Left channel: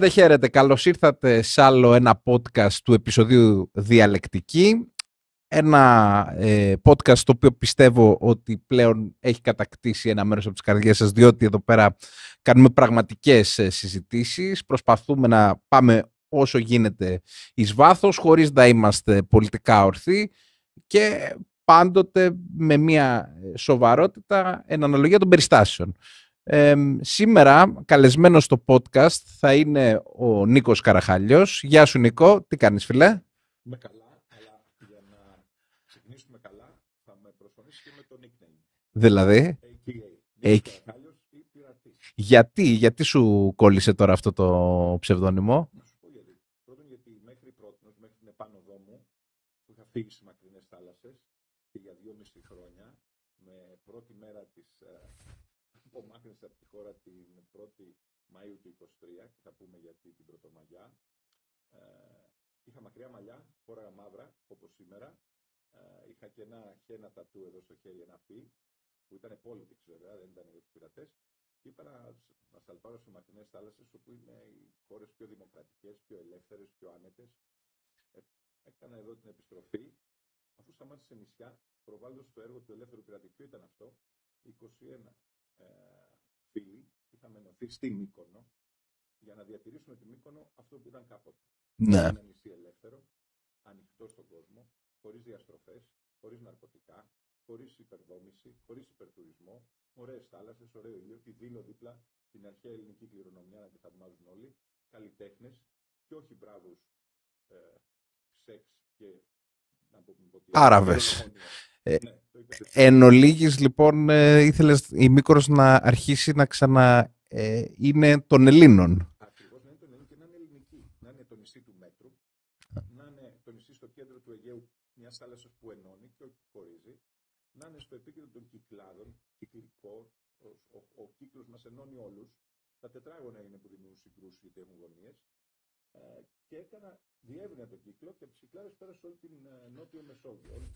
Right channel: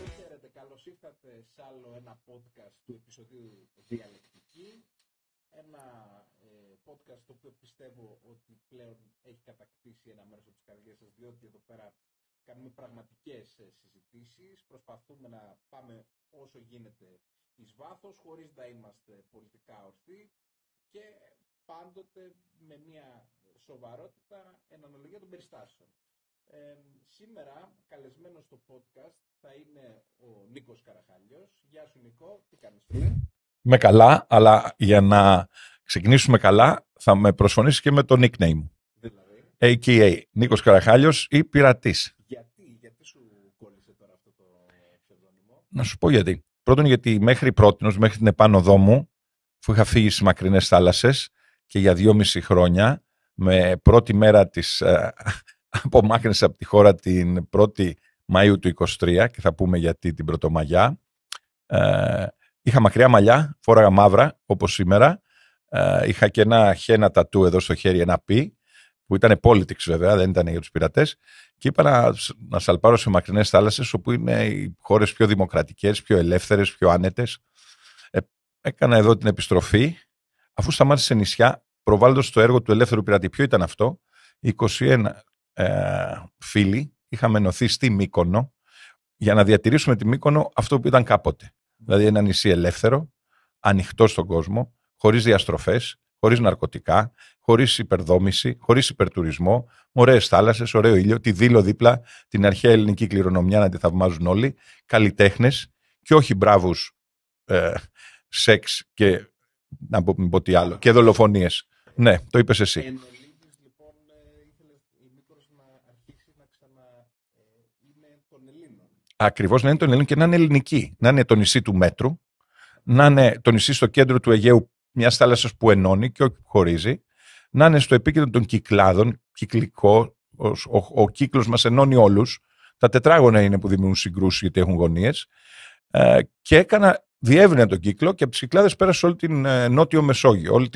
Χαίρετε, χαίρετε. Καλώς ήρθατε σε άλλο ένα podcast του επεισοδίου Διαλεκτική. Ένα podcast το οποίο πιστεύω ότι πλέον έχει κατακτήσει ένα μέρος από τις καρδιές σας, διότι εδώ πέρα κάνουμε πραγματικές συζητήσεις. Προσπαθούμε να πάμε όσο γίνεται εις βάθος, χωρίς να είμαστε πολιτικά ορθοί και πάντοτε με μια σοβαρότητα εν αναλογία των περιστάσεων. Σήμερα καλεσμένος στο podcast θα είναι ο Νίκος Καραχάλιος. Γεια σου Νίκο, τι κάνεις φίλε? Με καλά, αλλά για να ξεκινήσουμε καλά θα με προσφωνήσεις και με το nickname. Δηλαδή? A.K.A. Νίκος Καραχάλιος ή Πειρατής. Γιατί σου κόλλησε τώρα αυτό το ψευδόνυμο? Να σου πω γιατί. Πρώτον γιατί μέχρι την επάνωδό μου, που είχα φύγει στις μακρινές θάλασσες και για 2,5 χρόνια, με πρώτη μέρα της απομάκρυνση από τη χώρα την 1η Μαΐου του 23 και θα πούμε γιατί την Πρωτομαγιά. Είχα μακριά μαλλιά, φόραγα μαύρα όπως σήμερα. Είχα και ένα χένα τατού εδώ στο χέρι, ένα πι, που ήταν politics βέβαια, δεν ήταν για τους πειρατές. Και είπα να σαλπάρω σε μακρινές θάλασσες, όπου είναι οι χώρες πιο δημοκρατικές, πιο ελεύθερες, πιο άνετες. Έκανα εδώ την επιστροφή, αφού σταμάτησε νησιά, προβάλλοντας το έργο του Ελεύθερου Πειρατή. Ποιο ήταν αυτό? 21 φίλοι είχαμε ενωθεί στη Μύκονο για να διατηρήσουμε τη Μύκονο αυτό που ήταν κάποτε. Ναι. Δηλαδή ένα νησί ελεύθερο, ανοιχτό στον κόσμο, χωρίς διαστροφές, χωρίς ναρκωτικά, χωρίς υπερδόμηση, χωρίς υπερτουρισμό, με ωραίες θάλασσες, ωραίο ήλιο, τη Δήλο δίπλα, την αρχαία ελληνική κληρονομιά να τη θαυμάζουν όλοι, καλλιτέχνες και όχι μπράβους σεξ και να πω τι άλλο, και δολοφονίες. Ναι, το είπες εσύ. Εν ολίγης, λοιπόν, ήθελες η Μύκονος να αρχίσει να είναι των Ελλήνων. Ακριβώς, να είναι των Ελλήνων και να είναι ελληνική. Να είναι το νησί του μέτρου, να είναι το νησί στο κέντρο του Αιγαίου, μιας θάλασσας που ενώνει και όχι που χωρίζει, να είναι στο επίκεντρο των κυκλάδων, κυκλικό, ο κύκλος μας ενώνει όλους. Τα τετράγωνα είναι που δημιουργούν συγκρούσεις γιατί έχουν γωνίες. Και διεύρυνε τον κύκλο και από τις Κυκλάδες πέρασε όλη την Νότιο Μεσόγειο,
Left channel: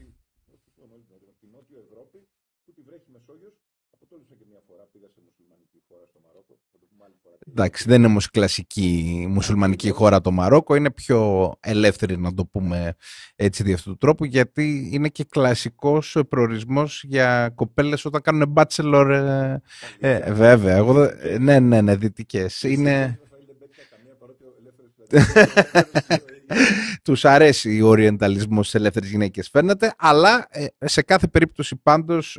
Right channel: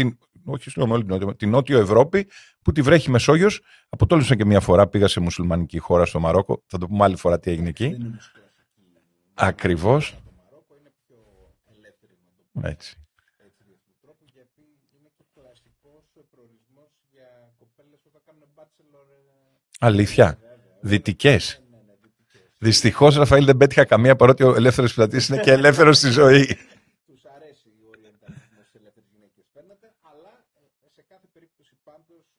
την Νότιο Ευρώπη που τη βρέχει Μεσόγειος. Αποτόλμησα και μια φορά, πήγα σε μουσουλμανική χώρα στο Μαρόκο. Θα το πούμε άλλη φορά τι έγινε. Εντάξει, δεν είναι όμως κλασική μουσουλμανική χώρα το Μαρόκο. Είναι πιο ελεύθερη, να το πούμε έτσι δι' αυτού του τρόπου, γιατί είναι και κλασικός προορισμός για κοπέλες όταν κάνουν bachelor. Αλήθεια. Βέβαια. Δυτικές. Ναι, δυτικές. Δυστυχώς, Ραφαήλ, δεν πέτυχα καμία, παρότι ο ελεύθερος πειρατής είναι και ελεύθερος στη ζωή. Τους αρέσει ο οριενταλισμός στις ελεύθερες γυναίκες, φαίνεται, αλλά σε κάθε περίπτωση πάντως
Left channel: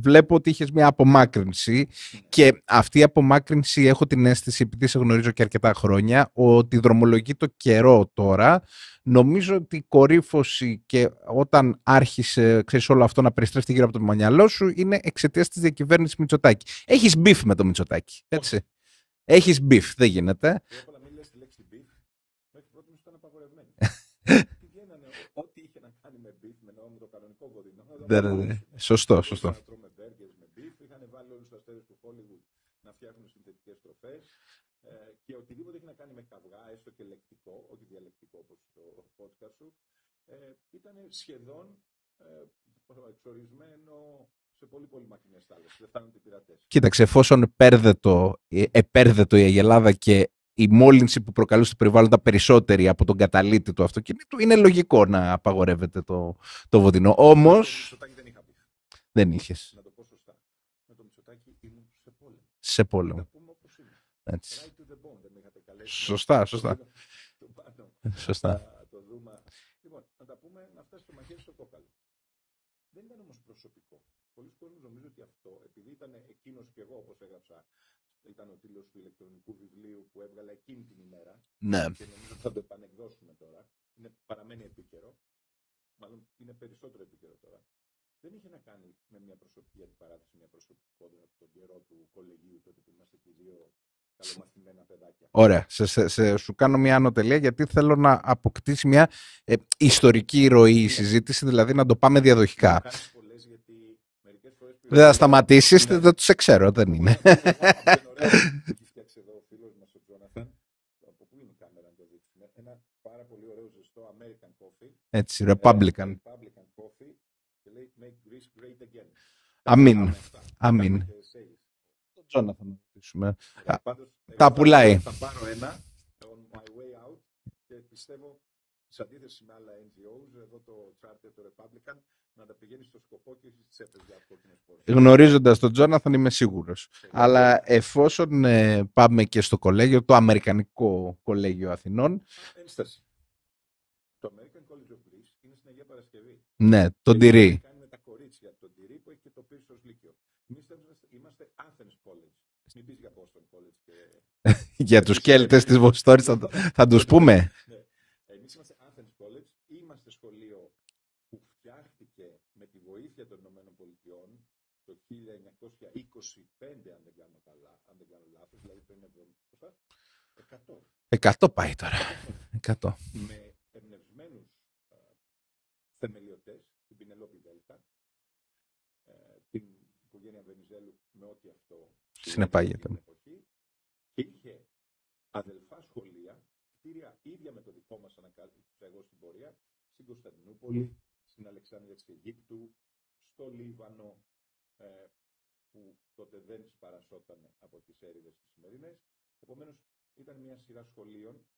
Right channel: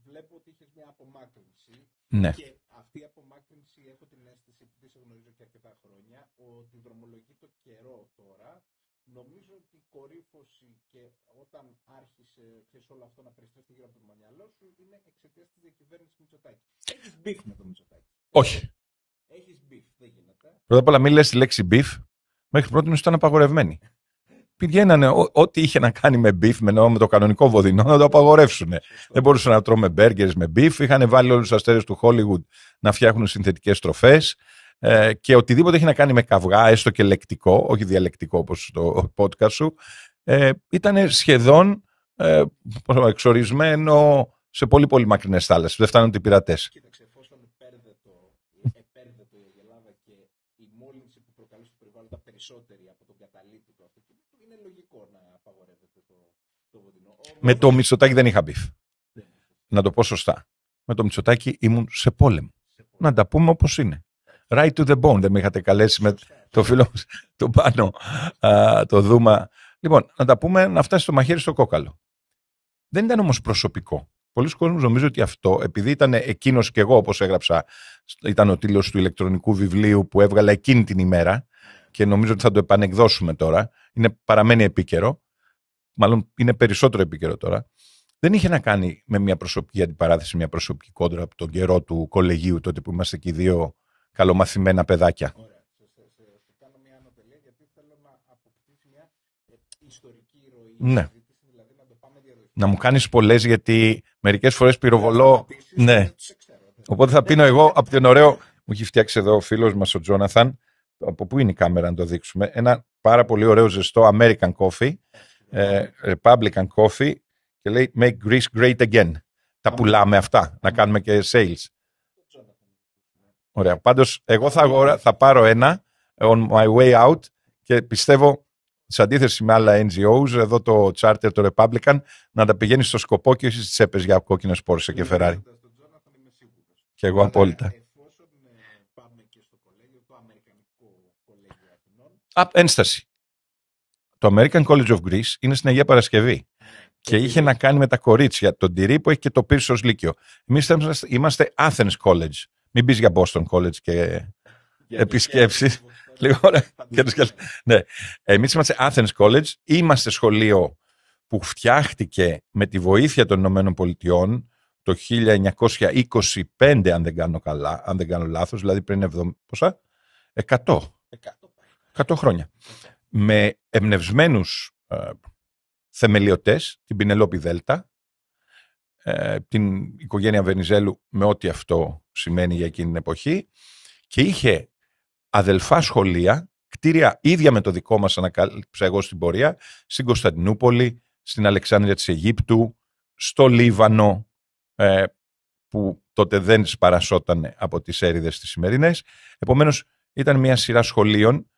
βλέπω ότι είχες μια απομάκρυνση. Ναι. Και αυτή η απομάκρυνση έχω την αίσθηση, επειδή σε γνωρίζω και αρκετά χρόνια, ότι δρομολογεί το καιρό τώρα. Νομίζω ότι η κορύφωση και όταν άρχισε, ξέρεις, όλο αυτό να περιστρέφεται γύρω από το μυαλό σου είναι εξαιτίας της διακυβέρνησης Μητσοτάκη. Έχεις μπιφ με το Μητσοτάκη? Όχι. Έχεις μπιφ, δεν γίνεται. Πρώτα απ' όλα μην λες τη λέξη μπιφ. Μέχρι πρώτη ήταν απαγορευμένη. Πηγαίνανε ό,τι είχε να κάνει με μπιφ, με το κανονικό βοδινό, να το απαγορεύσουν. Δεν μπορούσαν να τρώμε μπέργκερς με μπιφ. Είχαν βάλει όλους τους αστέρες του Hollywood να φτιάχνουν συνθετικές τροφές. Και οτιδήποτε έχει να κάνει με καυγά, έστω και λεκτικό, όχι διαλεκτικό όπως το podcast σου, ήταν σχεδόν εξορισμένο σε πολύ πολύ μακρινές θάλασσες. Δεν φτάνουν οι πειρατές. Κοίταξε, εφόσον επέρδετο η Αγελάδα και η μόλυνση που προκαλούσε το περιβάλλον ήταν περισσότερη από τον καταλήτη του αυτοκίνητου, είναι λογικό να απαγορεύεται το βοδινό. Όμως, με το Μητσοτάκη δεν είχα μπιφ. Δεν είχες. Να το πω σωστά. Με το Μητσοτάκη ήμουν σε πόλεμο. Να τα πούμε όπως είναι. Έτσι. Right to the bone. Δεν με είχατε καλέσει σωστά. Το φίλο του πάνω, το Δούμα. Λοιπόν, να τα πούμε, να φτάσει το μαχαίρι στο κόκαλο. Δεν ήταν όμως προσωπικό. Πολλοί κόσμοι νομίζουν ότι αυτό, επειδή ήταν εκείνος και εγώ, όπως έγραψα, ήταν ο τίτλος του ηλεκτρονικού βιβλίου που έβγαλα εκείνη την ημέρα, ναι. Και νομίζω ότι θα το επανεκδώσουμε τώρα. Παραμένει επίκαιρο. Μάλλον είναι περισσότερο επίκαιρο τώρα. Δεν είχε να κάνει με μια προσωπική αντιπαράθεση, μια προσωπική κόντρα από τον καιρό του κολεγίου, τότε που είμαστε και οι δύο καλομαθημένα παιδάκια. Ωραία. Σου κάνω μια ανωτελεία, γιατί θέλω να αποκτήσει μια ιστορική ροή η συζήτηση, δηλαδή να το πάμε διαδοχικά. Να μου κάνεις πολλές, γιατί μερικές φορές πυροβολώ. Δεν θα σταματήσεις, δεν τους ξέρω. Οπότε θα πίνω εγώ από τον ωραίο. Μου έχει φτιάξει εδώ ο φίλος μας ο Τζόναθαν. Από πού είναι η κάμερα να το δείξουμε? Ένα πάρα πολύ ωραίο ζεστό American coffee. Έτσι, Republican coffee. Και λέει Make Greece Great Again. Τα πουλάμε αυτά. Να κάνουμε και sales. Τζόναθαν. συζητήσουμε. Ωραία. Πάντως, εγώ πουλάει. θα πάρω ένα on my way out και πιστεύω, σε αντίθεση με άλλα NGOs, εδώ το Charter, το Republican, να τα πηγαίνει στο σκοπό και όχι στις τσέπες για κόκκινες Porsche. Γνωρίζοντας τον Τζόναθαν, είμαι σίγουρος. Αλλά απόλυτα. εφόσον πάμε και στο κολέγιο, το Αμερικανικό Κολέγιο Αθηνών. Ένσταση. Το American College of Greece είναι στην Αγία Παρασκευή. Ναι, και είχε να κάνει με τα κορίτσια. Τον τυρί που έχει και το πύρσο ως λύκειο. Εμείς είμαστε Athens College. Μην πεις για Boston College και για τους χέρτες της Βοστόρης θα τους πούμε. Ναι. Εμείς είμαστε Athens College. Είμαστε σχολείο που φτιάχτηκε με τη βοήθεια των Ηνωμένων Πολιτειών το 1925, αν δεν κάνω λάθος, δηλαδή πριν 100. 100 πάει τώρα. 100 χρόνια. 100. Με εμπνευσμένους θεμελιωτές, την Πινελόπη Δέλτα, την οικογένεια Βενιζέλου με ό,τι αυτό σημαίνει για εκείνη την εποχή, και είχε αδελφά σχολεία, κτίρια ίδια με το δικό μας, ανακάλυψα εγώ στην πορεία, στην Κωνσταντινούπολη, στην Αλεξάνδρεια της Αιγύπτου, στο Λίβανο, που τότε δεν σπαρασόταν από τις έρηδες τις σημερινές. Επομένως, ήταν μια σειρά σχολείων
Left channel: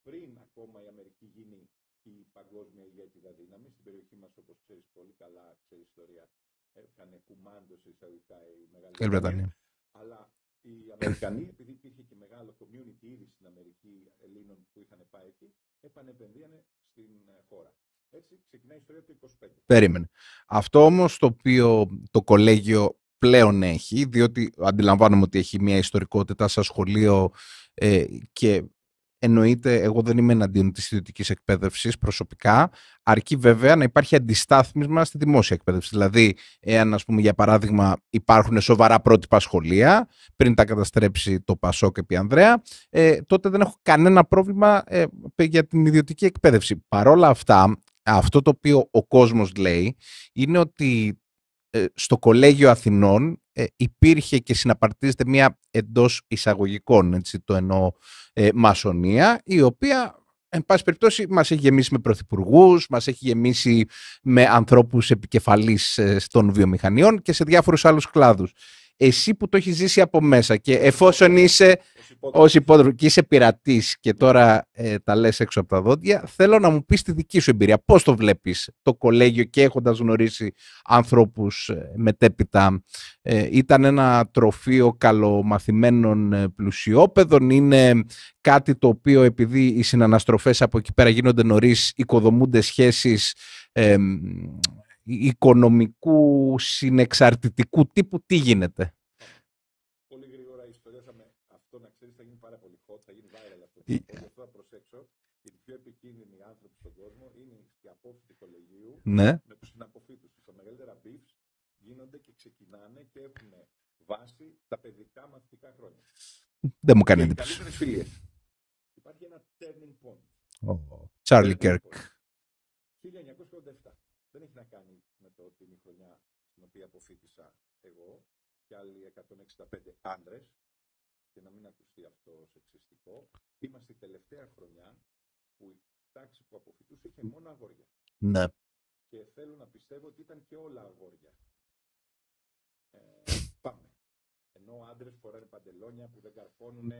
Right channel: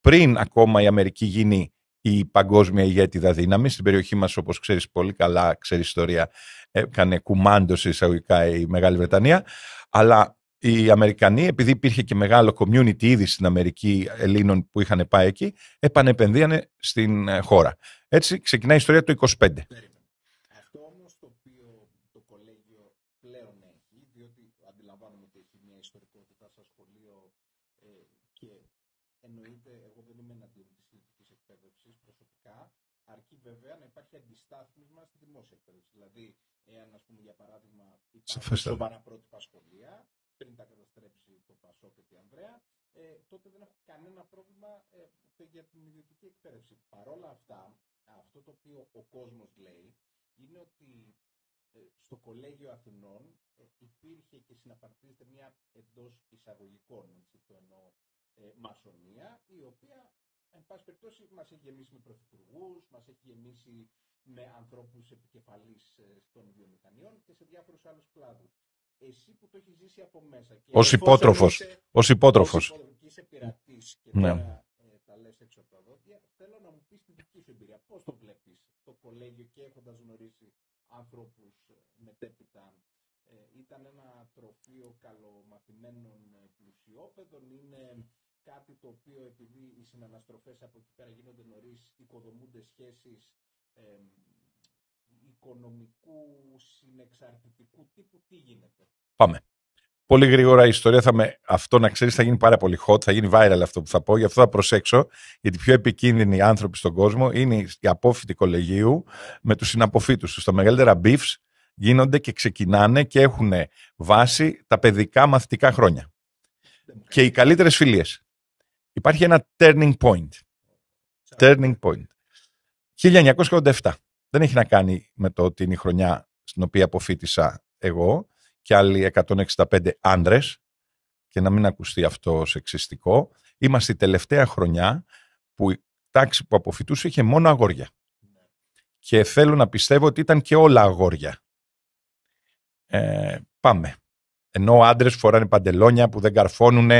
πριν ακόμα η Αμερική γίνει η παγκόσμια ηγέτιδα δύναμη. Στην περιοχή μας, όπως ξέρεις πολύ καλά, ξέρεις ιστορία, έκανε κουμάντο σε εισαγωγικά η Μεγάλη Βρετανία. Αλλά οι Αμερικανοί, επειδή υπήρχε και μεγάλο community ήδη στην Αμερική Ελλήνων που είχαν πάει εκεί, επανεπενδύανε στην χώρα. Έτσι ξεκινάει η ιστορία το 25. Περίμενε. Αυτό όμως το οποίο το κολέγιο πλέον έχει, διότι αντιλαμβάνομαι ότι έχει μια ιστορικότητα σαν σχολείο και εννοείται, εγώ δεν είμαι εναντίον της ιδιωτικής εκπαίδευσης προσωπικά, αρκεί βέβαια να υπάρχει αντιστάθμισμα στη δημόσια εκπαίδευση. Δηλαδή, εάν, ας πούμε, για παράδειγμα, υπάρχουν σοβαρά πρότυπα σχολεία, πριν τα καταστρέψει το Πασόκ επί Ανδρέα, τότε δεν έχω κανένα πρόβλημα για την ιδιωτική εκπαίδευση. Παρόλα αυτά, αυτό το οποίο ο κόσμος λέει είναι ότι στο Κολέγιο Αθηνών υπήρχε και συναπαρτίζεται μια εντός εισαγωγικών, έτσι το εννοώ, μασονία, η οποία εν πάση περιπτώσει μας έχει γεμίσει με πρωθυπουργούς, μας έχει γεμίσει με ανθρώπους επικεφαλής των βιομηχανιών και σε διάφορους άλλους κλάδους. Εσύ που το έχεις ζήσει από μέσα και εφόσον είσαι ως υπότροφος και είσαι πειρατής και τώρα τα λες έξω από τα δόντια, θέλω να μου πεις τη δική σου εμπειρία. Πώς το βλέπεις το κολέγιο και έχοντας γνωρίσει ανθρώπους μετέπειτα? Ήταν ένα τροφείο καλομαθημένων πλουσιόπαιδων? Είναι κάτι το οποίο, επειδή οι συναναστροφές από εκεί πέρα γίνονται νωρίς, οικοδομούνται σχέσεις οικονομικού, συνεξαρτητικού τύπου? Τι γίνεται? Πάμε. Πολύ γρήγορα η ιστορία αυτό να ξέρεις θα γίνει πάρα πολύ hot, θα γίνει viral αυτό που θα πω, γι' αυτό θα προσέξω, γιατί οι πιο επικίνδυνοι άνθρωποι στον κόσμο είναι οι απόφοιτοι κολεγίου με τους συναποφύτους τους. Τα μεγαλύτερα beefs γίνονται και ξεκινάνε και έχουν βάση τα παιδικά μαθητικά χρόνια. Και οι καλύτερες φιλίες. Υπάρχει ένα turning point. Turning point. 1987. Δεν έχει να κάνει με το ότι είναι η χρονιά στην οποία αποφοίτησα εγώ και άλλοι 165 άντρες, και να μην ακουστεί αυτό σεξιστικό. Είμαστε η τελευταία χρονιά που η τάξη που αποφοιτούσε είχε μόνο αγόρια. Ναι. Και θέλω να πιστεύω ότι ήταν και όλα αγόρια. Πάμε. Ενώ άντρες φοράνε παντελόνια που δεν καρφώνουν,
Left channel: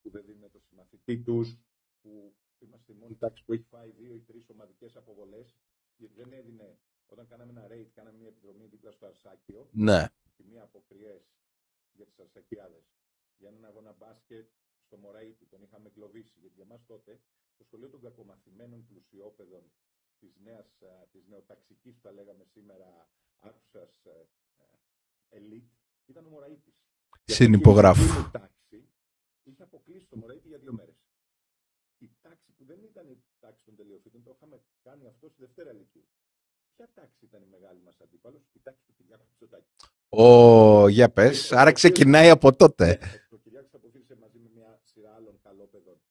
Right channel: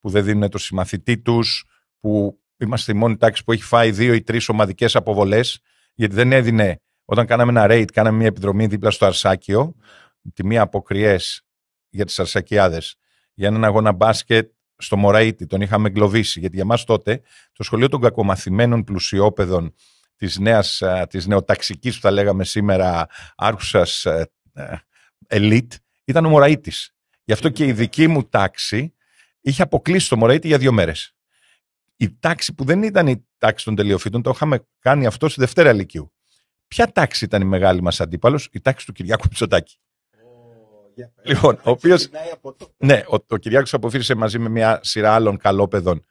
που δεν δίνουν το συμμαθητή τους, που είμαστε η μόνη τάξη που έχει φάει 2 ή 3 ομαδικές αποβολές, γιατί δεν έδινε. Όταν κάναμε ένα raid, κάναμε μια επιδρομή δίπλα στο Αρσάκιο. Ναι. Τη μία αποκριές για τις Αρσακιάδες, για έναν αγώνα μπάσκετ στο Μωραΐτη. Τον είχαμε εγκλωβίσει. Γιατί για μας τότε το σχολείο των κακομαθημένων πλουσιόπαιδων της νεοταξικής, που θα λέγαμε σήμερα, άρχουσας ελίτ, ήταν ο Μωραΐτης. Γι' αυτό και η δική μου τάξη είχε αποκλείσει το Μωραΐτη για 2 μέρες. Η τάξη που δεν ήταν η τάξη των τελειοφύτων, το είχαμε κάνει αυτό στη Δευτέρα Λυκείου. Ποια τάξη ήταν η μεγάλη μας αντίπαλος? Η τάξη του Κυριάκου Μητσοτάκη. Για πες. Άρα ξεκινάει από τότε. Ναι, ο Κυριάκος αποφύτησε μαζί με μια σειρά άλλων καλόπαιδων,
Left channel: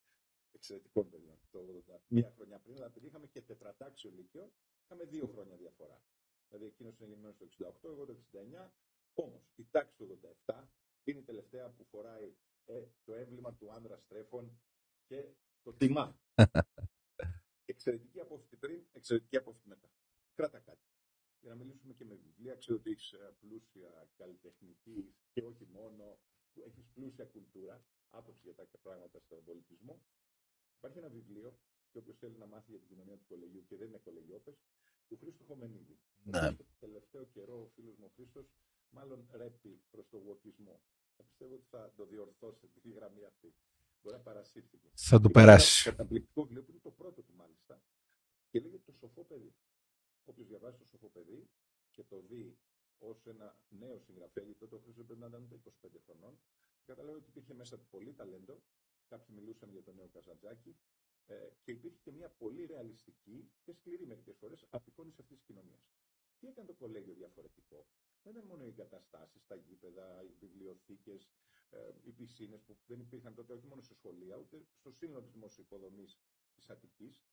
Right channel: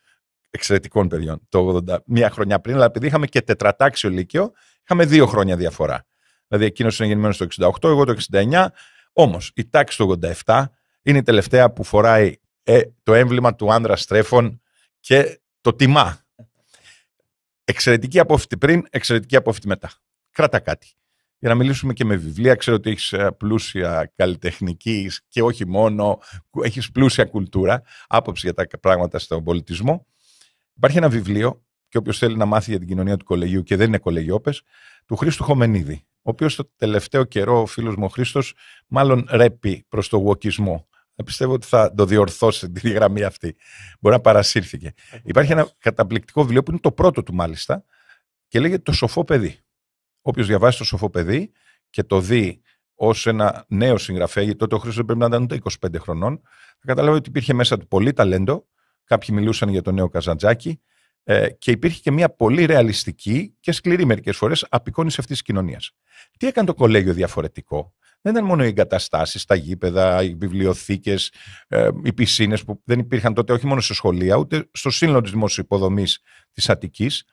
εξαιρετικών παιδιών, το 80, μία χρονιά πριν, αλλά επειδή είχαμε και τετρατάξιο λύκειο, είχαμε 2 χρόνια διαφορά. Δηλαδή εκείνος είναι γεννημένος το 68, εγώ το 69. Όμως η τάξη του 87 είναι η τελευταία που φοράει το έμβλημα του άνδρα στρέφων και το τιμά. Εξαιρετική απόφοιτη πριν, εξαιρετική απόφοιτη μετά. Κράτα κάτι. για να μιλήσουμε και με βιβλία. Ξέρω ότι έχεις πλούσια καλλιτεχνική και όχι μόνο, έχεις πλούσια κουλτούρα, άποψη για τα πράγματα στον πολιτισμό. Υπάρχει ένα βιβλίο, και όποιος θέλει να μάθει για την κοινωνία του κολεγίου και δεν είναι κολεγιόπες, του Χρήστου Χομενίδη, ο οποίος το τελευταίο καιρό, ο φίλος μου ο Χρήστος, μάλλον ρέπει προς το γουοκισμό. Πιστεύω ότι θα το διορθώσει τη γραμμή αυτή. Μπορεί να παρασύρθηκε. Υπάρχει ένα καταπληκτικό βιβλίο που είναι το πρώτο του μάλιστα και λέγεται «Το σοφό παιδί». Όποιος διαβάσει «Το σοφό παιδί» και το δει ως ένα νέο συγγραφέα, γιατί τότε ο Χρήστος πρέπει να ήταν ούτε 25 χρονών, θα καταλάβει ότι υπήρχε μέσα του πολύ ταλέντο. Κάποιοι μιλούσαν για τον νέο Καζαντζάκη και υπήρχε και μια πολύ ρεαλιστική και σκληρή μερικές φορές απεικόνιση αυτής της κοινωνίας. Τι έκανε το κολέγιο διαφορετικό? Δεν ήταν μόνο οι εγκαταστάσεις, τα γήπεδα, οι βιβλιοθήκες, οι πισίνες που δεν υπήρχαν τότε όχι μόνο σε σχολεία, ούτε στο σύνολο της δημόσιας υποδομής της Αττικής.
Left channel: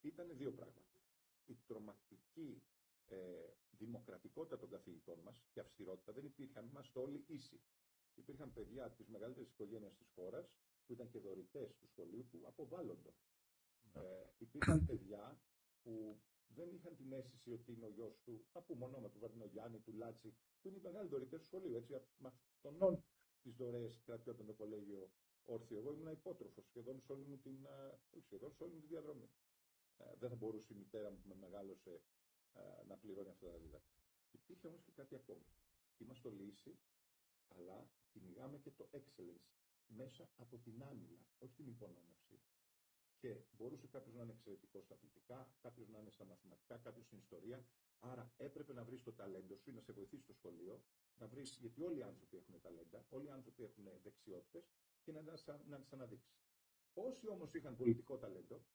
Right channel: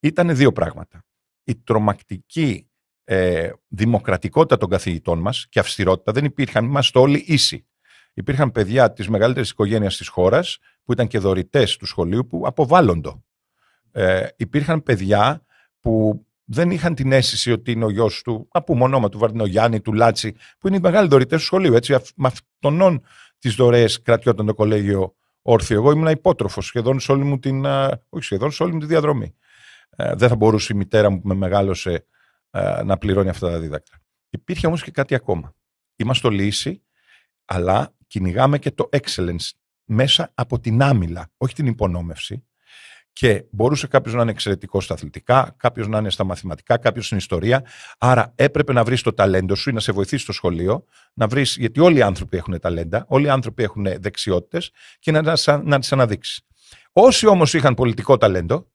Ήταν δύο πράγματα. Η τρομακτική δημοκρατικότητα των καθηγητών μας και αυστηρότητα. Δεν υπήρχαν, είμαστε όλοι ίσοι. Υπήρχαν παιδιά της μεγαλύτερης οικογένειας της χώρας που ήταν και δωρητές του σχολείου που αποβάλλοντο. Υπήρχαν παιδιά που δεν είχαν την αίσθηση ότι είναι ο γιος του, να πούμε ονόμα του Βαρδινογιάννη, του Λάτσι, που είναι οι μεγάλοι δωρητές του σχολείου. Έτσι, με αυτόν τις δωρεές κρατιόταν το κολέγιο όρθιο. Εγώ ήμουν υπότροφος σχεδόν σε όλη μου τη διαδρομή. Δεν θα μπορούσε η μητέρα μου που με μεγάλωσε να πληρώνει αυτά τα δίδακτρα. Υπήρχε όμως και κάτι ακόμα. Είμαστε όλοι ίσοι, αλλά κυνηγάμε και το excellence μέσα από την άμυλα, όχι την υπονόμευση. Και μπορούσε κάποιος να είναι εξαιρετικός στα αθλητικά, κάποιος να είναι στα μαθηματικά, κάποιος στην ιστορία. Άρα έπρεπε να βρεις το ταλέντο σου ή να σε βοηθήσει στο σχολείο, να βρεις, γιατί όλοι οι άνθρωποι έχουν ταλέντα, όλοι οι άνθρωποι έχουν δεξιότητες και να τις αναδείξεις. Όσοι όμως είχαν πολιτικό ταλέντο,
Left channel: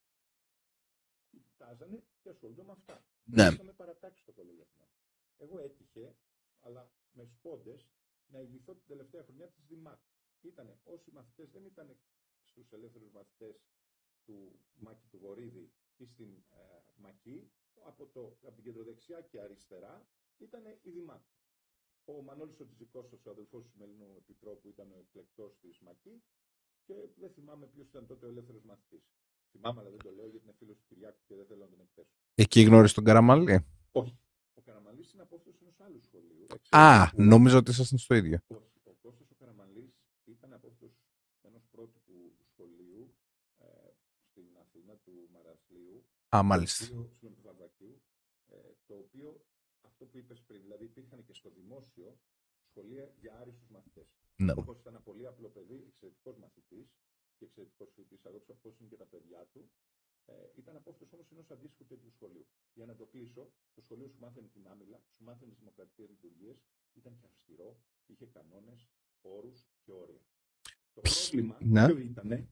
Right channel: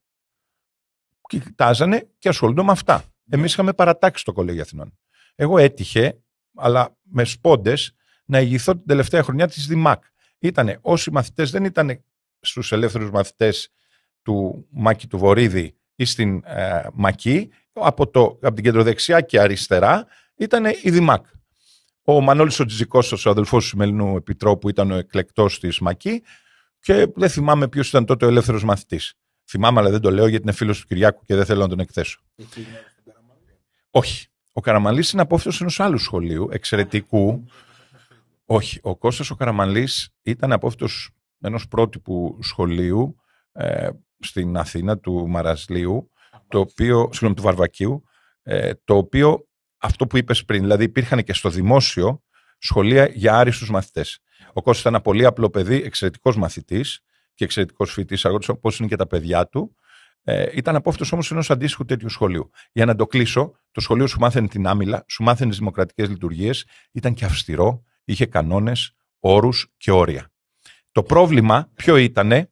κοιτάζανε και ασχολούνται με αυτά. Εμείς είχαμε παρατάξει στο Κολέγιο Αθηνών. Εγώ έτυχε, αλλά με σπόντες, να ηγηθώ την τελευταία χρονιά της ΔΙΜΑΚ. Ήτανε όσοι μαθητές δεν ήταν στους ελεύθερους μαθητές του Μάκη του Βορίδη ή στην Μακή, από την κεντροδεξιά και αριστερά ήταν η ΔΙΜΑΚ. Ο Μανώλης ο Τζιζικώστος, ο αδελφός του Σημερινού Επιτρόπου, ήταν ο εκλεκτός της Μακή και δεν θυμάμαι ποιος ήταν τότε ο ελεύθερος μαθητής. Θυμάμαι, αλλά δεν το λέω γιατί είναι φίλος του Κυριάκου και δεν θέλω να τον εκθέσω. Εκεί γνώρισε τον Καραμαλή? Όχι. Ο Καραμαλής είναι απόφυτος ενός άλλου σχολείου, εξαιρετικού. Νόμιζα ότι ήσασταν στο ίδιο. Όχι. Ο Κώστας ο Καραμαλής ήταν απόφυτος ενός πρότυπου σχολείου στην Αθήνα, του Μαρασλίου, του Βαρβακίου, το οποίο, αυτό που είπες πριν, δηλαδή υπήρχαν και στο δημόσιο σχολεία για άριστους μαθητές. Ναι. Ο Κώστας ήταν ένα πολύ απλό παιδί, εξαιρετικός μαθητής και εξαιρετικός φοιτητής, όπως είναι και τα παιδιά του. Ήταν απόφυτος όμως ενός αντίστοιχου τέτοιου σχολείου. Για να το κλείσω, το σχολείο σου μάθαινε την άμυλα, σου μάθαινε τις δημοκρατικές λειτουργίες, ήταν και αυστηρό, είχε κανόνες, όρους και όρια. Το πρόβλημα ποιο ήτανε?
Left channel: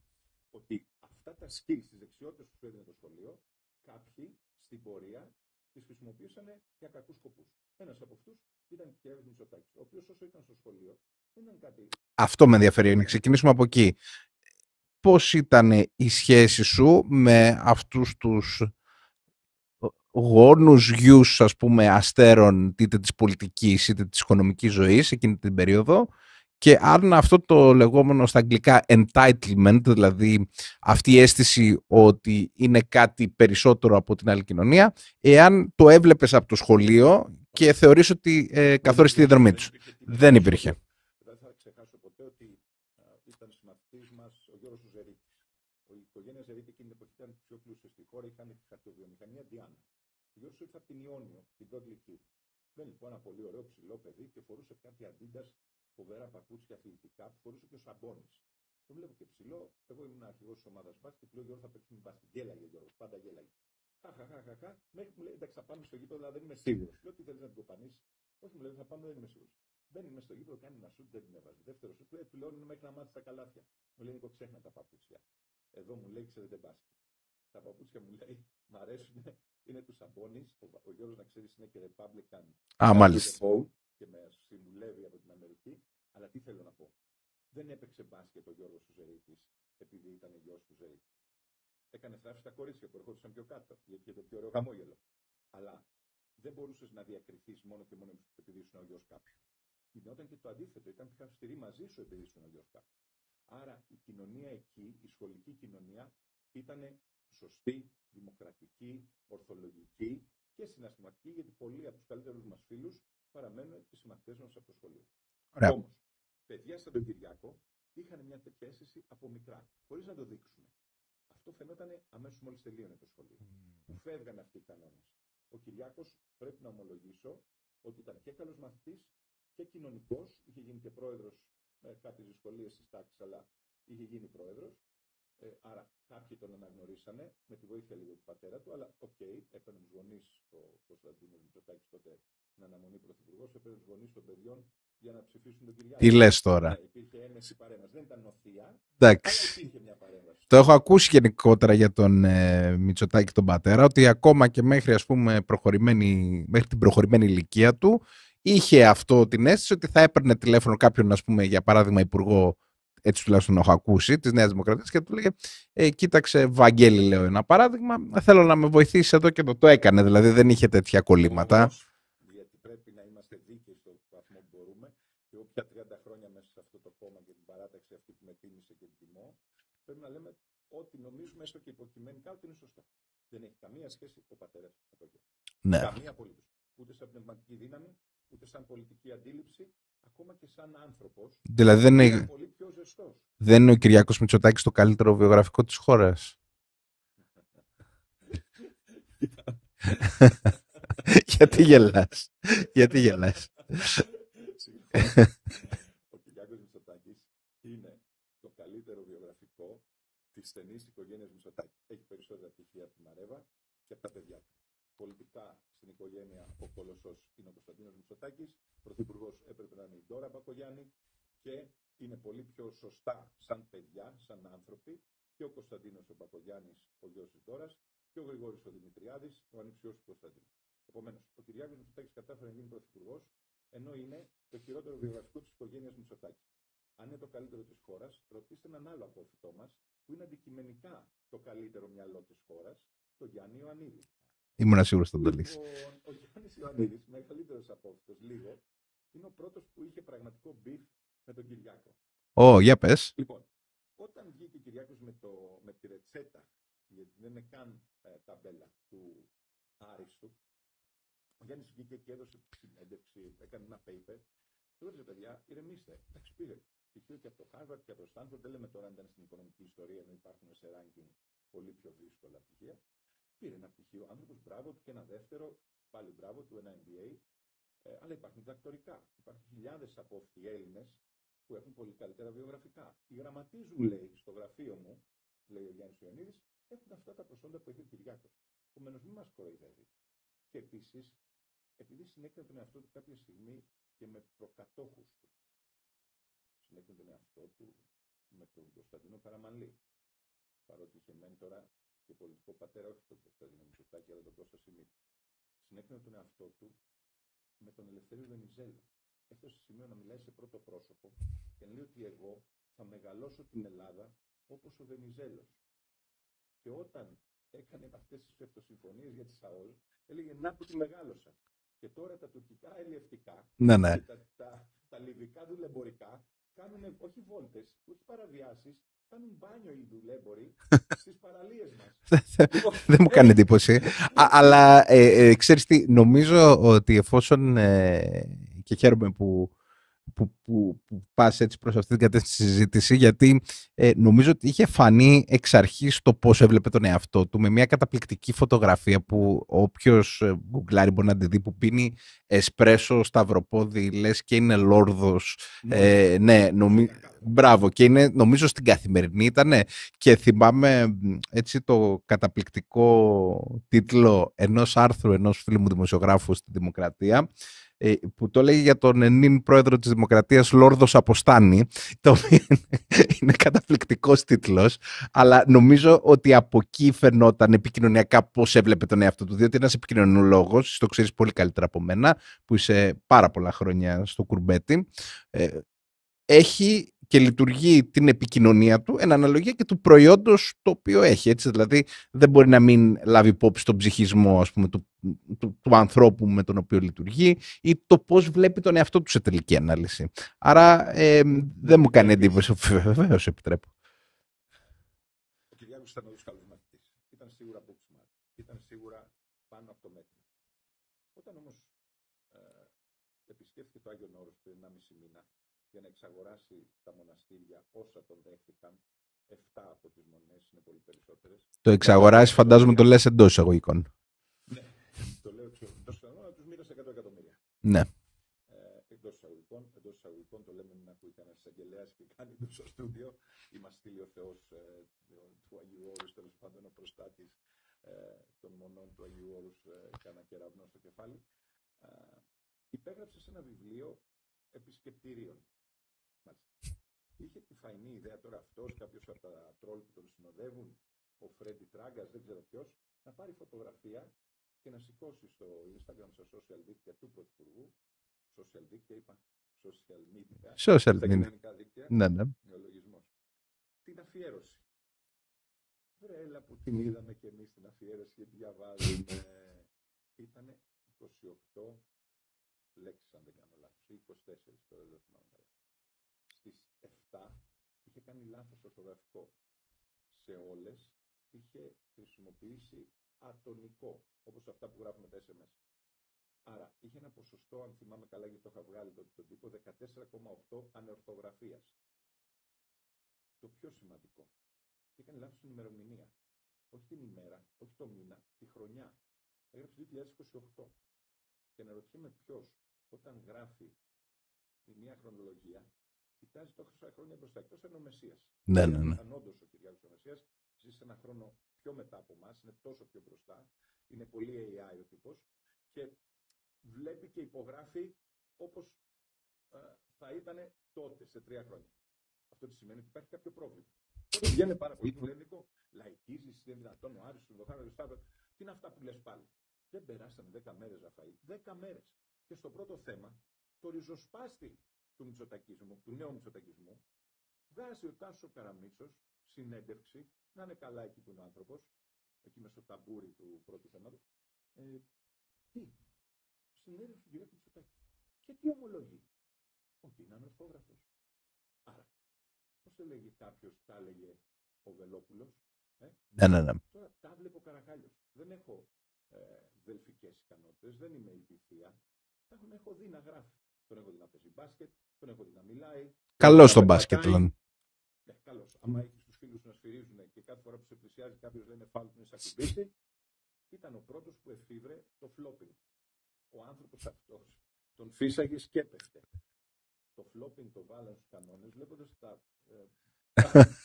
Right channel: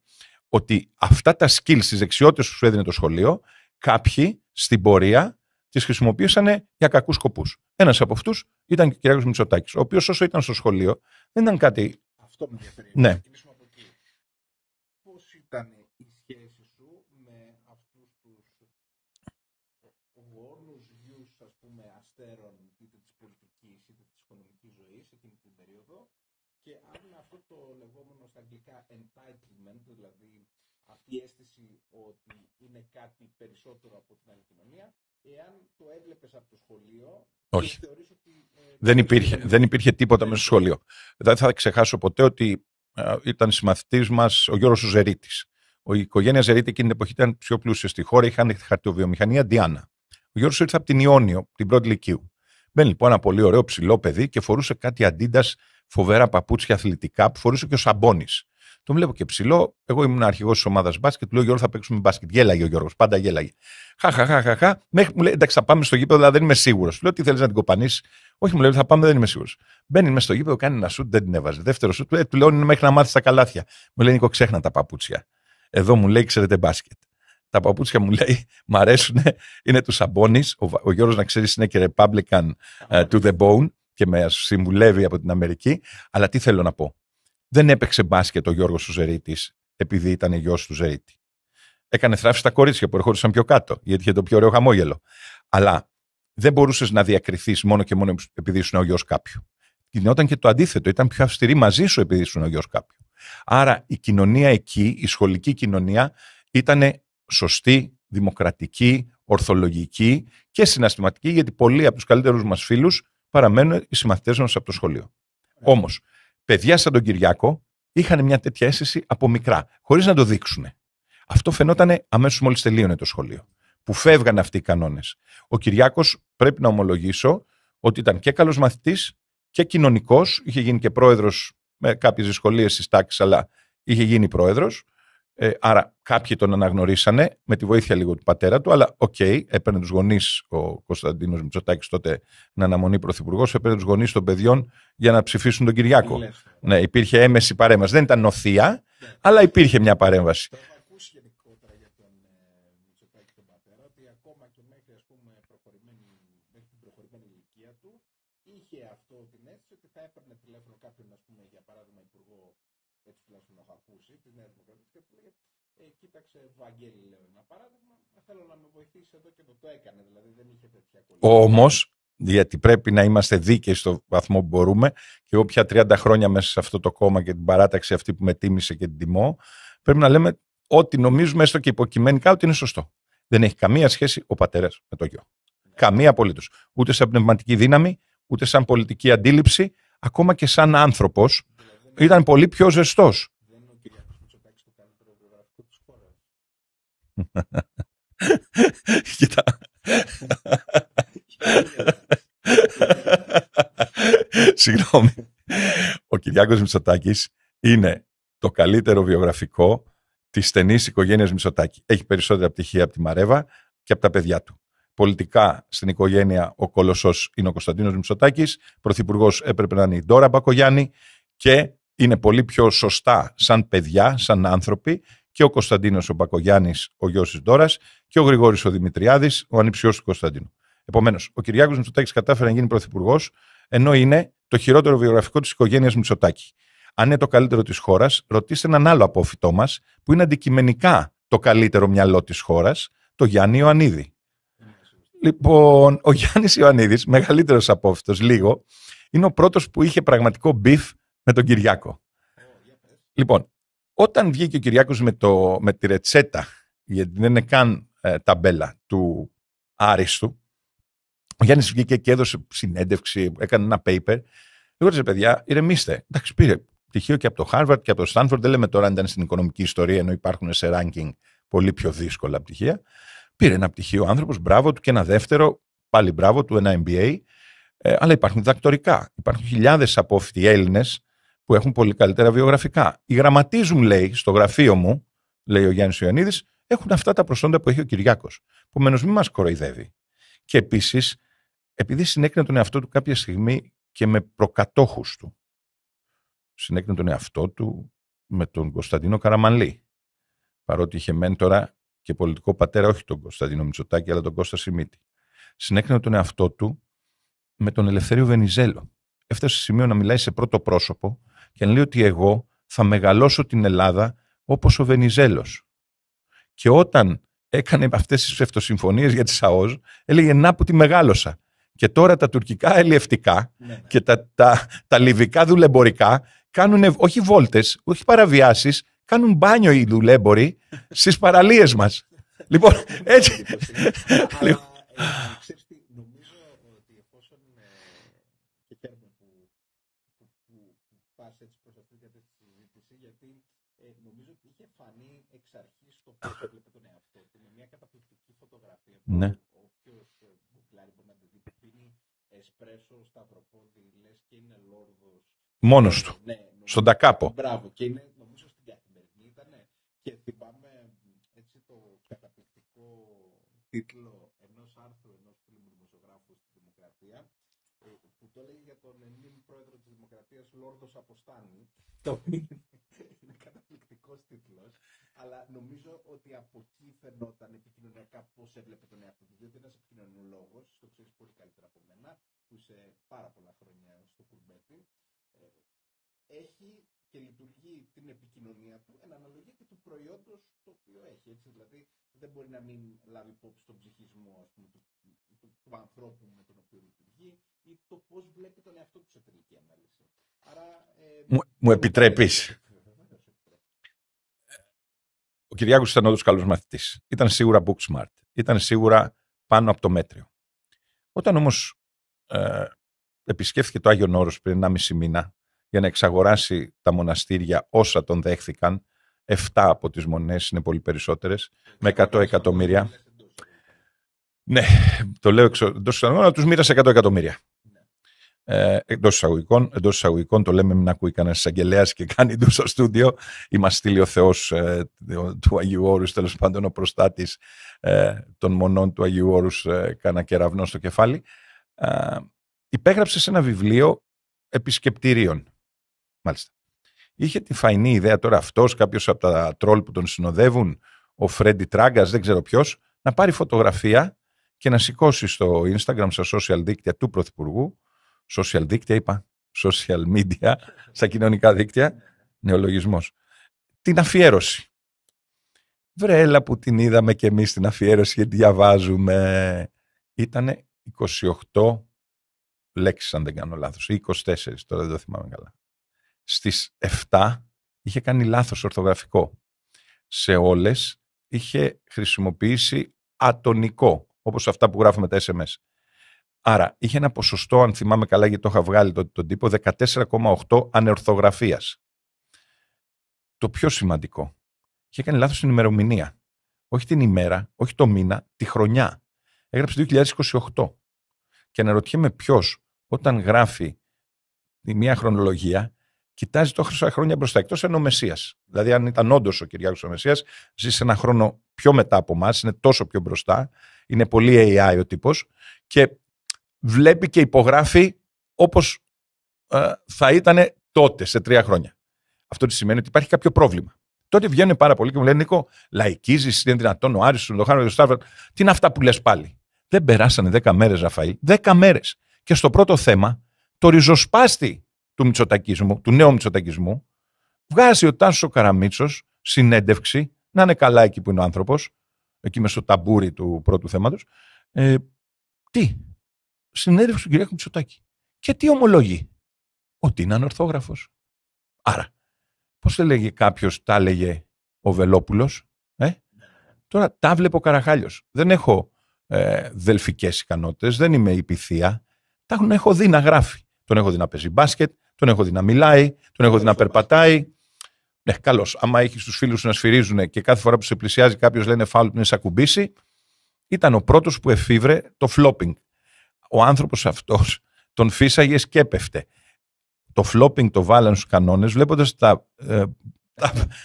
Ότι αυτά τα skills, τις δεξιότητες που σου έδινε το σχολείο, κάποιοι στην πορεία τις χρησιμοποίησαν για κακούς σκοπούς. Ένας από αυτούς ήταν και ο Κυριάκος Μητσοτάκης, ο οποίος όσο ήταν στο σχολείο δεν ήταν κάτι. Αυτό με ενδιαφέρει. Να ξεκινήσουμε από εκεί. Πώς ήταν η σχέση σου με αυτούς τους γόνους γιους, ας πούμε, αστέρων είτε της πολιτικής είτε της οικονομικής ζωής εκείνη την περίοδο, και αν αυτό το λεγόμενο στα αγγλικά entitlement, δηλαδή αυτή η αίσθηση ότι είναι κάτι περισσότερο από την άλλη κοινωνία, εάν το έβλεπες από το σχολείο και θεωρείς ότι καθόρισε τη διαδρομή. Δεν υπήρχε τίποτα στο σχολείο. Δεν θα ξεχάσω ποτέ ότι ήταν συμμαθητής μας ο Γιώργος ο Ζερίτης. Η οικογένεια Ζερίτη εκείνη την εποχή ήταν πιο πλούσια στη χώρα, είχαν χαρτιοβιομηχανία Διάνα. Ο Γιώργος ήρθε από την Ιόνιο, την πρώτη λυκείου. Μπαίνει λοιπόν ένα πολύ ωραίο ψηλό παιδί και φορούσε κάτι αντίντας, φοβερά παπούτσια αθλητικά που φορούσε και ο Σαμπώνης. Τον βλέπω και ψηλό. Εγώ ήμουν αρχηγός της ομάδας μπάσκετ. Του λέω: Γιώργο, θα παίξουμε μπάσκετ. Γέλαγε ο Γιώργος, πάντα γέλαγε. Χαχαχαχαχα. Μέχρι μου λέει: εντάξει, θα πάμε στο γήπεδο, αλλά δεν είμαι σίγουρος. Του λέω: τι θέλεις να την κοπανίσεις? Όχι, μου λέει: θα πάμε, δεν είμαι σίγουρος. Μπαίνει μέσα στο γήπεδο, κάνει ένα σουτ, δεν την έβαζε. Δεύτερο σουτ, του λέω: είναι μέχρι να μάθεις τα καλάθια. Μου λέει: Νίκο, ξέχνα τα παπούτσια. Εδώ μου λέει: ξέρετε μπάσκετ. Τα παπούτσια μου λέει: μ' αρέσουν, είναι του Σαμπώνης. Ο Γιώργος, να ξέρεις, είναι και Republican to the bone και με συμβουλεύει από την Αμερική. Αλλά τι θέλω να πω. Δεν έπαιξε μπάσκετ ο Γιώργος ο Ζερίτης επειδή ήταν γιος του Ζερίτη. Έκανε θράψη στα κορίτσια που ερχόντουσαν πιο κάτω, γιατί είχε το πιο ωραίο χαμόγελο. Αλλά δεν μπορούσες να διακριθείς μόνο και μόνο επειδή ήσουν ο γιος κάποιου. Γινόταν και το αντίθετο. Ήταν πιο αυστηρή μαζί σου επειδή ήσουν ο γιος κάποιου. Άρα η κοινωνία εκεί, η σχολική κοινωνία, ήταν σωστή, δημοκρατική, ορθολογική και συναισθηματική, γιατί πολλοί από τους καλύτερους μας φίλους παραμένουν οι συμμαθητές μας από το σχολείο. Όμως, παιδιά σαν τον Κυριάκο είχαν μια τέτοια αίσθηση από μικρά, χωρίς να το δείξουν. Αυτό φαινόταν αμέσως μόλις τελείωνε το σχολείο, που φεύγαν αυτοί οι κανόνες. Ο Κυριάκος, πρέπει να ομολογήσω, ότι ήταν και καλός μαθητής και κοινωνικός, είχε γίνει και πρόεδρος με κάποιες δυσκολίες στις τάξεις, αλλά είχε γίνει πρόεδρος. Άρα κάποιοι τον αναγνωρίσανε με τη βοήθεια λίγο του πατέρα του, αλλά έπαιρνε τους γονείς, ο Κωνσταντίνος Μητσοτάκης τότε να αναμονεί πρωθυπουργός, έπαιρνε τους γονείς των παιδιών για να ψηφίσουν τον Κυριάκο. Τι λες τώρα. Ναι, υπήρχε έμεση παρέμβαση. Δεν ήταν νοθεία, αλλά υπήρχε μια παρέμβαση. Το έχω ακούσει γενικότερα για τον Μητσοτάκη τον πατέρα, ότι ακόμα και μέχρι, ας πούμε, μέχρι την προχωρημένη ηλικία του, είχε αυτό την αίσθηση ότι θα έπαιρνε τηλέφωνο κάποιον, ας πούμε, για παράδειγμα, υπουργό, έτσι τουλάχιστον έχω ακούσει, της Νέας Δημοκρατίας, και του λέγε κοίταξε, Βαγγέλη, λέω ένα παράδειγμα, θέλω να με βοηθήσει εδώ, και το έκανε, δηλαδή δεν είχε τέτοια κολλήματα. Όμως, γιατί πρέπει να είμαστε δίκαιοι στο βαθμό που μπορούμε, και εγώ πια 30 χρόνια μέσα σε αυτό το κόμμα και την παράταξη αυτή που με τίμησε και την τιμώ, πρέπει να λέμε ότι νομίζουμε, έστω και υποκειμενικά, ότι είναι σωστό. Δεν έχει καμία σχέση ο πατέρας με το γιο. Ναι. Καμία απολύτως. Ούτε σαν πνευματική δύναμη, ούτε σαν πολιτική αντίληψη, ακόμα και σαν άνθρωπος. Δηλαδή ήταν πολύ πιο ζεστός. Δεν είναι ο Κυριάκος Μητσοτάκης το καλύτερο βιογραφικό της χώρας? Κοίτα. Γιατί γελάς? Συγγνώμη. Ο Κυριάκος Μητσοτάκης είναι το καλύτερο βιογραφικό της στενής οικογένειας Μητσοτάκη. Έχει περισσότερα πτυχία από τη Μαρέβα και από τα παιδιά του. Πολιτικά στην οικογένεια ο κολοσσός είναι ο Κωνσταντίνος Μητσοτάκης, πρωθυπουργός έπρεπε να είναι η Ντόρα Μπακογιάννη, και είναι πολύ πιο σωστά σαν παιδιά, σαν άνθρωποι, και ο Κωνσταντίνος ο Μπακογιάννης, ο γιος της Ντόρας, και ο Γρηγόρης ο Δημητριάδης, ο ανιψιός του Κωνσταντίνου. Επομένως, ο Κυριάκος Μητσοτάκης κατάφερε να γίνει πρωθυπουργός, ενώ είναι το χειρότερο βιογραφικό της οικογένειας Μητσοτάκη. Αν είναι το καλύτερο της χώρας, ρωτήστε έναν άλλο απόφοιτό μας, που είναι αντικειμενικά το καλύτερο μυαλό της χώρας, το Γιάννη Ιωαννίδη. Ήμουν σίγουρος στον Λοιπόν, ο Γιάννης Ιωαννίδης, μεγαλύτερος απόφοιτος λίγο, είναι ο πρώτος που είχε πραγματικό μπιφ με τον Κυριάκο. Για πες. Λοιπόν, όταν βγήκε ο Κυριάκος με τη ρετσέτα, γιατί δεν είναι καν ταμπέλα του άριστου, ο Γιάννης βγήκε και έδωσε συνέντευξη, έκανε ένα paper. Λέω, ρε παιδιά, ηρεμήστε. Εντάξει, πήρε πτυχίο και από το Harvard και από το Stanford. Δεν λέμε τώρα αν ήταν στην οικονομική ιστορία, ενώ υπάρχουν σε ranking πολύ πιο δύσκολα πτυχία. Πήρε ένα πτυχίο ο άνθρωπος, μπράβο του, και ένα δεύτερο, πάλι μπράβο του, ένα MBA. Αλλά υπάρχουν διδακτορικά. Υπάρχουν χιλιάδες απόφοιτοι Έλληνες που έχουν πολύ καλύτερα βιογραφικά. Οι γραμματείς μου, λέει, στο γραφείο μου, λέει ο Γιάννης Ιωαννίδης, έχουν αυτά τα προσόντα που έχει ο Κυριάκος. Επομένως, μην μας κοροϊδεύει. Και επίσης, επειδή συνέκρινε τον εαυτό του κάποια στιγμή και με προκατόχους του. Συνέκρινε τον εαυτό του με τον Κωνσταντίνο Καραμανλή. Παρότι είχε μέντορα και πολιτικό πατέρα, όχι τον Κωνσταντίνο Μητσοτάκη, αλλά τον Κώστα Σιμίτη. Συνέκρινε τον εαυτό του με τον Ελευθέριο Βενιζέλο. Έφτασε σε σημείο να μιλάει σε πρώτο πρόσωπο και να λέει ότι εγώ θα μεγαλώσω την Ελλάδα όπως ο Βενιζέλος. Και όταν έκανε αυτές τις ψευτοσυμφωνίες για τις ΑΟΣ, έλεγε να που τη μεγάλωσα. Και τώρα τα τουρκικά ελιευτικά και τα λιβικά δουλεμπορικά κάνουν όχι βόλτες, όχι παραβιάσεις, κάνουν μπάνιο οι δουλέμποροι στις παραλίες μας. Λοιπόν, δεν μου κάνει εντύπωση. Αλλά ξέρεις τι, νομίζω ότι εφόσον, και χαίρομαι που πας έτσι προς αυτή την κατεύθυνση τη συζήτηση, γιατί νομίζω ότι είχε φανεί εξ αρχής το πώς έβλεπε τον εαυτό του, με μια καταπληκτική φωτογραφία που όποιος γκουγκλάρει μπορεί να τη δει, που πίνει εσπρέσο σταυροπόδι, λες και είναι λόρδος. Μόνος του, ναι, στον Τακάπο. Μπράβο, και είναι, νομίζω στην Καθημερινή ήτανε, και θυμάμαι έτσι το καταπληκτικό τίτλο ενός άρθρου ενός φίλου μου δημοσιογράφου στη Δημοκρατία, που το λέγει για τον νυν πρόεδρο της Δημοκρατίας, Λόρδος Αποστάνη, το οποίο είναι καταπληκτικός τίτλος, αλλά νομίζω ότι από εκεί φαινόταν επικοινωνιακά πώς έβλεπε τον εαυτό του, διότι ένας επικοινωνιολόγος, το ξέρεις πολύ καλύτερα από μένα, που είσαι πάρα πολλά χρόνια στο κουρμπέτι, έχει και λειτουργεί την επικοινωνία του εν αναλογία και του προϊόντος το οποίο έχει. Έτσι, δηλαδή δεν μπορεί να μην λάβει υπόψη τον ψυχισμό, ας πούμε, του ανθρώπου με τον οποίο λειτουργεί, ή το πώς βλέπει τον εαυτό του σε τελική ανάλυση. Άρα δεν μου κάνει εντύπωση. Βεβαίως επιτρέπω. Ο Κυριάκος ήταν όντως καλός μαθητής. Ήταν σίγουρα book smart. Ήταν σίγουρα πάνω από το μέτριο. Όταν όμως επισκέφθηκε το Άγιον Όρος πριν 1,5 μήνα για να εξαγοράσει τα μοναστήρια όσα τον δέχθηκαν, 7 από τις μονές είναι πολύ περισσότερες. Το εξαγοράσει, φαντάζομαι το λες εντός εισαγωγικών. Ναι, το λέω εντός εισαγωγικών, αλλά τους μοίρασε 100 εκατομμύρια. Ναι. Εντός εισαγωγικών το λέμε, μην ακούει κανένας εισαγγελέας και κάνει του στο στούντιο. Ή μας στείλει ο Θεός του Αγίου Όρους, τέλος πάντων ο προστάτης των μονών του Αγίου Όρους, κάνα κεραυνό στο κεφάλι. Υπέγραψε σε ένα βιβλίο επισκεπτηρίων. Μάλιστα. Είχε τη φαϊνή ιδέα τώρα αυτός, κάποιος από τα τρόλ που τον συνοδεύουν, ο Φρέντι Τράγκας, δεν ξέρω ποιος, να πάρει φωτογραφία και να σηκώσει στο Instagram, στα social δίκτυα του Πρωθυπουργού. Social δίκτυα είπα, social media, στα κοινωνικά δίκτυα, ναι. Νεολογισμός. Την αφιέρωση. Βρε, έλα που την είδαμε και εμείς την αφιέρωση γιατί διαβάζουμε. Ήτανε 28 λέξεις, αν δεν κάνω λάθος, ή 24, τώρα δεν το θυμάμαι καλά. Στις 7 είχε κάνει λάθος ορθογραφικό. Σε όλες είχε χρησιμοποιήσει ατονικό, όπως αυτά που γράφουμε τα SMS. Άρα είχε ένα ποσοστό, αν θυμάμαι καλά, γιατί το είχα βγάλει τον τύπο, 14,8 ανορθογραφίας. Το πιο σημαντικό, είχε κάνει λάθος την ημερομηνία. Όχι την ημέρα, όχι το μήνα, τη χρονιά. Έγραψε 2028. Και αναρωτιέμαι ποιος, όταν γράφει μια χρονολογία, κοιτάζει τόσα χρόνια μπροστά, εκτός αν ο Μεσσίας. Ναι, δηλαδή, αν ήταν όντως ο Κυριάκος ο Μεσσίας, ζει σε ένα χρόνο πιο μετά από εμάς, είναι τόσο πιο μπροστά, είναι πολύ AI ο τύπος και βλέπει και υπογράφει όπως θα ήταν τότε, σε 3 χρόνια. Αυτό τι σημαίνει ότι υπάρχει κάποιο πρόβλημα. Τότε βγαίνουν πάρα πολλοί και μου λένε: Νίκο, λαϊκίζεις, είναι δυνατόν ο Άρης, ο Λοχάνο, ο Σταύρο. Τι είναι αυτά που λες πάλι? Δεν περάσανε 10 μέρες, Ραφαήλ. 10 μέρες. Και στο πρώτο θέμα, το ριζοσπάστη του μητσοτακισμού, του νέου μητσοτακισμού, βγάζει ο Τάσος ο Καραμίτσος συνέντευξη, να είναι καλά εκεί που είναι ο άνθρωπος, εκεί μες στο ταμπούρι του πρώτου θέματος. Συνέντευξη του Κυριάκου Μητσοτάκη. Και τι ομολογεί? Ότι είναι ανορθόγραφος. Άρα, πώς θα λέγε κάποιος, τα έλεγε ο Βελόπουλος. Ναι. Τώρα τα βλέπω ο Καραχάλιος. Δεν έχω δελφικές ικανότητες, δεν είμαι υπηθεία. Τα έχω δει να γράφει. Τον έχω δει να παίζει μπάσκετ, τον έχω δει να μιλάει, τον έχω δει να περπατάει. Μπάσκετ, ναι, καλώς. Άμα έχεις τους φίλους σου να σφυρίζουν και κάθε φορά που σε πλησιάζει κάποιος λένε φάουλ που είναι σε ακουμπήσει, ήταν ο πρώτος που εφήβρε το flopping. Ο άνθρωπος αυτός τον φύσαγε και έπεφτε. Το flopping το βάλαν στους κανόνες βλέποντας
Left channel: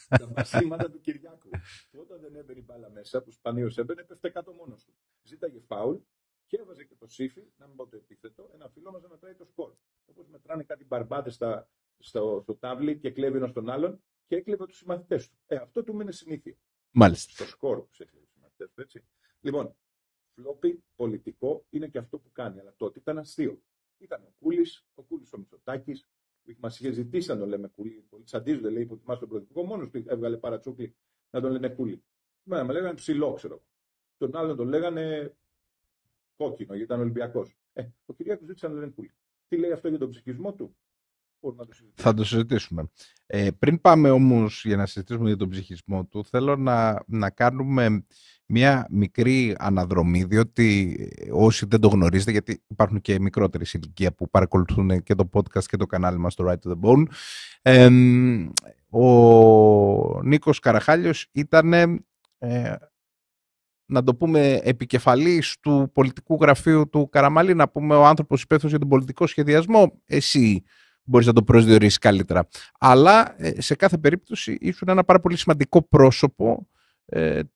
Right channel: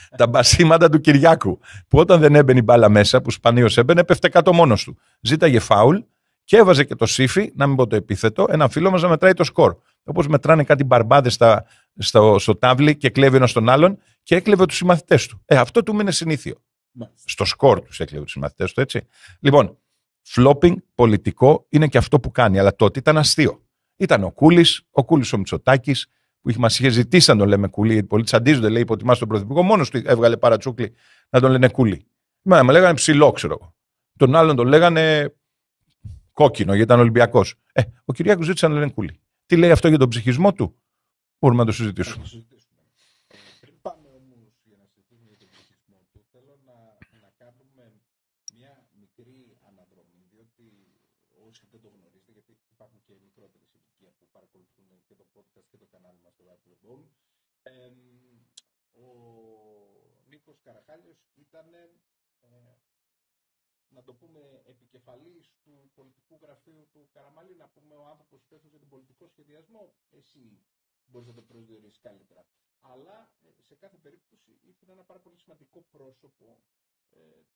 τα μπασίματα του Κυριάκου. Που όταν δεν έμπαινε η μπάλα μέσα, που σπανίως έμπαινε, έπεφτε κάτω μόνος του. Ζήταγε φάουλ και έβαζε και το σύφι, να μην πω το επίθετο, ένα φίλο μας να μετράει το σκορ. Όπως μετράνε κάτι μπαρμπάδες στο τάβλι και κλέβει ένας τον άλλον και έκλεβε τους συμμαθητές του. Αυτό του είναι συνήθιο. Μάλιστα. Στο σκορ τους έκλεβε τους συμμαθητές του, έτσι. Λοιπόν, flopping πολιτικό είναι και αυτό που κάνει, αλλά τότε ήταν αστείο. Ήταν ο Κούλης ο Μητσοτάκης, που μας είχε ζητήσει να τον λέμε Κούλη, γιατί πολλοί τσαντίζονται, λέει, υποτιμάς τον Πρωθυπουργό, μόνος του έβγαλε παρατσούκλι να τον λένε Κούλη. Με λέγανε ψηλό, ξέρω εγώ. Τον άλλον τον λέγανε κόκκινο, γιατί ήταν Ολυμπιακός. Ο Κυριάκος ζήτησε να λένε Κούλη. Τι λέει αυτό για τον ψυχισμό του? Μπορούμε να το συζητήσουμε. Θα το συζητήσουμε. Πριν πάμε όμως για να συζητήσουμε για τον ψυχισμό του, θέλω να κάνουμε μια μικρή αναδρομή, διότι όσοι δεν το γνωρίζετε, γιατί υπάρχουν και μικρότεροι σε ηλικία που παρακολουθούν και το podcast και το κανάλι μας, το Right to the Bone, ο Νίκος Καραχάλιος ήταν, να το πούμε, επικεφαλής του πολιτικού γραφείου του Καραμαλή, να πούμε ο άνθρωπος υπεύθυνος για τον πολιτικό σχεδιασμό. Εσύ μπορείς να το προσδιορίσεις καλύτερα. Αλλά σε κάθε περίπτωση ήσουν ένα πάρα πολύ σημαντικό πρόσωπο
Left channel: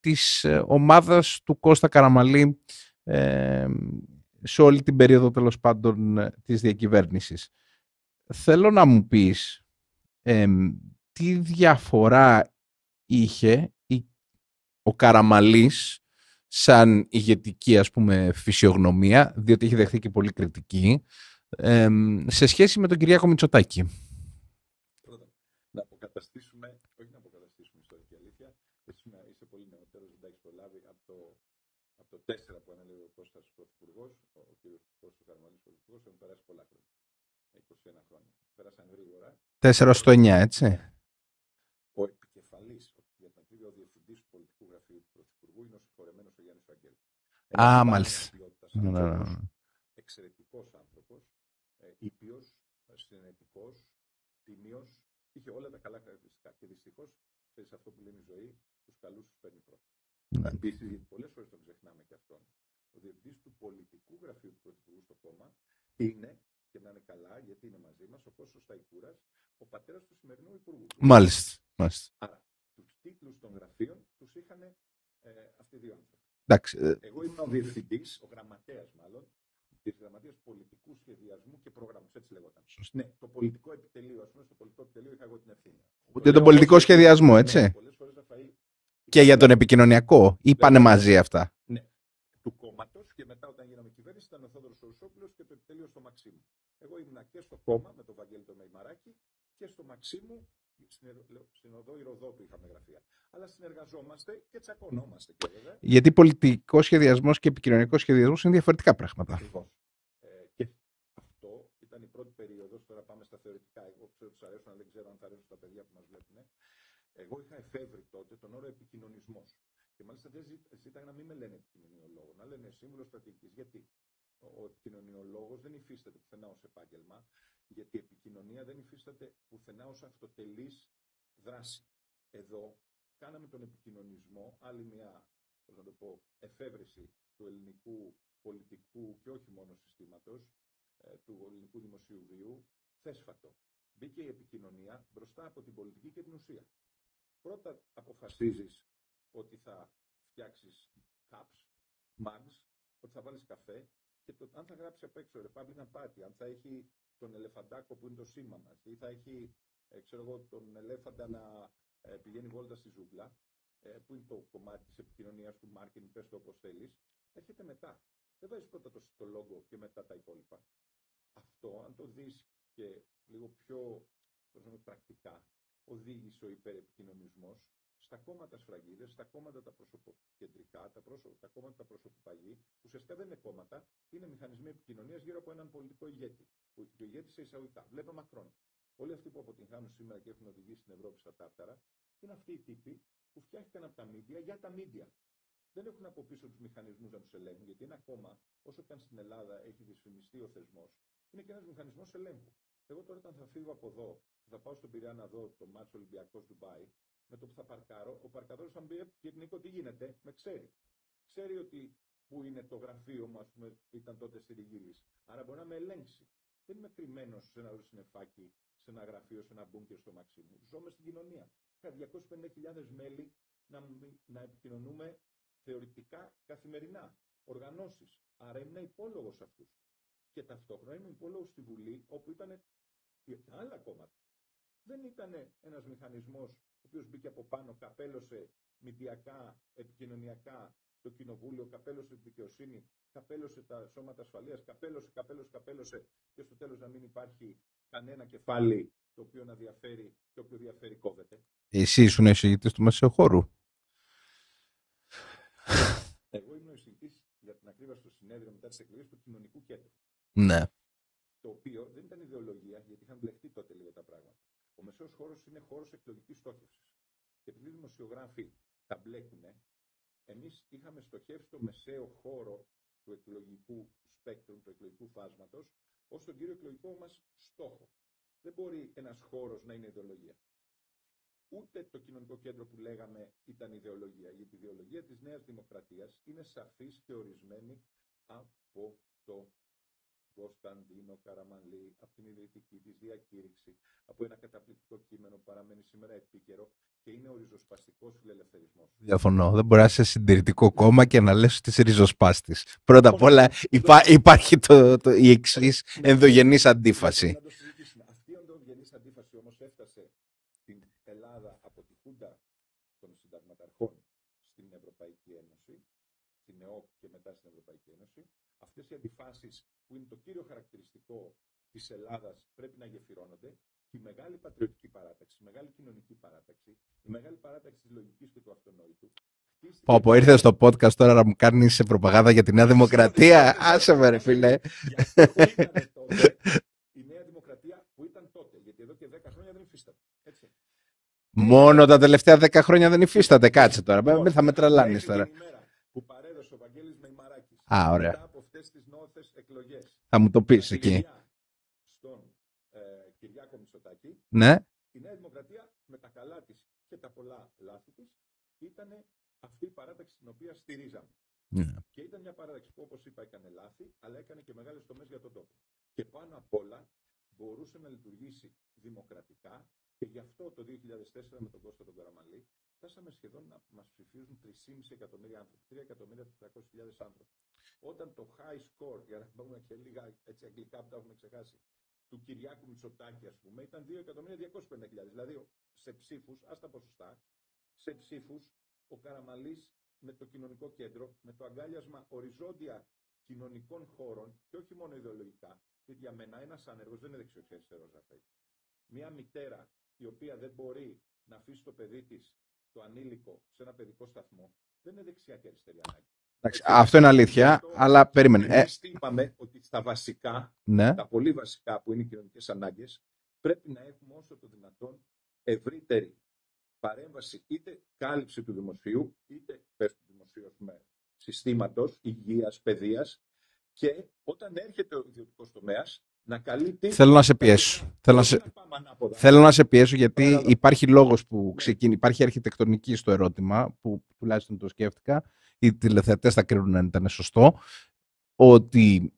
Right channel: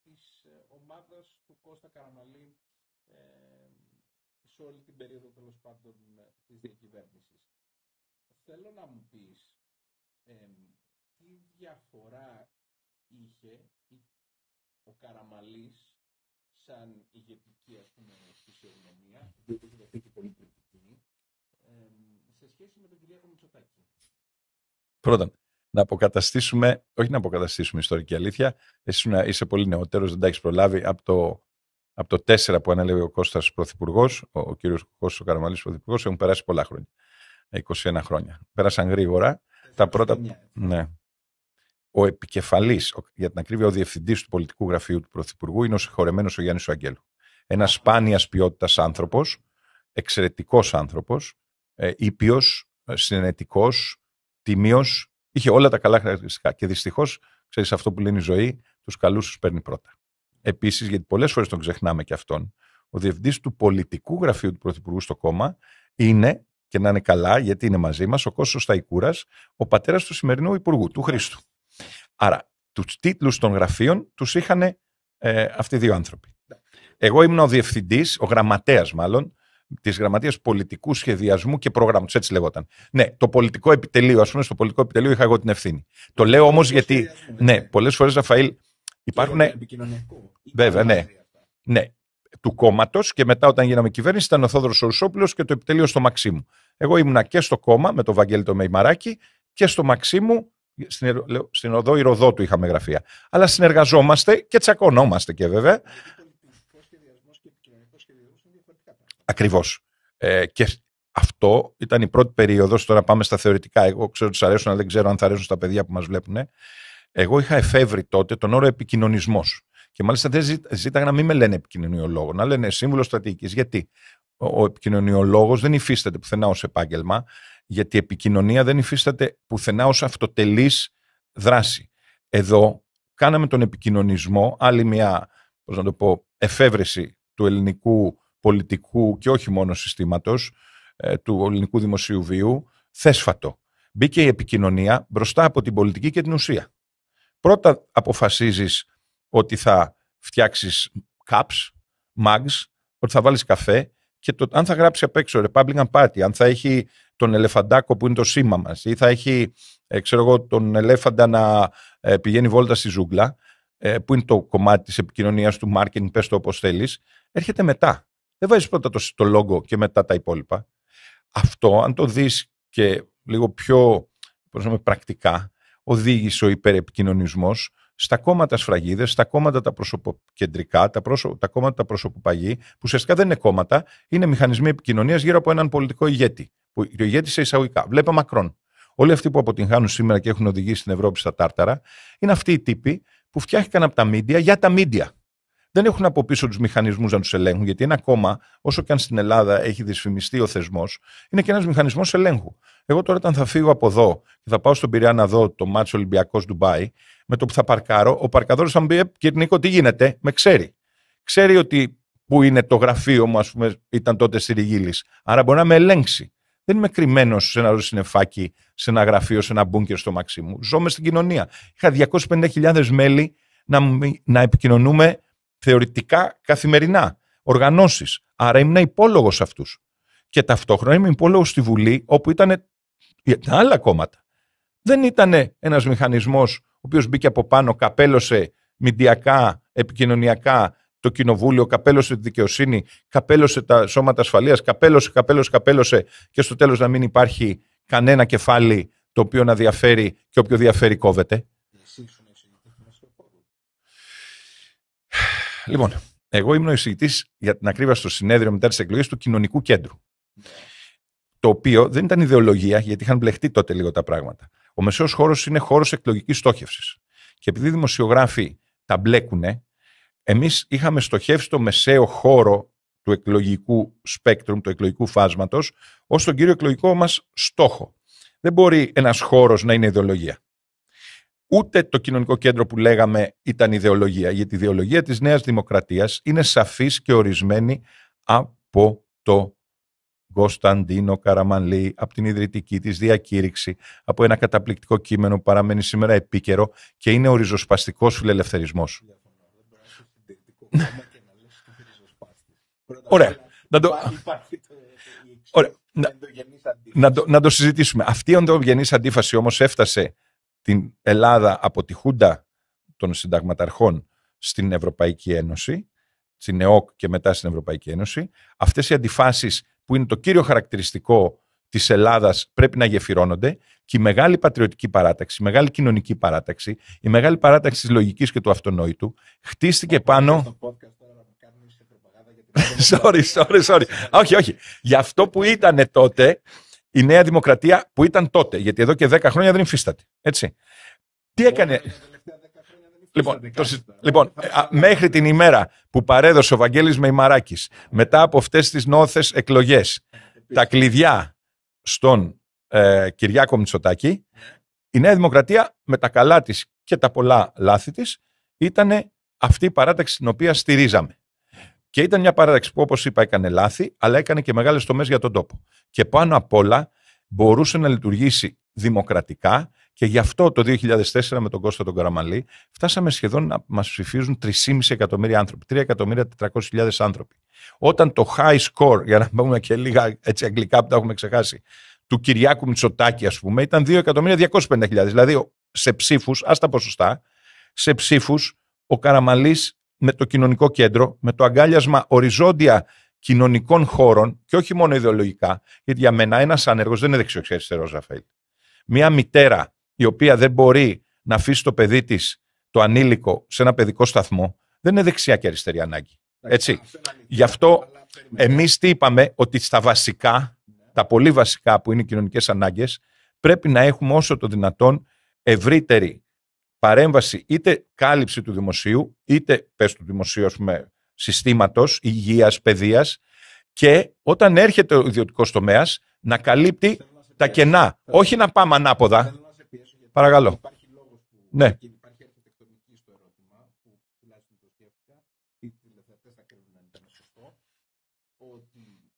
της ομάδας του Κώστα Καραμαλή σε όλη την περίοδο, τέλος πάντων, της διακυβέρνησης. Θέλω να μου πεις τι διαφορά είχε ο Καραμαλής σαν ηγετική, ας πούμε, φυσιογνωμία, διότι έχει δεχθεί και πολύ κριτική, σε σχέση με τον Κυριάκο Μητσοτάκη. Πρώτα, όχι να αποκαταστήσουμε ιστορική αλήθεια. Εσύ είσαι πολύ νεότερος, δεν τα έχεις προλάβει. Από το 4 που ανέλαβε ο Κώστας Πρωθυπουργός, ο κύριος Κώστας ο Καραμαλής Πρωθυπουργός, έχουν περάσει πολλά χρόνια. 21 χρόνια. Πέρασαν γρήγορα. 4 στο 9, έτσι. Ναι. ο επικεφαλής, για την ακρίβεια, ο διευθυντής του πολιτικού γραφείου του Πρωθυπουργού είναι ο συγχωρεμένος ο Γιάννης Αγγέλου. Ένας σπάνιας ποιότητας άνθρωπος, εξαιρετικός άνθρωπος, ήπιος, συνενετικός, τίμιος, είχε όλα τα καλά χαρακτηριστικά. Και δυστυχώς, ξέρεις αυτό που λένε η ζωή, τους καλούς τους παίρνει πρώτα. Επίσης, γιατί πολλές φορές τον ξεχνάμε και αυτόν, ο διευθυντής του πολιτικού γραφείου του Πρωθυπουργού στο κόμμα είναι, και να είναι καλά, γιατί είναι μαζί μας, ο Κώστας Σταϊκούρας, ο πατέρας του σημερινού Υπουργού, του Χρήστου. Άρα, τους τίτλους των γραφείων τους είχαν αυτοί οι δύο άνθρωποι. Εγώ ήμουν ο διευθυντής, ο γραμματέας μάλλον, της Γραμματείας Πολιτικού Σχεδιασμού και Προγράμματος, έτσι λεγόταν. Ναι, το πολιτικό επιτελείο, ας πούμε, στο πολιτικό επιτελείο είχα εγώ την ευθύνη. Το λέω όμως γιατί, σχεδιασμό, έτσι. Ναι, πολλές φορές, Ραφαήλ. Και για τον επικοινωνιακό, ή πάνε μαζί αυτά. Ναι, του κόμματος, και μετά όταν γίναμε κυβέρνηση ήταν ο Θόδωρος Ορουσόπουλος και το επιτελείο στο Μαξίμου. Εγώ ήμουνα και στο κόμμα με τον Βαγγέλη το Μεϊμαράκη και στο Μαξίμου. Στην οδό Ηροδότου είχαμε γραφεία. Αλλά συνεργαζόμαστε και τσακωνόμαστε και βέβαια. Γιατί πολιτικός σχεδιασμός και επικοινωνικός σχεδιασμός είναι διαφορετικά πράγματα. Ακριβώς. Και αυτό ήταν η πρώτη περίοδος. Τώρα πάμε στα θεωρητικά. Εγώ ξέρω ότι σας αρέσουν, αλλά δεν ξέρω αν θα αρέσουν στα παιδιά που μας βλέπουν. Εγώ είχα εφεύρει τότε τον όρο επικοινωνισμός. Και μάλιστα δεν ζήταγα να μην με λένε επικοινωνιολόγο, να λένε σύμβουλο στρατηγικής. Γιατί ο επικοινωνιολόγος δεν υφίσταται πουθενά ως επάγγελμα. Γιατί η επικοινωνία δεν υφίσταται πουθενά ως αυτοτελής δράση. Εδώ κάναμε τον επικοινωνισμό, άλλη μια, πώς να το πω, εφεύρεση του ελληνικού πολιτικού και όχι μόνο συστήματος, του ελληνικού δημοσίου βίου, θέσφατο. Μπήκε η επικοινωνία μπροστά από την πολιτική και την ουσία. Πρώτα αποφασίζεις ότι θα φτιάξεις cups, mugs, ότι θα βάλεις καφέ και αν θα γράψει απ' έξω Republican Party, αν θα έχει τον ελεφαντάκο που είναι το σήμα μας ή θα έχει, ξέρω εγώ, τον ελέφαντα να πηγαίνει βόλτα στη ζούγκλα, που είναι το κομμάτι της επικοινωνίας του marketing, πες το όπως θέλεις, έρχεται μετά. Δεν βάζεις πρώτα το logo και μετά τα υπόλοιπα. Αυτό, αν το δεις και λίγο πιο πρακτικά, οδήγησε ο υπερεπικοινωνισμός στα κόμματα σφραγίδες, στα κόμματα τα προσωποκεντρικά, τα κόμματα τα προσωποπαγή, που ουσιαστικά δεν είναι κόμματα, είναι μηχανισμοί επικοινωνίας γύρω από έναν πολιτικό ηγέτη. Που ο ηγέτης σε εισαγωγικά. Βλέπω Μακρόν. Όλοι αυτοί που αποτυγχάνουν σήμερα και έχουν οδηγήσει την Ευρώπη στα τάρταρα, είναι αυτοί οι τύποι που φτιάχτηκαν από τα μίντια για τα μίντια. Δεν έχουν από πίσω τους μηχανισμούς να τους ελέγχουν, γιατί ένα κόμμα, όσο και αν στην Ελλάδα έχει δυσφημιστεί ο θεσμός, είναι και ένας μηχανισμός ελέγχου. Εγώ τώρα, όταν θα φύγω από εδώ και θα πάω στον Πειραιά να δω το μάτσο Ολυμπιακός Ντουμπάι, με το που θα παρκάρω, ο παρκαδόρος θα μου πει: Κύριε Νίκο, τι γίνεται, με ξέρει. Ξέρει ότι που είναι το γραφείο μου, ας πούμε, ήταν τότε στη Ριγίλης. Άρα μπορεί να με ελέγξει. Δεν είμαι κρυμμένος σε ένα συννεφάκι, σε ένα γραφείο, σε ένα μπούνκερ στο Μαξίμου. Ζω μες στην κοινωνία. Είχα 250.000 μέλη να επικοινωνούμε θεωρητικά καθημερινά. Οργανώσεις. Άρα ήμουν υπόλογος αυτούς. Και ταυτόχρονα ήμουν υπόλογος στη Βουλή, όπου ήταν τα άλλα κόμματα. Δεν ήταν ένας μηχανισμός ο οποίος μπήκε από πάνω, καπέλωσε μηντιακά, επικοινωνιακά το κοινοβούλιο, καπέλωσε τη δικαιοσύνη, καπέλωσε τα σώματα ασφαλείας, καπέλωσε και στο τέλος να μην υπάρχει κανένα κεφάλι το οποίο να διαφέρει και όποιο διαφέρει κόβεται. Εσύ ήσουν εισηγητής του Μεσαιοχώρου. Λοιπόν, εγώ ήμουν ο εισηγητής, για την ακρίβεια, στο συνέδριο μετά τις εκλογές του Κοινωνικού Κέντρου. Ναι. Το οποίο δεν ήταν ιδεολογία, γιατί είχαν μπλεχτεί τότε λίγο τα πράγματα. Ο μεσαίος χώρος είναι χώρος εκλογικής στόχευσης. Και επειδή οι δημοσιογράφοι τα μπλέκουνε, εμείς είχαμε στοχεύσει το μεσαίο χώρο του εκλογικού σπέκτρουμ, του εκλογικού φάσματος, ως τον κύριο εκλογικό μας στόχο. Δεν μπορεί ένας χώρος να είναι ιδεολογία. Ούτε το κοινωνικό κέντρο που λέγαμε ήταν ιδεολογία, γιατί η ιδεολογία της Νέας Δημοκρατίας είναι σαφής και ορισμένη από το Κωνσταντίνο Καραμανλή, από την ιδρυτική της διακήρυξη, από ένα καταπληκτικό κείμενο που παραμένει σήμερα επίκαιρο και είναι ο ριζοσπαστικός φιλελευθερισμός. Διαφωνώ. Δεν μπορεί να είσαι συντηρητικό κόμμα και να λες ότι είσαι ριζοσπάστης. Πρώτα απ' όλα υπάρχει η εξής ενδογενής αντίφαση. Να το συζητήσουμε. Αυτή η ενδογενής αντίφαση όμως έφτασε την Ελλάδα από τη Χούντα των συνταγματαρχών στην Ευρωπαϊκή Ένωση, στην ΕΟΚ και μετά στην Ευρωπαϊκή Ένωση. Αυτές οι αντιφάσεις που είναι το κύριο χαρακτηριστικό της Ελλάδας πρέπει να γεφυρώνονται, και η μεγάλη πατριωτική παράταξη, η μεγάλη κοινωνική παράταξη, η μεγάλη παράταξη της λογικής και του αυτονόητου χτίστηκε πάνω... στο podcast τώρα να μου κάνεις προπαγάνδα για τη Νέα Δημοκρατία. Όχι. Για αυτό που ήταν τότε, η Νέα Δημοκρατία που ήταν τότε, γιατί εδώ και 10 χρόνια δεν υφίσταται. Έτσι. Μόνο τα τελευταία 10 χρόνια δεν υφίσταται, κάτσε τώρα. Λοιπόν, μέχρι την ημέρα που παρέδωσε ο Βαγγέλης Μεϊμαράκης, μετά από αυτές τις νόθες εκλογές, τα κλειδιά στον Κυριάκο Μητσοτάκη, ναι. Η Νέα Δημοκρατία με τα καλά της και τα πολλά λάθη της ήταν αυτή η παράταξη την οποία στηρίζαμε. Και ήταν μια παράταξη που, όπως είπα, έκανε λάθη, αλλά έκανε και μεγάλες τομές για τον τόπο. Και πάνω απ' όλα μπορούσε να λειτουργήσει δημοκρατικά, και γι' αυτό το 2004 με τον Κώστα τον Καραμανλή φτάσαμε σχεδόν να μας ψηφίζουν 3,5 εκατομμύρια άνθρωποι, 3.400.000 άνθρωποι. Όταν το high score, για να πούμε και λίγα έτσι αγγλικά που τα έχουμε ξεχάσει, του Κυριάκου Μητσοτάκη, ας πούμε, ήταν 2.250.000. Δηλαδή, σε ψήφους, ας τα ποσοστά, σε ψήφους, ο Καραμανλής με το κοινωνικό κέντρο, με το αγκάλιασμα οριζόντια κοινωνικών χώρων, και όχι μόνο ιδεολογικά, γιατί για μένα ένας άνεργος δεν είναι δεξιός και αριστερός, Ραφαήλ. Μια μητέρα η οποία δεν μπορεί να αφήσει το παιδί της, το ανήλικο, σε ένα παιδικό σταθμό, δεν είναι δεξιά και αριστερή ανάγκη. Έτσι. Αυτό είναι αλήθεια. Γι' αυτό αλλά εμείς τι είπαμε, ότι στα βασικά, ναι, τα πολύ βασικά που είναι οι κοινωνικές ανάγκες, πρέπει να έχουμε όσο το δυνατόν ευρύτερη παρέμβαση, είτε κάλυψη του δημοσίου, είτε πες του δημοσίου, ας πούμε, συστήματος υγείας, παιδείας, και όταν έρχεται ο ιδιωτικός τομέας να καλύπτει τα κενά. Όχι να πάμε ανάποδα. Θέλω να σε πιέσω, γιατί παρακαλώ, υπάρχει λόγος που υπάρχει αρχιτεκτονική στο ερώτημα, που τουλάχιστον το σκέφτηκα, οι τηλεθεατές θα κρίνουν αν ήταν σωστό, ότι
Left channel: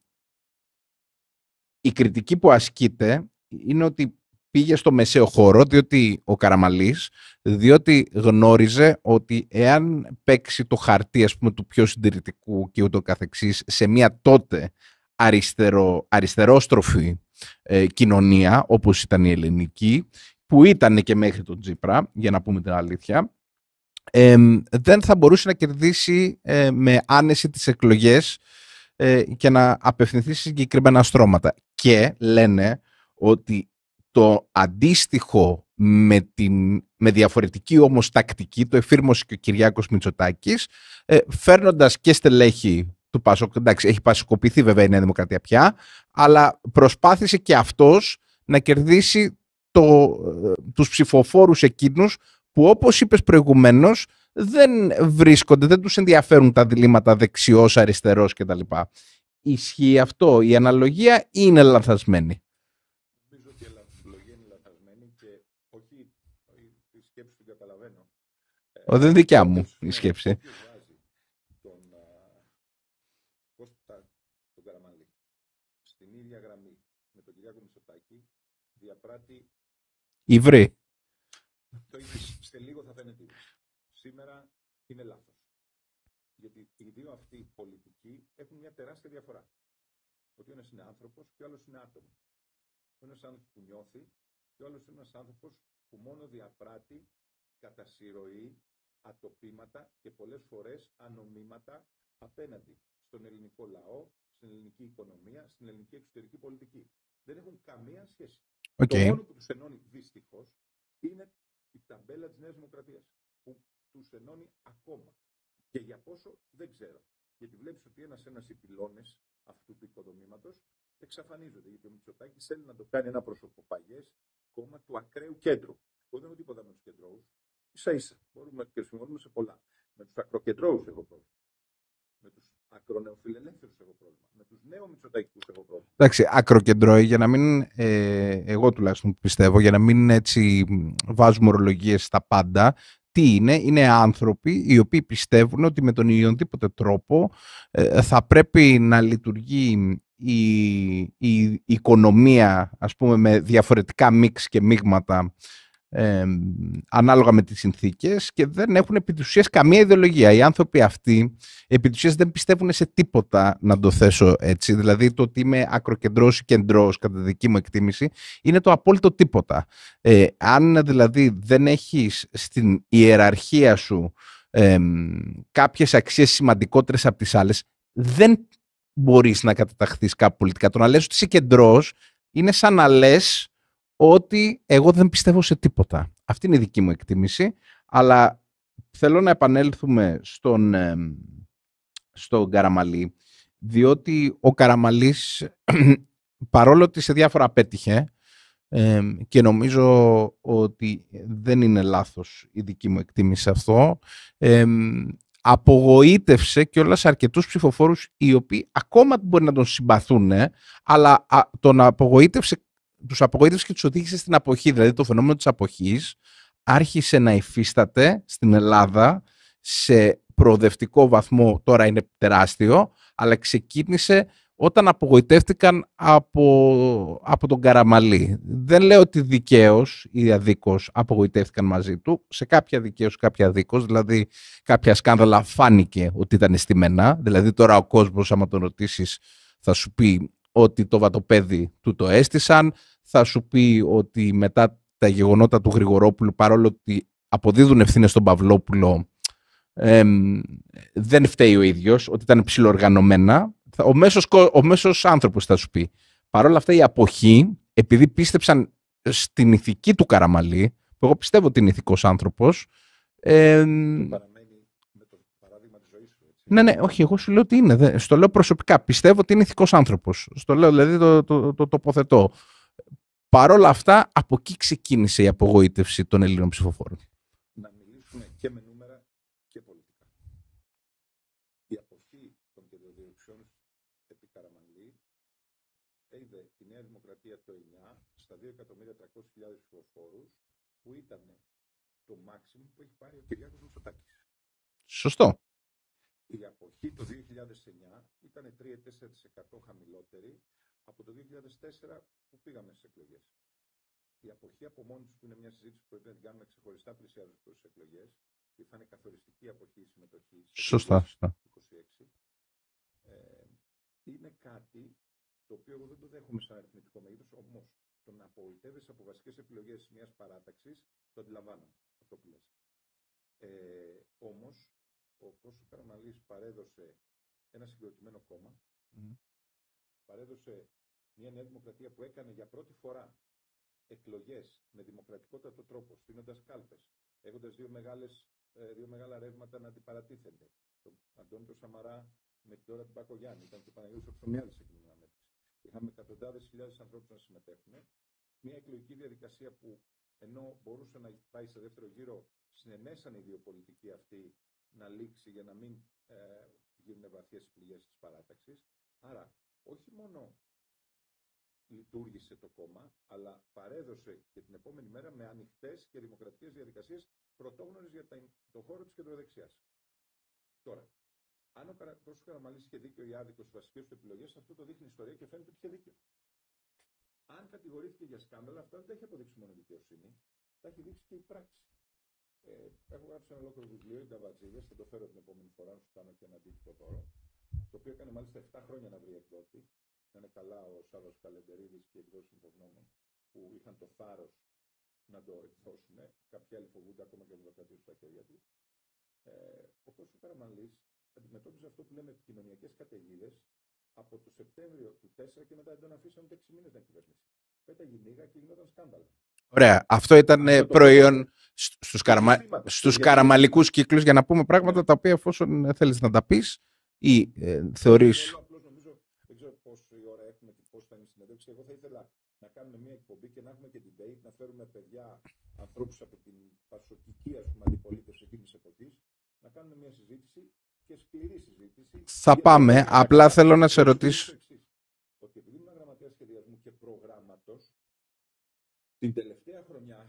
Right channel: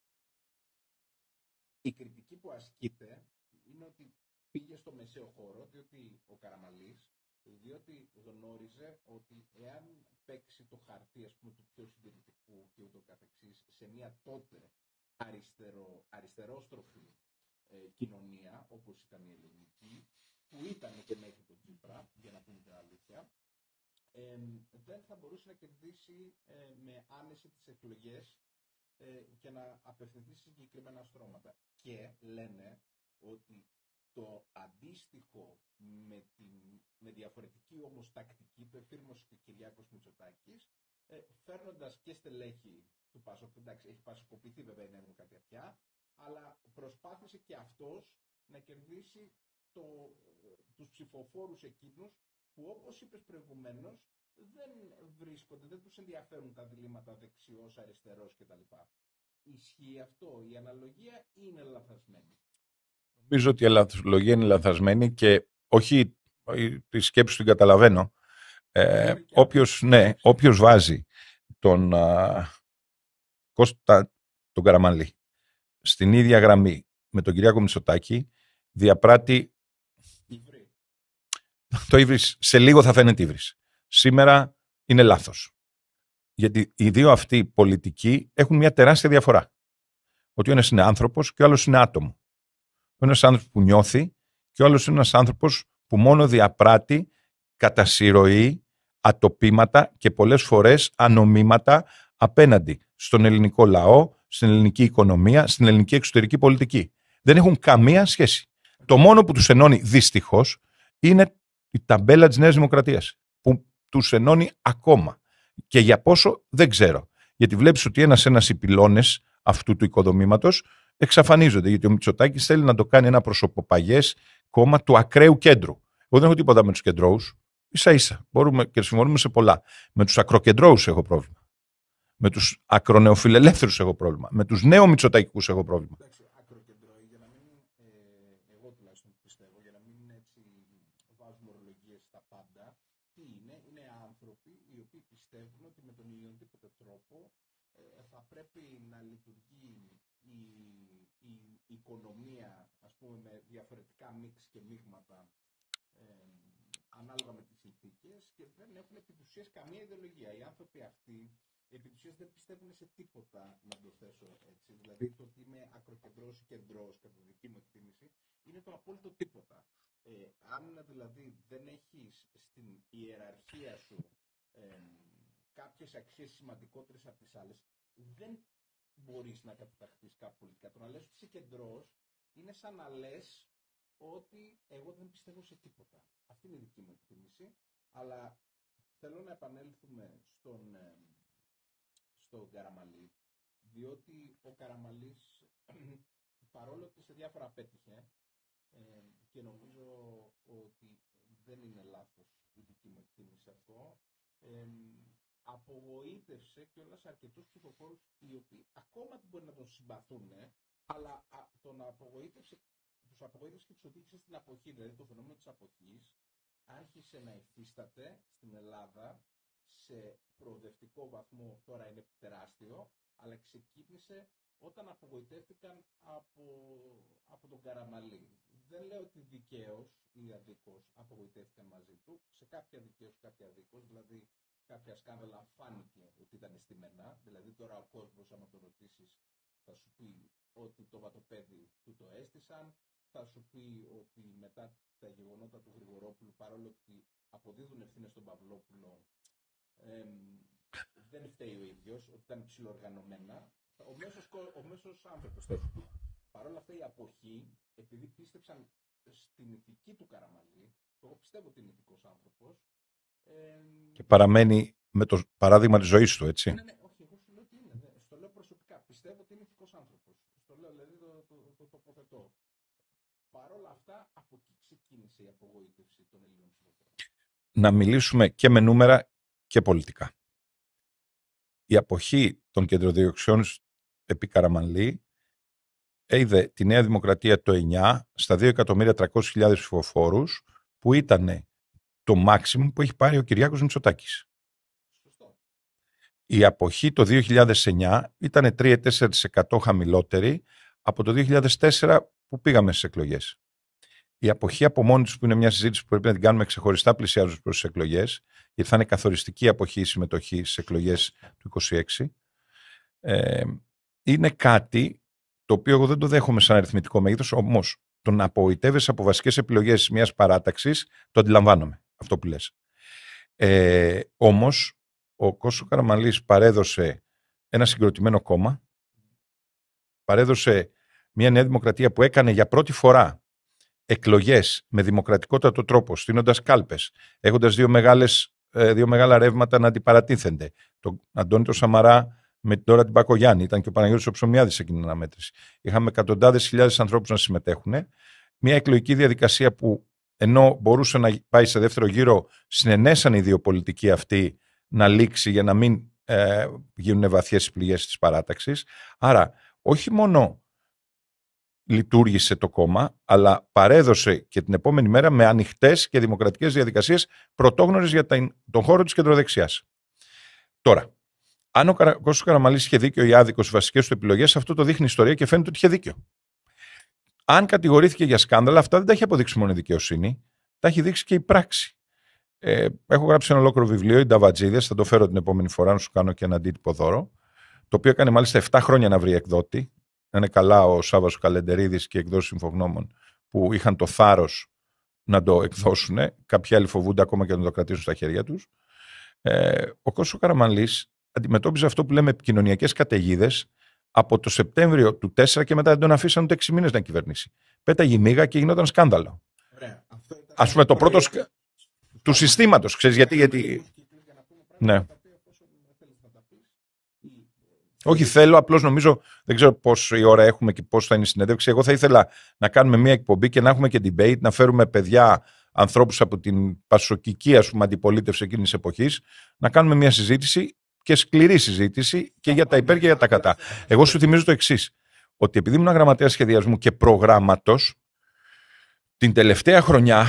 η κριτική που ασκείται είναι ότι πήγε στο μεσαίο χώρο, διότι ο Καραμανλής, διότι γνώριζε ότι εάν παίξει το χαρτί, ας πούμε, του πιο συντηρητικού και ούτω καθεξής, σε μια τότε αριστερόστροφη κοινωνία, όπως ήταν η ελληνική, που ήταν και μέχρι τον Τσίπρα, για να πούμε την αλήθεια, δεν θα μπορούσε να κερδίσει με άνεση τις εκλογές και να απευθυνθεί σε συγκεκριμένα στρώματα. Και λένε ότι το αντίστοιχο με διαφορετική όμως τακτική το εφήρμοσε και ο Κυριάκος Μητσοτάκης, φέρνοντας και στελέχη του ΠΑΣΟΚ. Εντάξει, έχει πασοκοπηθεί βέβαια η Νέα Δημοκρατία πια, αλλά προσπάθησε και αυτός να κερδίσει τους ψηφοφόρους εκείνους που, όπως είπες προηγουμένως, δεν βρίσκονται, δεν τους ενδιαφέρουν τα διλήμματα δεξιός, αριστερός κτλ. Ισχύει αυτό? Η αναλογία ή είναι λανθασμένη? Νομίζω ότι η αναλογία είναι λανθασμένη, και όχι τη σκέψη την καταλαβαίνω. Δεν δικιά μου. Όποιος βάζει τον Κώστα τον Καραμανλή στην ίδια γραμμή με τον Κυριάκο Μητσοτάκη, διαπράττει Υβρί. Το ύβρις σε λίγο θα φαίνεται ύβρις. Σήμερα είναι λάθος. Γιατί οι δύο αυτοί πολιτικοί έχουν μια τεράστια διαφορά. Ότι ο ένας είναι άνθρωπος και ο άλλος είναι άτομο. Ο ένας άνθρωπος που νιώθει και ο άλλος είναι ένας άνθρωπος που μόνο διαπράττει κατά συρροή ατοπήματα και πολλές φορές ανομήματα απέναντι στον ελληνικό λαό, στην ελληνική οικονομία, στην ελληνική εξωτερική πολιτική. Δεν έχουν καμία σχέση. Το μόνο που τους ενώνει δυστυχώς είναι η ταμπέλα της Νέας Δημοκρατίας, που τους ενώνει ακόμα. Και για πόσο δεν ξέρω. Γιατί βλέπεις ότι ένας-ένας οι πυλώνες αυτού του οικοδομήματος εξαφανίζονται. Γιατί ο Μητσοτάκης θέλει να το κάνει ένα προσωποπαγές κόμμα του ακραίου κέντρου. Εγώ δεν έχω τίποτα με τους κεντρώους. Ίσα-ίσα. Μπορούμε και συμφωνούμε σε πολλά. Με τους ακροκεντρώους έχω πρόβλημα. Με τους ακρονεοφιλελεύθερους έχω πρόβλημα. Με τους νέο-μητσοτακικούς έχω πρόβλημα. Εντάξει, ακροκεντρώοι, για να μην, εγώ τουλάχιστον πιστεύω, για να μην έτσι βάζουμε ορολογίες στα πάντα, τι είναι άνθρωποι οι οποίοι πιστεύουν ότι με τον οποιονδήποτε τρόπο θα πρέπει να λειτουργεί η οικονομία, ας πούμε, με διαφορετικά μίξ και μείγματα ανάλογα με τις συνθήκες, και δεν έχουν επί της ουσίας καμία ιδεολογία. Οι άνθρωποι αυτοί επί της ουσίας δεν πιστεύουν σε τίποτα, να το θέσω έτσι. Δηλαδή το ότι είμαι ακροκεντρός ή κεντρός, κατά δική μου εκτίμηση, είναι το απόλυτο τίποτα. Αν δηλαδή δεν έχεις στην ιεραρχία σου κάποιες αξίες σημαντικότερες από τις άλλες, δεν μπορείς να καταταχθείς κάπου πολιτικά. Το να λες ότι είσαι κεντρός είναι σαν να λες ότι εγώ δεν πιστεύω σε τίποτα. Αυτή είναι η δική μου εκτίμηση, αλλά θέλω να επανέλθουμε στον Καραμανλή, διότι ο Καραμανλής, παρόλο ότι σε διάφορα απέτυχε, Και νομίζω ότι δεν είναι λάθος η δική μου εκτίμηση αυτό. Απογοήτευσε κιόλας αρκετούς ψηφοφόρους οι οποίοι ακόμα μπορεί να τον συμπαθούν, αλλά τους απογοήτευσε και τους οδήγησε στην αποχή. Δηλαδή το φαινόμενο της αποχής άρχισε να υφίσταται στην Ελλάδα σε προοδευτικό βαθμό, τώρα είναι τεράστιο, αλλά ξεκίνησε όταν απογοητεύτηκαν από τον Καραμανλή. Δεν λέω ότι δικαίως ή αδίκως απογοητεύτηκαν μαζί του, σε κάποια δικαίως, κάποια αδίκως, δηλαδή κάποια σκάνδαλα φάνηκε ότι ήταν στημένα, δηλαδή τώρα ο κόσμος άμα τον ρωτήσεις θα σου πει ότι το βατοπέδι του το έστησαν, θα σου πει ότι μετά τα γεγονότα του Γρηγορόπουλου, παρόλο ότι αποδίδουν ευθύνες στον Παυλόπουλο, δεν φταίει ο ίδιος, ότι ήταν ψιλοοργανωμένα. Ο μέσος άνθρωπος θα σου πει. Παρ' όλα αυτά η αποχή, επειδή πίστεψαν στην ηθική του Καραμανλή, που εγώ πιστεύω ότι είναι ηθικός άνθρωπος. Παραμένει με το παράδειγμα της ζωής του, έτσι. Ναι, όχι, εγώ σου λέω ότι είναι. Στο λέω προσωπικά. Πιστεύω ότι είναι ηθικός άνθρωπος. Στο λέω, δηλαδή το τοποθετώ. Παρ' όλα αυτά, από εκεί ξεκίνησε η απογοήτευση των Ελλήνων ψηφοφόρων. Να μιλήσουμε και με νούμερα και πολιτικά. Η αποχή των κεντροδιοξιών επί Καραμανλή είδε τη Νέα Δημοκρατία το 9 στα 2.300.000 ψηφοφόρους, που ήταν το maximum που έχει πάρει ο Κυριάκος Μητσοτάκης. Σωστό. Η αποχή το 2009 ήταν 3-4% χαμηλότερη από το 2004 που πήγαμε στις εκλογές. Η αποχή από μόνη της, που είναι μια συζήτηση που πρέπει να την κάνουμε ξεχωριστά πλησιάζοντας προς τις εκλογές, γιατί θα είναι καθοριστική αποχή η συμμετοχή στις εκλογές του 2026, είναι κάτι το οποίο εγώ δεν το δέχομαι σαν αριθμητικό μέγεθος, όμως το να απογοητεύεσαι από βασικές επιλογές μιας παράταξης, το αντιλαμβάνομαι αυτό που λες. Όμως ο Κώστας Καραμανλής παρέδωσε ένα συγκροτημένο κόμμα, παρέδωσε μια Νέα Δημοκρατία που έκανε για πρώτη φορά εκλογές με δημοκρατικότατο τρόπο, στείνοντας κάλπες, έχοντας δύο μεγάλα ρεύματα να αντιπαρατίθενται. Τον Αντώνη τον Σαμαρά με την Ντόρα την Μπακογιάννη, ήταν και ο Παναγιώτης ο Ψωμιάδης σε εκείνη την αναμέτρηση. Είχαμε εκατοντάδες χιλιάδες ανθρώπους να συμμετέχουν. Μια εκλογική διαδικασία που, ενώ μπορούσε να πάει σε δεύτερο γύρο, συνενέσαν οι δύο πολιτικοί αυτοί να λήξει για να μην γίνουν βαθιές πληγές της παράταξης. Άρα, όχι μόνο λειτουργήσε το κόμμα, αλλά παρέδωσε και την επόμενη μέρα με ανοιχτές και δημοκρατικές διαδικασίες πρωτόγνωρες για τον χώρο της κεντροδεξιάς. Τώρα, αν ο Κώστας Καραμανλής είχε δίκιο ή άδικο στις βασικές του επιλογές, αυτό το δείχνει η ιστορία και φαίνεται ότι είχε δίκιο. Αν κατηγορήθηκε για σκάνδαλα, αυτά δεν τα έχει αποδείξει μόνο η δικαιοσύνη, τα έχει δείξει και η πράξη. Έχω γράψει ένα ολόκληρο βιβλίο, οι Νταβατζίδες, θα το φέρω την επόμενη φορά να σου κάνω και ένα αντίτυπο δώρο, το οποίο έκανε μάλιστα 7 χρόνια να βρει εκδότη. Είναι καλά ο Σάββας ο Καλεντερίδης και οι εκδόσεις Συμφογνώμων που είχαν το θάρρος να το εκδώσουν. Κάποιοι άλλοι φοβούνται ακόμα και να το κρατήσουν στα χέρια τους. Ο Κώστας Καραμανλής αντιμετώπιζε αυτό που λέμε επικοινωνιακές καταιγίδες από το Σεπτέμβριο του 4 και μετά δεν τον αφήσαν ούτε 6 μήνες να κυβερνήσει. Πέταγε μίγα και γινόταν σκάνδαλο. Ωραία. Αυτό ήταν προϊόν στους συστήματος. Στους καραμανλικούς κύκλους, για να πούμε πράγματα τα οποία, εφόσον θέλεις να τα πεις, ή όχι, θέλω, απλώς νομίζω, δεν ξέρω πόση ώρα έχουμε και πώς θα είναι η συνέντευξη. Εγώ θα ήθελα να κάνουμε μια εκπομπή και να έχουμε και debate, να φέρουμε παιδιά, ανθρώπους από την πασοκική, ας πούμε, αντιπολίτευση εκείνης της εποχής, να κάνουμε μια συζήτηση και σκληρή συζήτηση και για τα υπέρ και για τα κατά. Εγώ σου θυμίζω το εξής, ότι επειδή ήμουν γραμματέας σχεδιασμού και προγράμματος, την τελευταία χρονιά,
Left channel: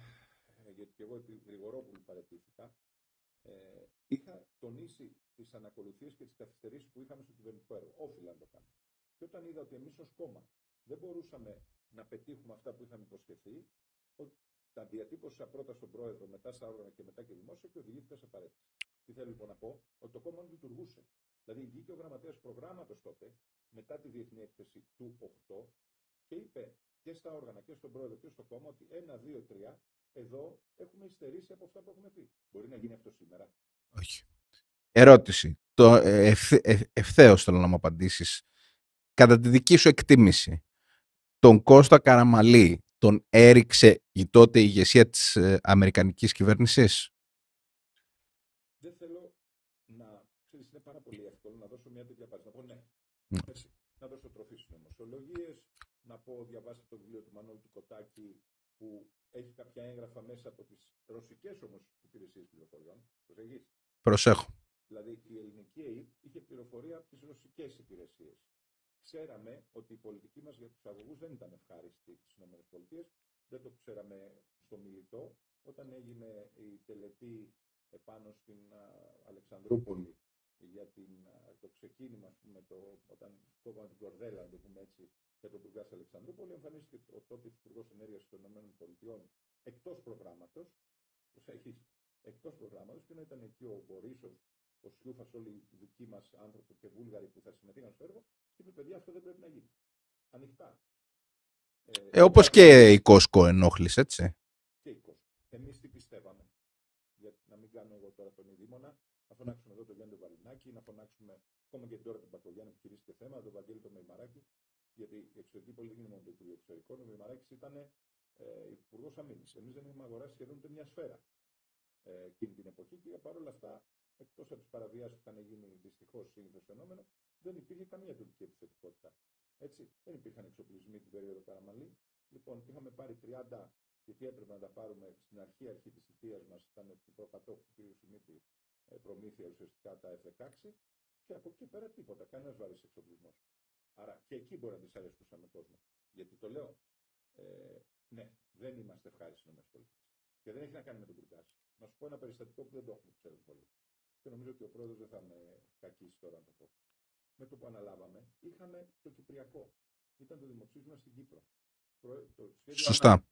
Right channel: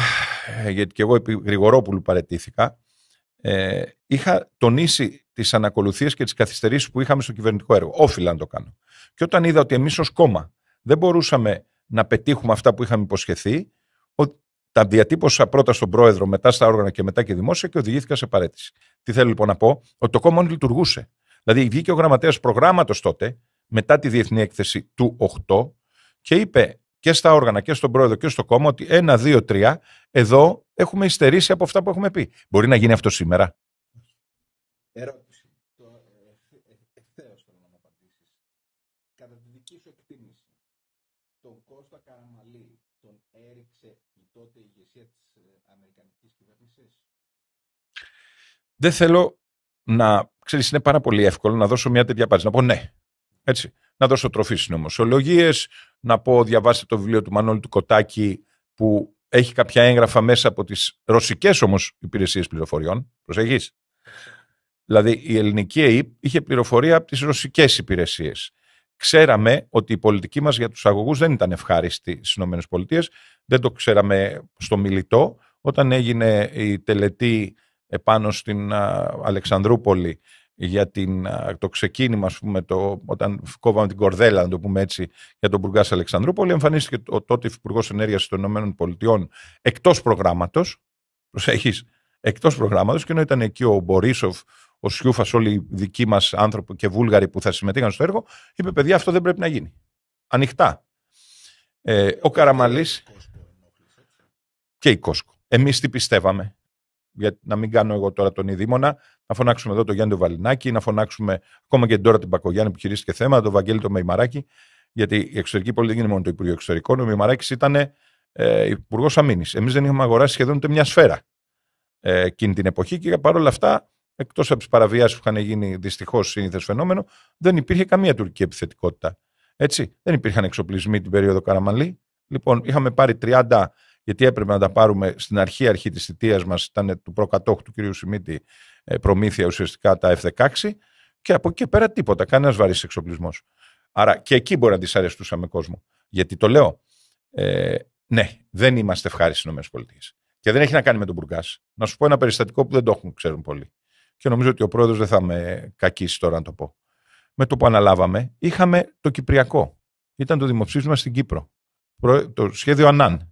γιατί και εγώ επί Γρηγορόπουλου παραιτήθηκα, είχα τονίσει τις ανακολουθίες και τις καθυστερήσεις που είχαμε στο κυβερνητικό έργο. Όφιλα να το κάνω. Και όταν είδα ότι εμείς ως κόμμα δεν μπορούσαμε να πετύχουμε αυτά που είχαμε υποσχεθεί, τα διατύπωσα πρώτα στον πρόεδρο, μετά στα όργανα και μετά και δημόσια και οδηγήθηκα σε παραίτηση. Τι θέλω λοιπόν να πω, ότι το κόμμα λειτουργούσε. Δηλαδή βγήκε ο γραμματέας προγράμματος τότε, μετά τη διεθνή έκθεση του 8, και είπε και στα όργανα και στον πρόεδρο και στο κόμμα ότι 1, 2, 3, εδώ έχουμε υστερήσει από αυτά που έχουμε πει. Μπορεί να γίνει αυτό σήμερα? Όχι. Ερώτηση. Ευθέως θέλω να μου απαντήσεις. Κατά τη δική σου εκτίμηση, τον Κώστα Καραμανλή τον έριξε η τότε ηγεσία της αμερικανικής κυβέρνησης? Δεν θέλω να... Ξέρεις, είναι πάρα πολύ εύκολο να δώσω μια τέτοια απάντηση. Να πω ναι. Έτσι. Να δώσω τροφή συνωμοσιολογίες, να πω διαβάστε το βιβλίο του Μανώλη του Κοτάκη που έχει κάποια έγγραφα μέσα από τις ρωσικές όμως υπηρεσίες πληροφοριών. Προσέχεις. Προσέχω. Δηλαδή η ελληνική ΕΕΠ είχε πληροφορία από τις ρωσικές υπηρεσίες. Ξέραμε ότι η πολιτική μας για τους αγωγούς δεν ήταν ευχάριστη στις ΗΠΑ. Δεν το ξέραμε στο Μιλιτό. Όταν έγινε η τελετή επάνω στην Αλεξανδρούπολη για το ξεκίνημα, ας πούμε, όταν κόβαμε την κορδέλα, να το πούμε έτσι, για τον Μπουργκάς Αλεξανδρούπολη, εμφανίστηκε ο τότε Υπουργός Ενέργειας των ΗΠΑ εκτός προγράμματος. Προσέχεις, εκτός προγράμματος, και ενώ ήταν εκεί ο Μπορίσοφ, ο Σιούφας, όλοι οι δικοί μας άνθρωποι και Βούλγαροι που θα συμμετείχαν στο έργο, είπε: παιδιά, αυτό δεν πρέπει να γίνει. Ανοιχτά. Όπως και η Κόσκο ενόχλησε, έτσι. Και η Κόσκο. Εμείς τι πιστεύαμε? Για να μην κάνω εγώ τώρα τον ειδήμονα, να φωνάξουμε εδώ τον Γιάννη τον Βαλινάκη, να φωνάξουμε ακόμα και τώρα την Μπακογιάννη που χειρίστηκε θέμα, τον Βαγγέλη τον Μεϊμαράκη, γιατί η εξωτερική πολιτική δεν είναι μόνο το Υπουργείο Εξωτερικών. Ο Μεϊμαράκης ήταν Υπουργός Αμήνης. Εμείς δεν είχαμε αγοράσει σχεδόν ούτε μια σφαίρα εκείνη την εποχή, και παρόλα αυτά, εκτός από τις παραβιάσεις που είχαν γίνει δυστυχώς σύνηθες φαινόμενο, δεν υπήρχε καμία τουρκική επιθετικότητα. Έτσι. Δεν υπήρχαν εξοπλισμοί την περίοδο Καραμανλή. Λοιπόν, είχαμε πάρει 30. Γιατί έπρεπε να τα πάρουμε στην αρχή της θητείας μας, ήταν του προκατόχου του κ. Σιμίτη προμήθεια ουσιαστικά τα F-16, και από εκεί πέρα τίποτα, κανένας βαρύς εξοπλισμός. Άρα και εκεί μπορεί να δυσαρεστούσαμε κόσμο. Γιατί το λέω, ναι, δεν είμαστε ευχάριστοι στις ΗΠΑ. Και δεν έχει να κάνει με τον Μπουργκάς. Να σου πω ένα περιστατικό που δεν το ξέρουν πολλοί. Και νομίζω ότι ο πρόεδρος δεν θα με κακίσει τώρα να το πω. Με το που αναλάβαμε, είχαμε το Κυπριακό. Ήταν το δημοψήφισμα στην Κύπρο. Το σχέδιο Ανάν.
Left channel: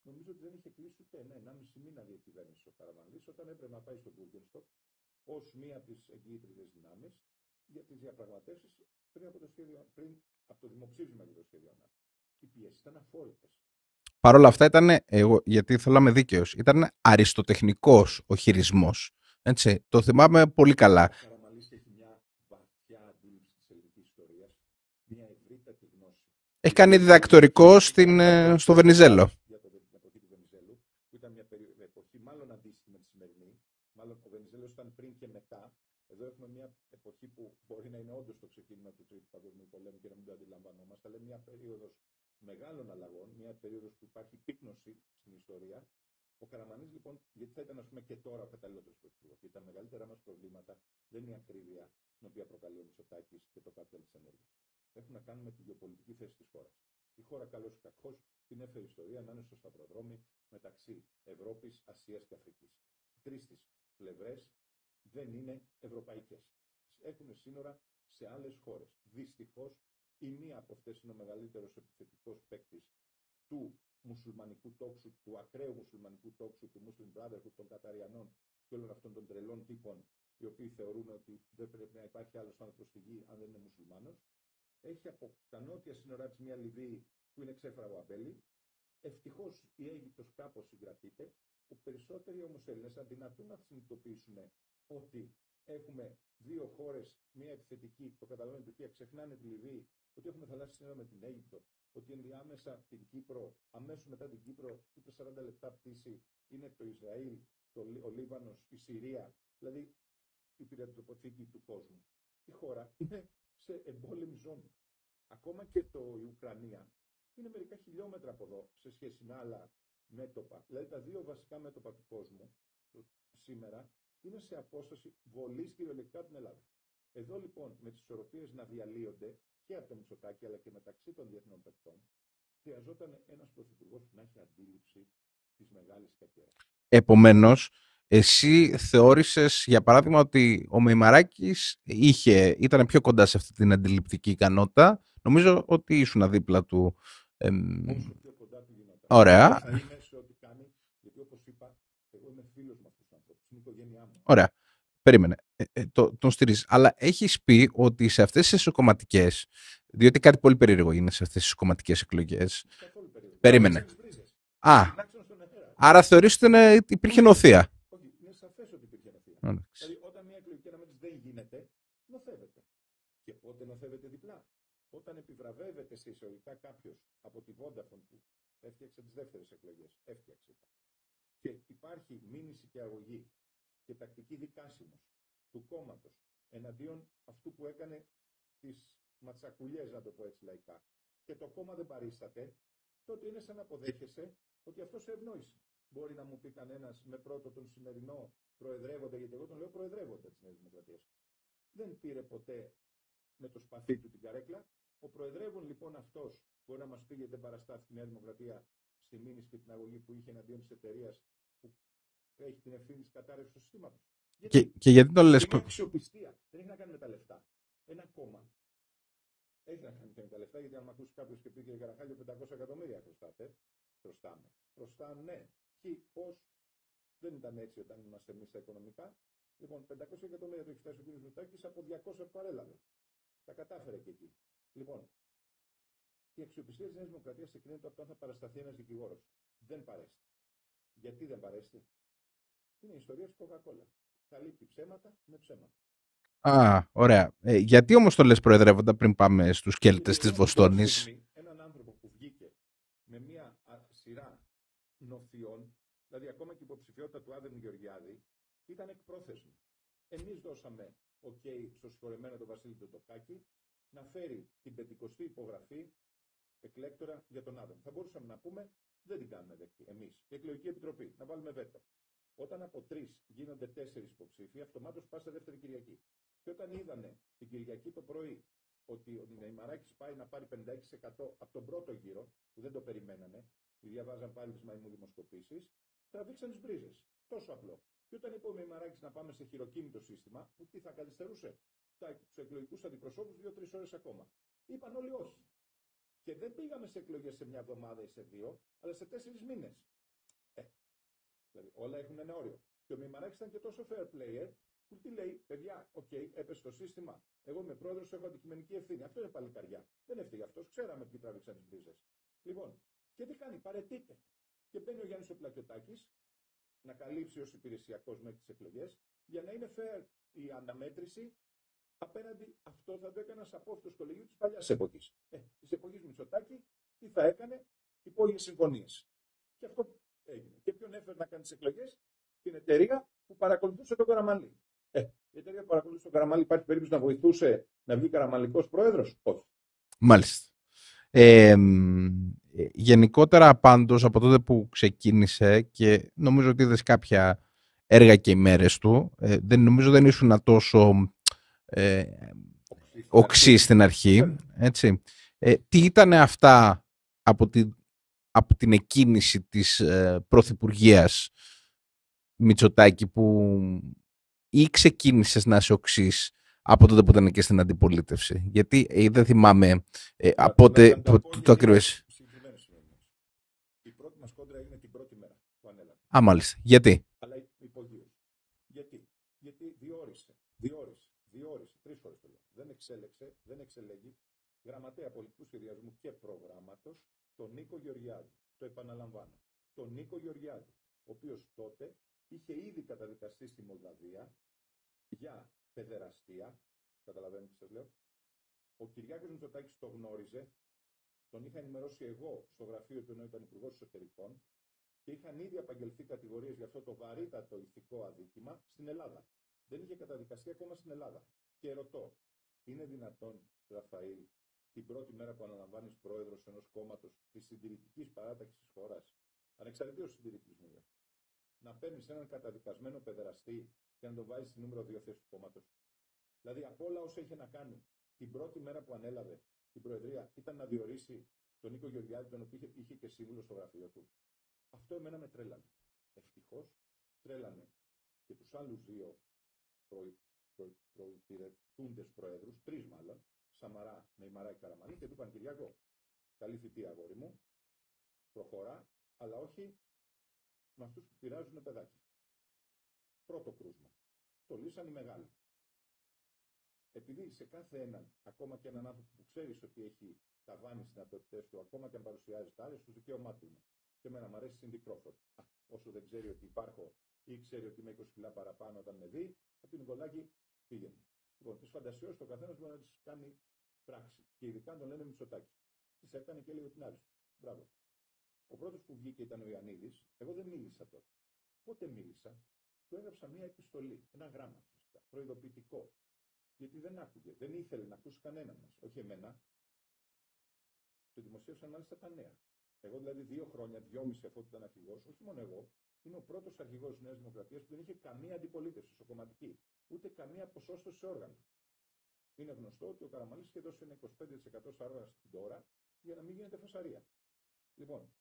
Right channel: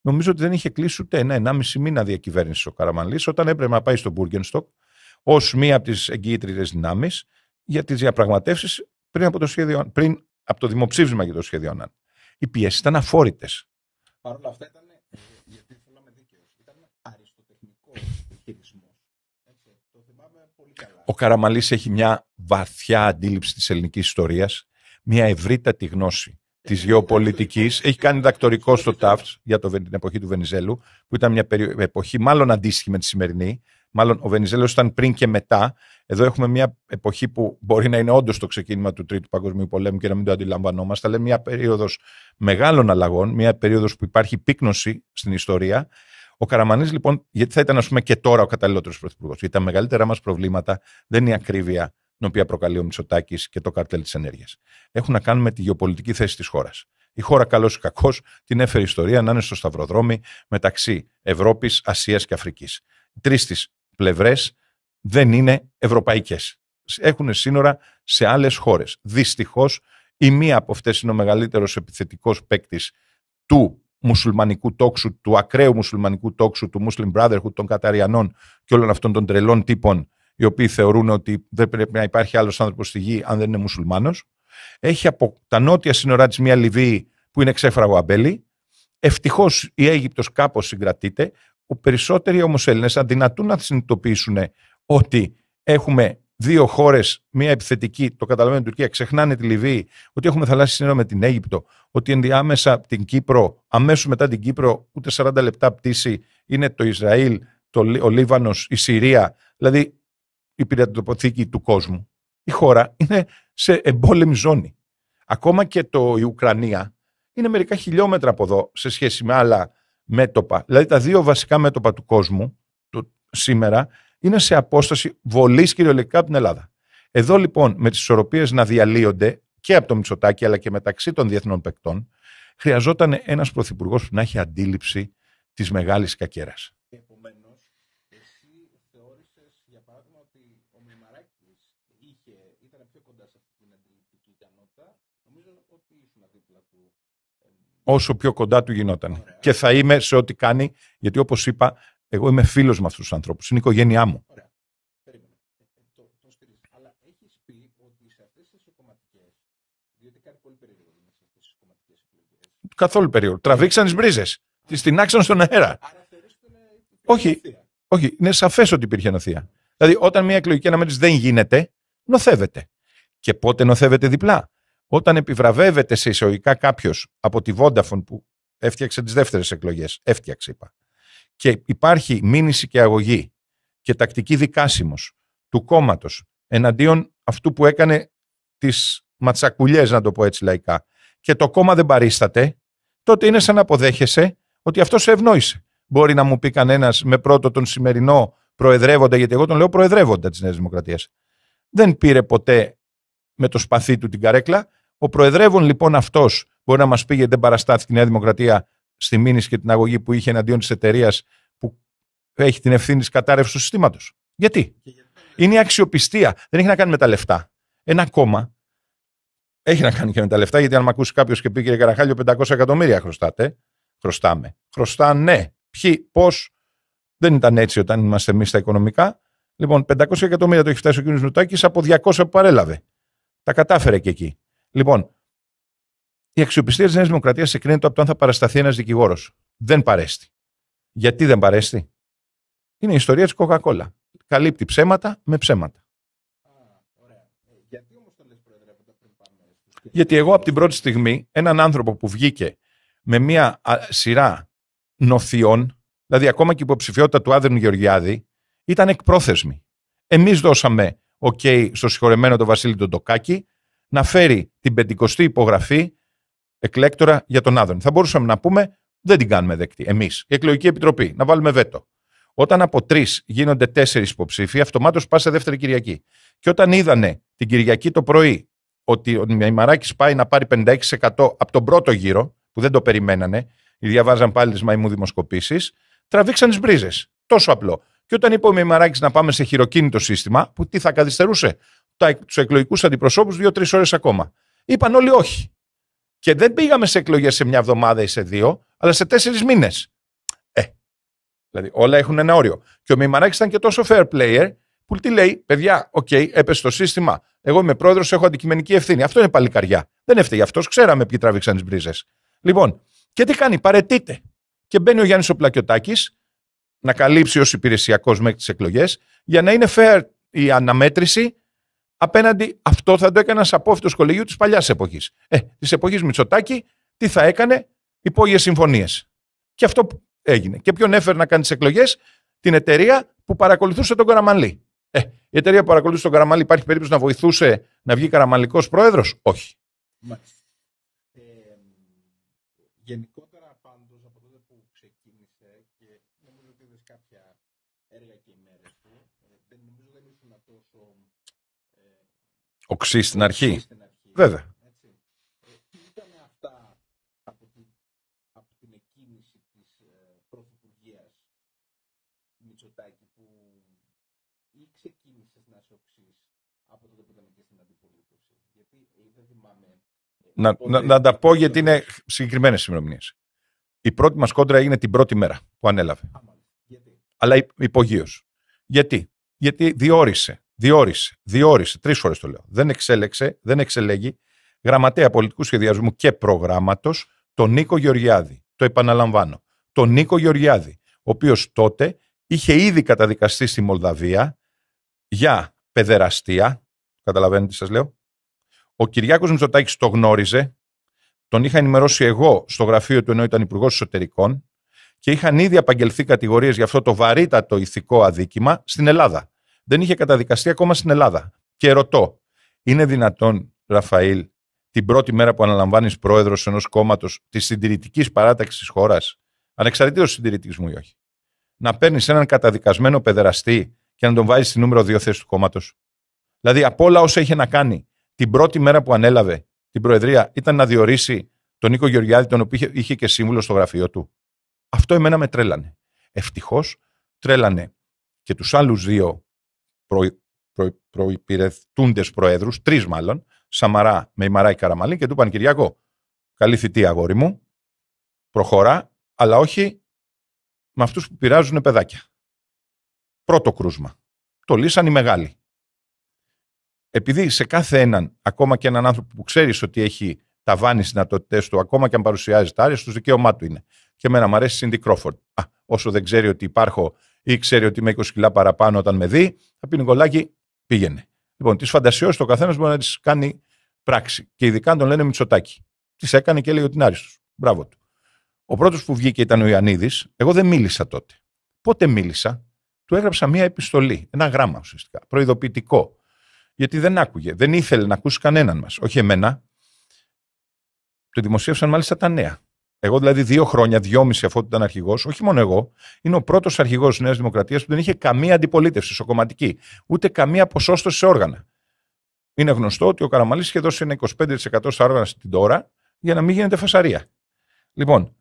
Νομίζω ότι δεν είχε κλείσει ούτε 1,5 μήνα διακυβέρνηση ο Καραμανλής, όταν έπρεπε να πάει στο Μπούργενστοκ ως μία από τις εγγυήτριες δυνάμεις για τις διαπραγματεύσεις πριν από το δημοψήφισμα για το σχέδιο Ανάν. Οι πιέσεις ήταν αφόρητες. Παρ' όλα αυτά γιατί θέλω να είμαι δίκαιος, ήταν αριστοτεχνικός ο χειρισμός. Έτσι, το θυμάμαι πολύ καλά. Ο Καραμανλής έχει μια βαθιά αντίληψη της ελληνικής ιστορίας, μια ευρύτατη γνώση. Έχει κάνει διδακτορικό στο Βενιζέλο. Για την εποχή του Βενιζέλου, που ήταν μια εποχή μάλλον αντίστοιχη με τη σημερινή. Μάλλον ο Βενιζέλος ήταν πριν και μετά. Εδώ έχουμε μια εποχή που μπορεί να είναι όντως το ξεκίνημα του Τρίτου Παγκοσμίου Πολέμου και να μην το αντιλαμβανόμαστε, αλλά μια περίοδος μεγάλων αλλαγών, μια περίοδος που υπάρχει πύκνωση στην ιστορία. Ο Καραμανλής, λοιπόν, γιατί θα ήταν, ας πούμε, και τώρα ο καταλληλότερος πρωθυπουργός? Γιατί τα μεγαλύτερα μας προβλήματα δεν είναι η ακρίβεια την οποία προκαλεί ο Μητσοτάκης και το καρτέλ της ενέργειας. Έχουν να κάνουν με τη γεωπολιτική θέση της χώρας. Η χώρα, καλώς ή κακώς, την έφερε η ιστορία να είναι στο σταυροδρόμι μεταξύ Ευρώπης, Ασίας και Αφρικής. Οι τρεις της πλευρές δεν είναι ευρωπαϊκές. Έχουν σύνορα σε άλλες χώρες. Δυστυχώς, η μία από αυτές είναι ο μεγαλύτερος επιθετικός παίκτης του μουσουλμανικού τόξου, του ακραίου μουσουλμανικού τόξου, του Muslim Brotherhood, των Καταριανών και όλων αυτών των τρελών τύπων, οι οποίοι θεωρούν ότι δεν πρέπει να υπάρχει άλλος άνθρωπος στη γη αν δεν είναι μουσουλμάνος. Έχει από τα νότια σύνορά της μια Λιβύη που είναι ξέφραγο αμπέλι. Ευτυχώς η Αίγυπτος κάπως συγκρατείται. Περισσότεροι όμως Έλληνες αδυνατούν να συνειδητοποιήσουν ότι έχουμε δύο χώρες, μια επιθετική, το καταλαβαίνει η Τουρκία, ξεχνάνε τη Λιβύη, ότι έχουμε θαλάσσια σύνορα με την Αίγυπτο, ότι ενδιάμεσα την Κύπρο, αμέσως μετά την Κύπρο, ούτε 40 λεπτά πτήση, είναι το Ισραήλ, ο Λίβανος, η Συρία, δηλαδή η πυρηνοτοποθήκη του κόσμου. Η χώρα είναι σε εμπόλεμη ζώνη. Ακόμα και η Ουκρανία είναι μερικά χιλιόμετρα από εδώ σε σχέση με άλλα μέτωπα. Δηλαδή τα δύο βασικά μέτωπα του κόσμου σήμερα είναι σε απόσταση βολής κυριολεκτικά από την Ελλάδα. Εδώ λοιπόν με τις ισορροπίες να διαλύονται και από το Μητσοτάκη αλλά και μεταξύ των διεθνών παικτών, χρειαζόταν ένας πρωθυπουργός που να έχει αντίληψη της μεγάλης κακέρας. Επομένως, εσύ θεώρησες, για παράδειγμα, ότι ο Μεϊμαράκης ήταν πιο κοντά σε αυτή την αντιληπτική ικανότητα. Νομίζω ότι ήσουν δίπλα του. Όσο πιο κοντά του γινόταν. Ωραία. Και θα είμαι σε ό,τι κάνει, γιατί όπως είπα, εγώ είμαι φίλος με αυτούς τους ανθρώπους. Είναι η οικογένειά μου. Ωραία. Περίμενε. Τον στηρίζεις. Αλλά έχεις πει ότι σε αυτές τις εσωκομματικές, διότι κάτι πολύ περίεργο είναι σε αυτές τις κομματικές εκλογές. Καθόλου περίεργο. Τραβήξαν τις μπρίζες. Την άξαν στον αέρα. Άρα θεωρείς ότι υπήρχε νοθεία. Όχι, είναι σαφές ότι υπήρχε νοθεία. Δηλαδή, όταν μια εκλογική αναμέτρηση δεν γίνεται, νοθεύεται. Και πότε νοθεύεται διπλά? Όταν επιβραβεύεται σε εισαγωγικά κάποιος από τη Vodafone που έφτιαξε τις δεύτερες εκλογές. Έφτιαξε, είπα. Και υπάρχει μήνυση και αγωγή και τακτική δικάσιμος του κόμματος εναντίον αυτού που έκανε τις ματσακουλιές, να το πω έτσι λαϊκά, και το κόμμα δεν παρίσταται, τότε είναι σαν να αποδέχεσαι ότι αυτό σε ευνόησε. Μπορεί να μου πει κανένας με πρώτο τον σημερινό προεδρεύοντα, γιατί εγώ τον λέω προεδρεύοντα της Νέας Δημοκρατίας. Δεν πήρε ποτέ με το σπαθί του την καρέκλα. Ο προεδρεύων λοιπόν αυτός μπορεί να μας πει γιατί δεν παραστάθηκε η Νέα Δημοκρατία στη μήνυση και την αγωγή που είχε εναντίον της εταιρείας που έχει την ευθύνη της κατάρρευσης του συστήματος. Γιατί? Και γιατί το λες? Είναι η αξιοπιστία. Δεν έχει να κάνει με τα λεφτά. Ένα κόμμα έχει να κάνει και με τα λεφτά, γιατί αν με ακούσει κάποιος και πει κύριε Καραχάλιο 500 εκατομμύρια χρωστάτε. Χρωστάμε. Χρωστάνε. Ποιοι, πώς. Δεν ήταν έτσι όταν είμαστε εμείς στα οικονομικά. Λοιπόν, 500 εκατομμύρια το έχει φτάσει ο κ. Μητσοτάκης από 200 που παρέλαβε. Τα κατάφερε και εκεί. Λοιπόν, η αξιοπιστία της Νέας Δημοκρατίας εκκρίνεται από το αν θα παρασταθεί ένας δικηγόρος. Δεν παρέστη. Γιατί δεν παρέστη? Είναι η ιστορία της Coca-Cola. Καλύπτει ψέματα με ψέματα. Α, ωραία. Γιατί όμως το λες προεδρεύοντα πριν πάμε στους σκέλτες? Γιατί εγώ από την πρώτη στιγμή έναν άνθρωπο που βγήκε με μια σειρά νοθειών, δηλαδή ακόμα και η υποψηφιότητα του Άδωνη Γεωργιάδη, ήταν εκπρόθεσμη. Εμείς δώσαμε OK στο συγχωρεμένο τον Βασίλη τον Τοκάκη να φέρει την 50η υπογραφή εκλέκτορα για τον Άδωνη. Θα μπορούσαμε να πούμε δεν την κάνουμε δεκτή εμείς, η Εκλογική Επιτροπή, να βάλουμε βέτο. Όταν από 3 γίνονται 4 υποψήφοι, αυτομάτως πας σε δεύτερη Κυριακή. Και όταν είδανε την Κυριακή το πρωί ότι ο Μημαράκης πάει να πάρει 56% από τον πρώτο γύρο, που δεν το περιμένανε, διαβάζαν πάλι τις μαϊμού δημοσκοπήσεις, τραβήξαν τις μπρίζες. Τόσο απλό. Και όταν είπε ο Μημαράκης να πάμε σε χειροκίνητο σύστημα, που τι θα καθυστερούσε τους εκλογικούς αντιπροσώπους 2-3 ώρες ακόμα. Είπαν όλοι όχι. Και δεν πήγαμε σε εκλογές σε μια εβδομάδα ή σε 2, αλλά σε 4 μήνες. Δηλαδή όλα έχουν ένα όριο. Και ο Μημαράκης ήταν και τόσο fair player που τι λέει, παιδιά, OK, έπεσε το σύστημα. Εγώ είμαι πρόεδρος, έχω αντικειμενική ευθύνη. Αυτό είναι παλικαριά. Δεν έφταιγε αυτός, ξέραμε ποιοι τράβηξαν τις μπρίζες. Λοιπόν, και τι κάνει, παραιτείται. Και μπαίνει ο Γιάννης ο Πλακιωτάκης να καλύψει ως υπηρεσιακός μέχρι τις εκλογές, για να είναι fair η αναμέτρηση απέναντι. Αυτό θα το έκανε ένας απόφυτος κολεγίου της παλιάς εποχής. Της εποχής Μητσοτάκη, τι θα έκανε, υπόγειες συμφωνίες. Και αυτό έγινε. Και ποιον έφερε να κάνει τις εκλογές? Την εταιρεία που παρακολουθούσε τον Καραμανλή. Η εταιρεία που παρακολουθούσε τον Καραμανλή, υπάρχει περίπτωση να βοηθούσε να βγει καραμανλικός πρόεδρος? Όχι. Μάλιστα. Γενικότερα πάντως από τότε που ξεκίνησε και νομίζω ότι είδες κάποια έργα και ημέρες του, δεν ήσουν τόσο οξύ στην αρχή. Βέβαια. Έτσι. Τι ήταν αυτά από την εκκίνηση της πρωθυπουργίας Μητσοτάκη που ή ξεκίνησες να είσαι οξύς από τότε που ήταν και στην αντιπολίτευση? Γιατί δεν θυμάμαι να τα πω γιατί είναι συγκεκριμένες ημερομηνίες. Η πρώτη μας κόντρα έγινε την πρώτη μέρα που ανέλαβε. Α, μάλιστα. Γιατί? Αλλά υπογείως. Γιατί διόρισε 3 φορές το λέω. Δεν εξελέγει γραμματέα πολιτικού σχεδιασμού και προγράμματος τον Νίκο Γεωργιάδη. Το επαναλαμβάνω. Τον Νίκο Γεωργιάδη, ο οποίος τότε είχε ήδη καταδικαστεί στη Μολδαβία για παιδεραστία. Καταλαβαίνετε τι σας λέω? Ο Κυριάκος Μητσοτάκης το γνώριζε. Τον είχα ενημερώσει εγώ στο γραφείο του, ενώ ήταν υπουργός εσωτερικών, και είχαν ήδη απαγγελθεί κατηγορίες για αυτό το βαρύτατο ηθικό αδίκημα στην Ελλάδα. Δεν είχε καταδικαστεί ακόμα στην Ελλάδα. Και ρωτώ, είναι δυνατόν, Ραφαήλ, την πρώτη μέρα που αναλαμβάνεις πρόεδρος ενός κόμματος της συντηρητικής παράταξης της χώρας, ανεξαρτήτως συντηρητισμού ή όχι, να παίρνεις έναν καταδικασμένο παιδεραστή και να τον βάζεις στη νούμερο 2 θέση του κόμματος? Δηλαδή, από όλα όσα είχε να κάνει την πρώτη μέρα που ανέλαβε την προεδρία, ήταν να διορίσει τον Νίκο Γεωργιάδη, τον οποίο είχε και σύμβουλο στο γραφείο του. Αυτό εμένα με τρέλανε. Ευτυχώς τρέλανε και τους άλλους 2 προϋπηρετούντες προέδρους, 3 μάλλον, Σαμαρά με Ημαράκη Καραμανλή, και του είπαν, Κυριάκο, καλή θητεία αγόρι μου, προχωρά, αλλά όχι με αυτούς που πειράζουν παιδάκια. Πρώτο κρούσμα. Το λύσαν οι μεγάλοι. Επειδή σε κάθε έναν, ακόμα και έναν άνθρωπο που ξέρεις ότι έχει ταβάνει στις δυνατότητες του, ακόμα και αν παρουσιάζει τα άρεστα, το δικαίωμά του είναι. Και εμένα μου αρέσει η Σίντι Κρόφορντ. Όσο δεν ξέρει ότι υπάρχω ή ξέρει ότι είμαι 20 κιλά παραπάνω, όταν με δει, θα πει Νικολάκη, πήγαινε. Λοιπόν, τις φαντασιώσεις το καθένας μπορεί να τις κάνει πράξη. Και ειδικά αν τον λένε Μητσοτάκη. Τις έκανε και έλεγε ότι είναι άριστος. Μπράβο του. Ο πρώτος που βγήκε ήταν ο Ιωαννίδης. Εγώ δεν μίλησα τότε. Πότε μίλησα? Του έγραψα μία επιστολή, ένα γράμμα ουσιαστικά, προειδοποιητικό. Γιατί δεν άκουγε, δεν ήθελε να ακούσει κανέναν μας. Όχι εμένα. Το δημοσίευσαν μάλιστα τα νέα. Εγώ δηλαδή 2 χρόνια, 2,5 αφού ήταν αρχηγός, όχι μόνο εγώ, είναι ο πρώτος αρχηγός της Νέας Δημοκρατίας που δεν είχε καμία αντιπολίτευση σοκομματική, ούτε καμία ποσόστοση σε όργανα. Είναι γνωστό ότι ο Καραμανλής είχε δώσει ένα 25% στα όργανα στην τώρα για να μην γίνεται φασαρία. Λοιπόν,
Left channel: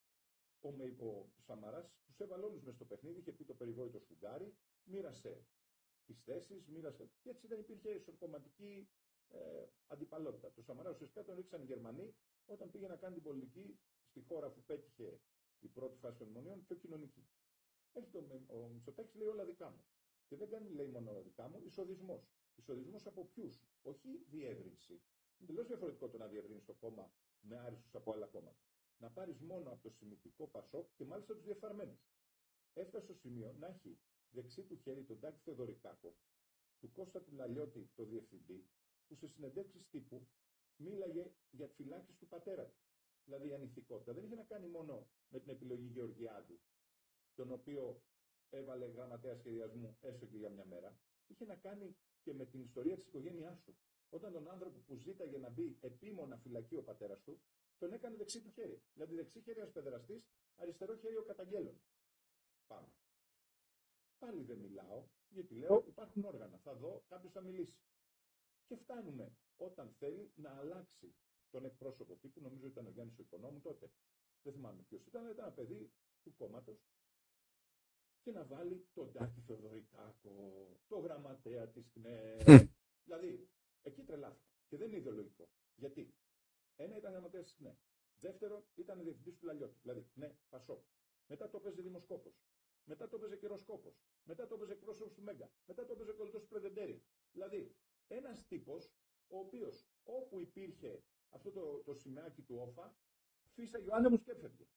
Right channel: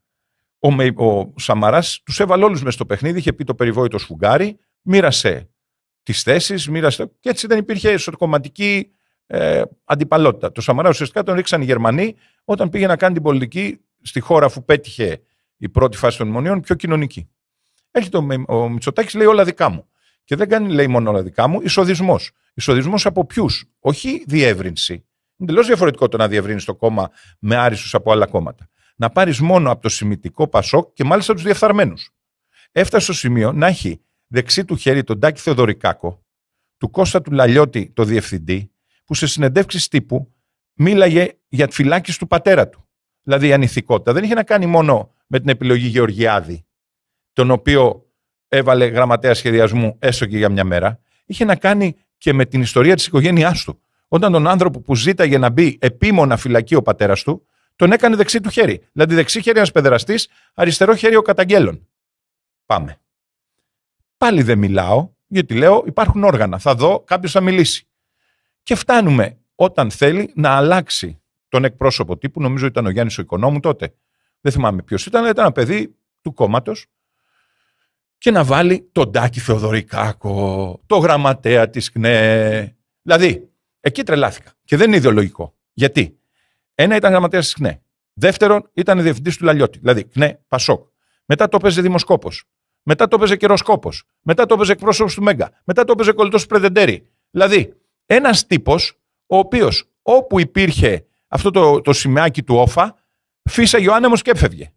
ο Σαμαράς τους έβαλε όλους μες στο παιχνίδι, είχε πει το περιβόητο σφουγγάρι, μοίρασε τις θέσεις, και έτσι δεν υπήρχε εσωκομματική αντιπαλότητα. Το Σαμαρά ουσιαστικά τον ρίξαν οι Γερμανοί όταν πήγε να κάνει την πολιτική στη χώρα αφού πέτυχε η πρώτη φάση των μνημονίων πιο κοινωνική. Έρχεται ο Μητσοτάκης, λέει όλα δικά μου. Και δεν κάνει, λέει, μόνο όλα δικά μου, εισοδισμός. Εισοδισμός από ποιους? Όχι διεύρυνση. Είναι τελώς διαφορετικό το να διευρύνεις το κόμμα με άριστους από άλλα κόμματα. Να πάρεις μόνο από το Σημητικό Πασόκ και μάλιστα τους διεφθαρμένους. Έφτασε στο σημείο να έχει δεξί του χέρι τον Τάκη Θεοδωρικάκο, του Κώστα του Λαλιώτη, το διευθυντή, που σε συνεντεύξεις τύπου μίλαγε για τη φυλάκιση του πατέρα του. Δηλαδή η ανηθικότητα δεν είχε να κάνει μόνο με την επιλογή Γεωργιάδη, τον οποίο έβαλε γραμματέα σχεδιασμού έστω και για μια μέρα, είχε να κάνει και με την ιστορία της οικογένειάς του. Όταν τον άνθρωπο που ζήταγε να μπει επίμονα φυλακή ο πατέρας του, τον έκανε δεξί του χέρι. Δηλαδή δεξί χέρι ένας παιδεραστής, αριστερό χέρι ο καταγγέλων. Πάμε. Πάλι δεν μιλάω, γιατί λέω υπάρχουν όργανα. Θα δω, κάποιος θα μιλήσει. Και φτάνουμε όταν θέλει να αλλάξει τον εκπρόσωπο τύπου, νομίζω ήταν ο Γιάννης ο Οικονόμου τότε. Δεν θυμάμαι ποιος ήταν, αλλά ήταν ένα παιδί του κόμματος. Και να βάλει τον Τάκη Θεοδωρικάκο, το γραμματέα της ΚΝΕ. Δηλαδή, εκεί τρελάθηκα. Και δεν είναι ιδεολογικό. Γιατί? Ένα ήταν γραμματέας της ΚΝΕ. Δεύτερον, ήταν διευθυντής του Λαλιώτη. Δηλαδή, ΚΝΕ, Πασόκ. Μετά το έπαιζε δημοσκόπος. Μετά το έπαιζε καιροσκόπος. Μετά το έπαιζε εκπρόσωπος του Μέγκα. Μετά το έπαιζε κολλητός του Πρεδεντέρη. Δηλαδή, ένας τύπος, ο οποίος όπου υπήρχε αυτό το σημαίακι του όφα, φύσαγε ο άνεμος και έφευγε.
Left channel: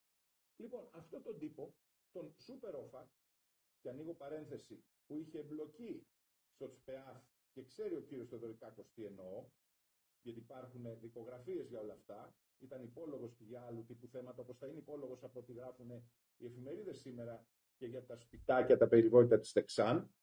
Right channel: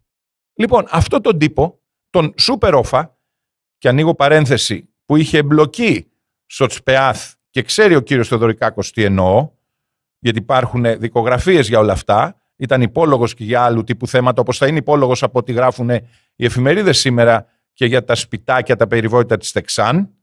Λοιπόν, αυτό τον τύπο, τον σούπερ όφα, και ανοίγω παρένθεση, που είχε εμπλοκή στο ΤΣΠΕΑΘ και ξέρει ο κύριος Θεοδωρικάκος τι εννοώ, γιατί υπάρχουν δικογραφίες για όλα αυτά, ήταν υπόλογος και για άλλου τύπου θέματα, όπως θα είναι υπόλογος από ό,τι γράφουν οι εφημερίδες σήμερα και για τα σπιτάκια, τα περιβόητα της Τεξάν.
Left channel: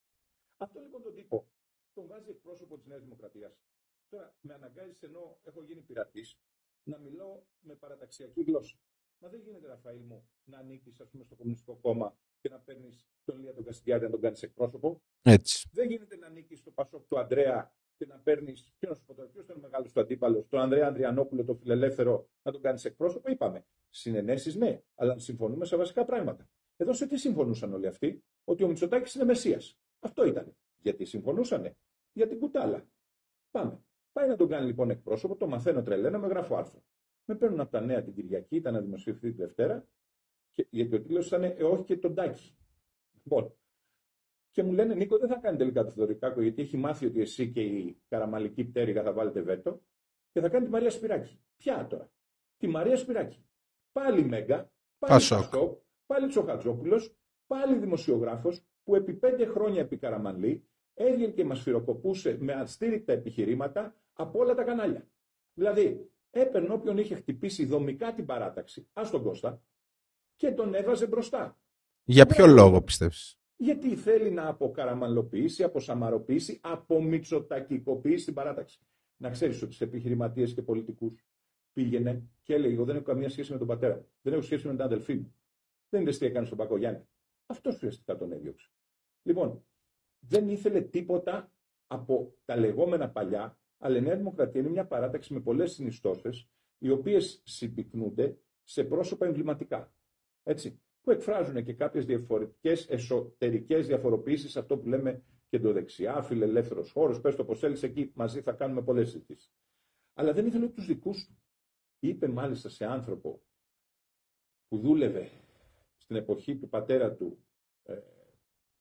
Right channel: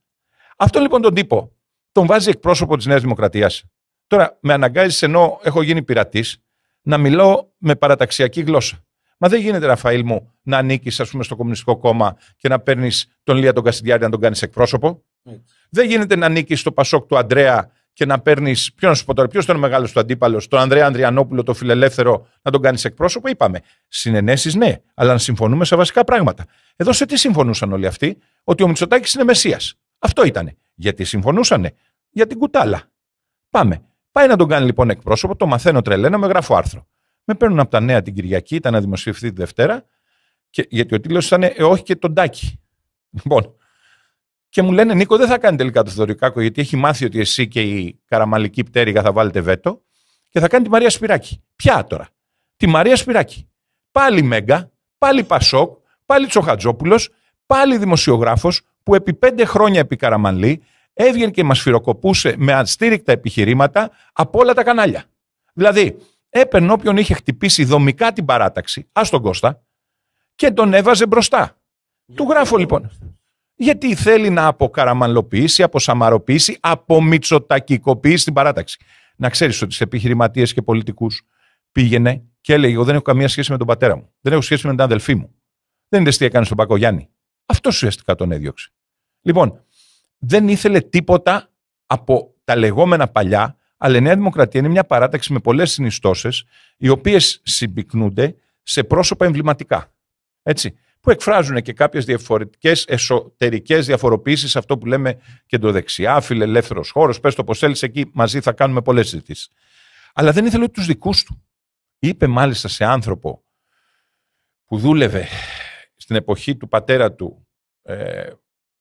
Αυτό λοιπόν τον τύπο τον βάζει εκπρόσωπο της Νέας Δημοκρατίας. Τώρα με αναγκάζεις, ενώ έχω γίνει πειρατής, να μιλώ με παραταξιακή γλώσσα. Μα δεν γίνεται, Ραφαήλ μου, να ανήκεις, ας πούμε, στο Κομμουνιστικό Κόμμα και να παίρνεις τον Λία τον Κασιδιάρη να τον κάνεις εκπρόσωπο. Έτσι. Δεν γίνεται να ανήκεις στο Πασόκ του Ανδρέα και να παίρνεις. Ποιο να σου πω τώρα, ποιος ήταν ο μεγάλος του αντίπαλος, τον Ανδρέα Ανδριανόπουλο, το φιλελεύθερο, να τον κάνεις εκπρόσωπο. Είπαμε. Συνενέσεις, ναι, αλλά να συμφωνούμε σε βασικά πράγματα. Εδώ σε τι συμφωνούσαν όλοι αυτοί? Ότι ο Μητσοτάκης είναι Μεσσίας. Αυτό ήτανε. Γιατί συμφωνούσανε? Για την κουτάλα. Πάμε. Πάει να τον κάνει λοιπόν εκπρόσωπο, το μαθαίνω τρελένα, με γράφω άρθρο. Με παίρνουν από τα Νέα την Κυριακή, ήταν να δημοσιευθεί τη Δευτέρα, και, γιατί ο τίτλος ήταν όχι και τον Τάκη. Λοιπόν, και μου λένε, Νίκο, δεν θα κάνει τελικά το Θεοδωρικάκο, γιατί έχει μάθει ότι εσύ και η καραμαλική πτέρυγα θα βάλετε βέτο, και θα κάνει τη Μαρία Σπυράκη. Ποια τώρα? Τη Μαρία Σπυράκη. Πάλι Μέγκα, πάλι Πασόκ, πάλι Τσοχατζόπουλος, πάλι δημοσιογράφος που επί 5 χρόνια επί Καραμανλή έβγαινε και μας φυροκοπούσε με αστήρικτα επιχειρήματα από όλα τα κανάλια. Δηλαδή, έπαιρνε όποιον είχε χτυπήσει δομικά την παράταξη, ας τον Κώστα, και τον έβαζε μπροστά. Για ποιο λόγο, λοιπόν, πιστεύεις? Γιατί θέλει να αποκαραμανλοποιήσει, αποσαμαροποιήσει, απομητσοτακικοποιήσει την παράταξη. Να ξέρεις ότι σε επιχειρηματίες και πολιτικούς πήγαινε και έλεγε: εγώ δεν έχω καμία σχέση με τον πατέρα μου. Δεν έχω σχέση με την αδελφή μου. Δεν είναι τι έκανε στον Πακογιάννη. Αυτό ουσιαστικά τον έδιωξε. Λοιπόν, δεν ήθελε τίποτα από τα λεγόμενα παλιά, αλλά η Νέα Δημοκρατία είναι μια παράταξη με πολλές συνιστώσεις, οι οποίες συμπυκνούνται σε πρόσωπα εμβληματικά. Έτσι, που εκφράζουν και κάποιες διαφορετικές εσωτερικές διαφοροποιήσεις, αυτό που λέμε κεντροδεξιά, φιλελεύθερος χώρος, πες το πως θέλεις, εκεί μαζί θα κάνουμε πολλές συζητήσεις. Αλλά δεν ήθελε τους δικούς του. Είπε μάλιστα σε άνθρωπο που δούλευε στην εποχή του πατέρα του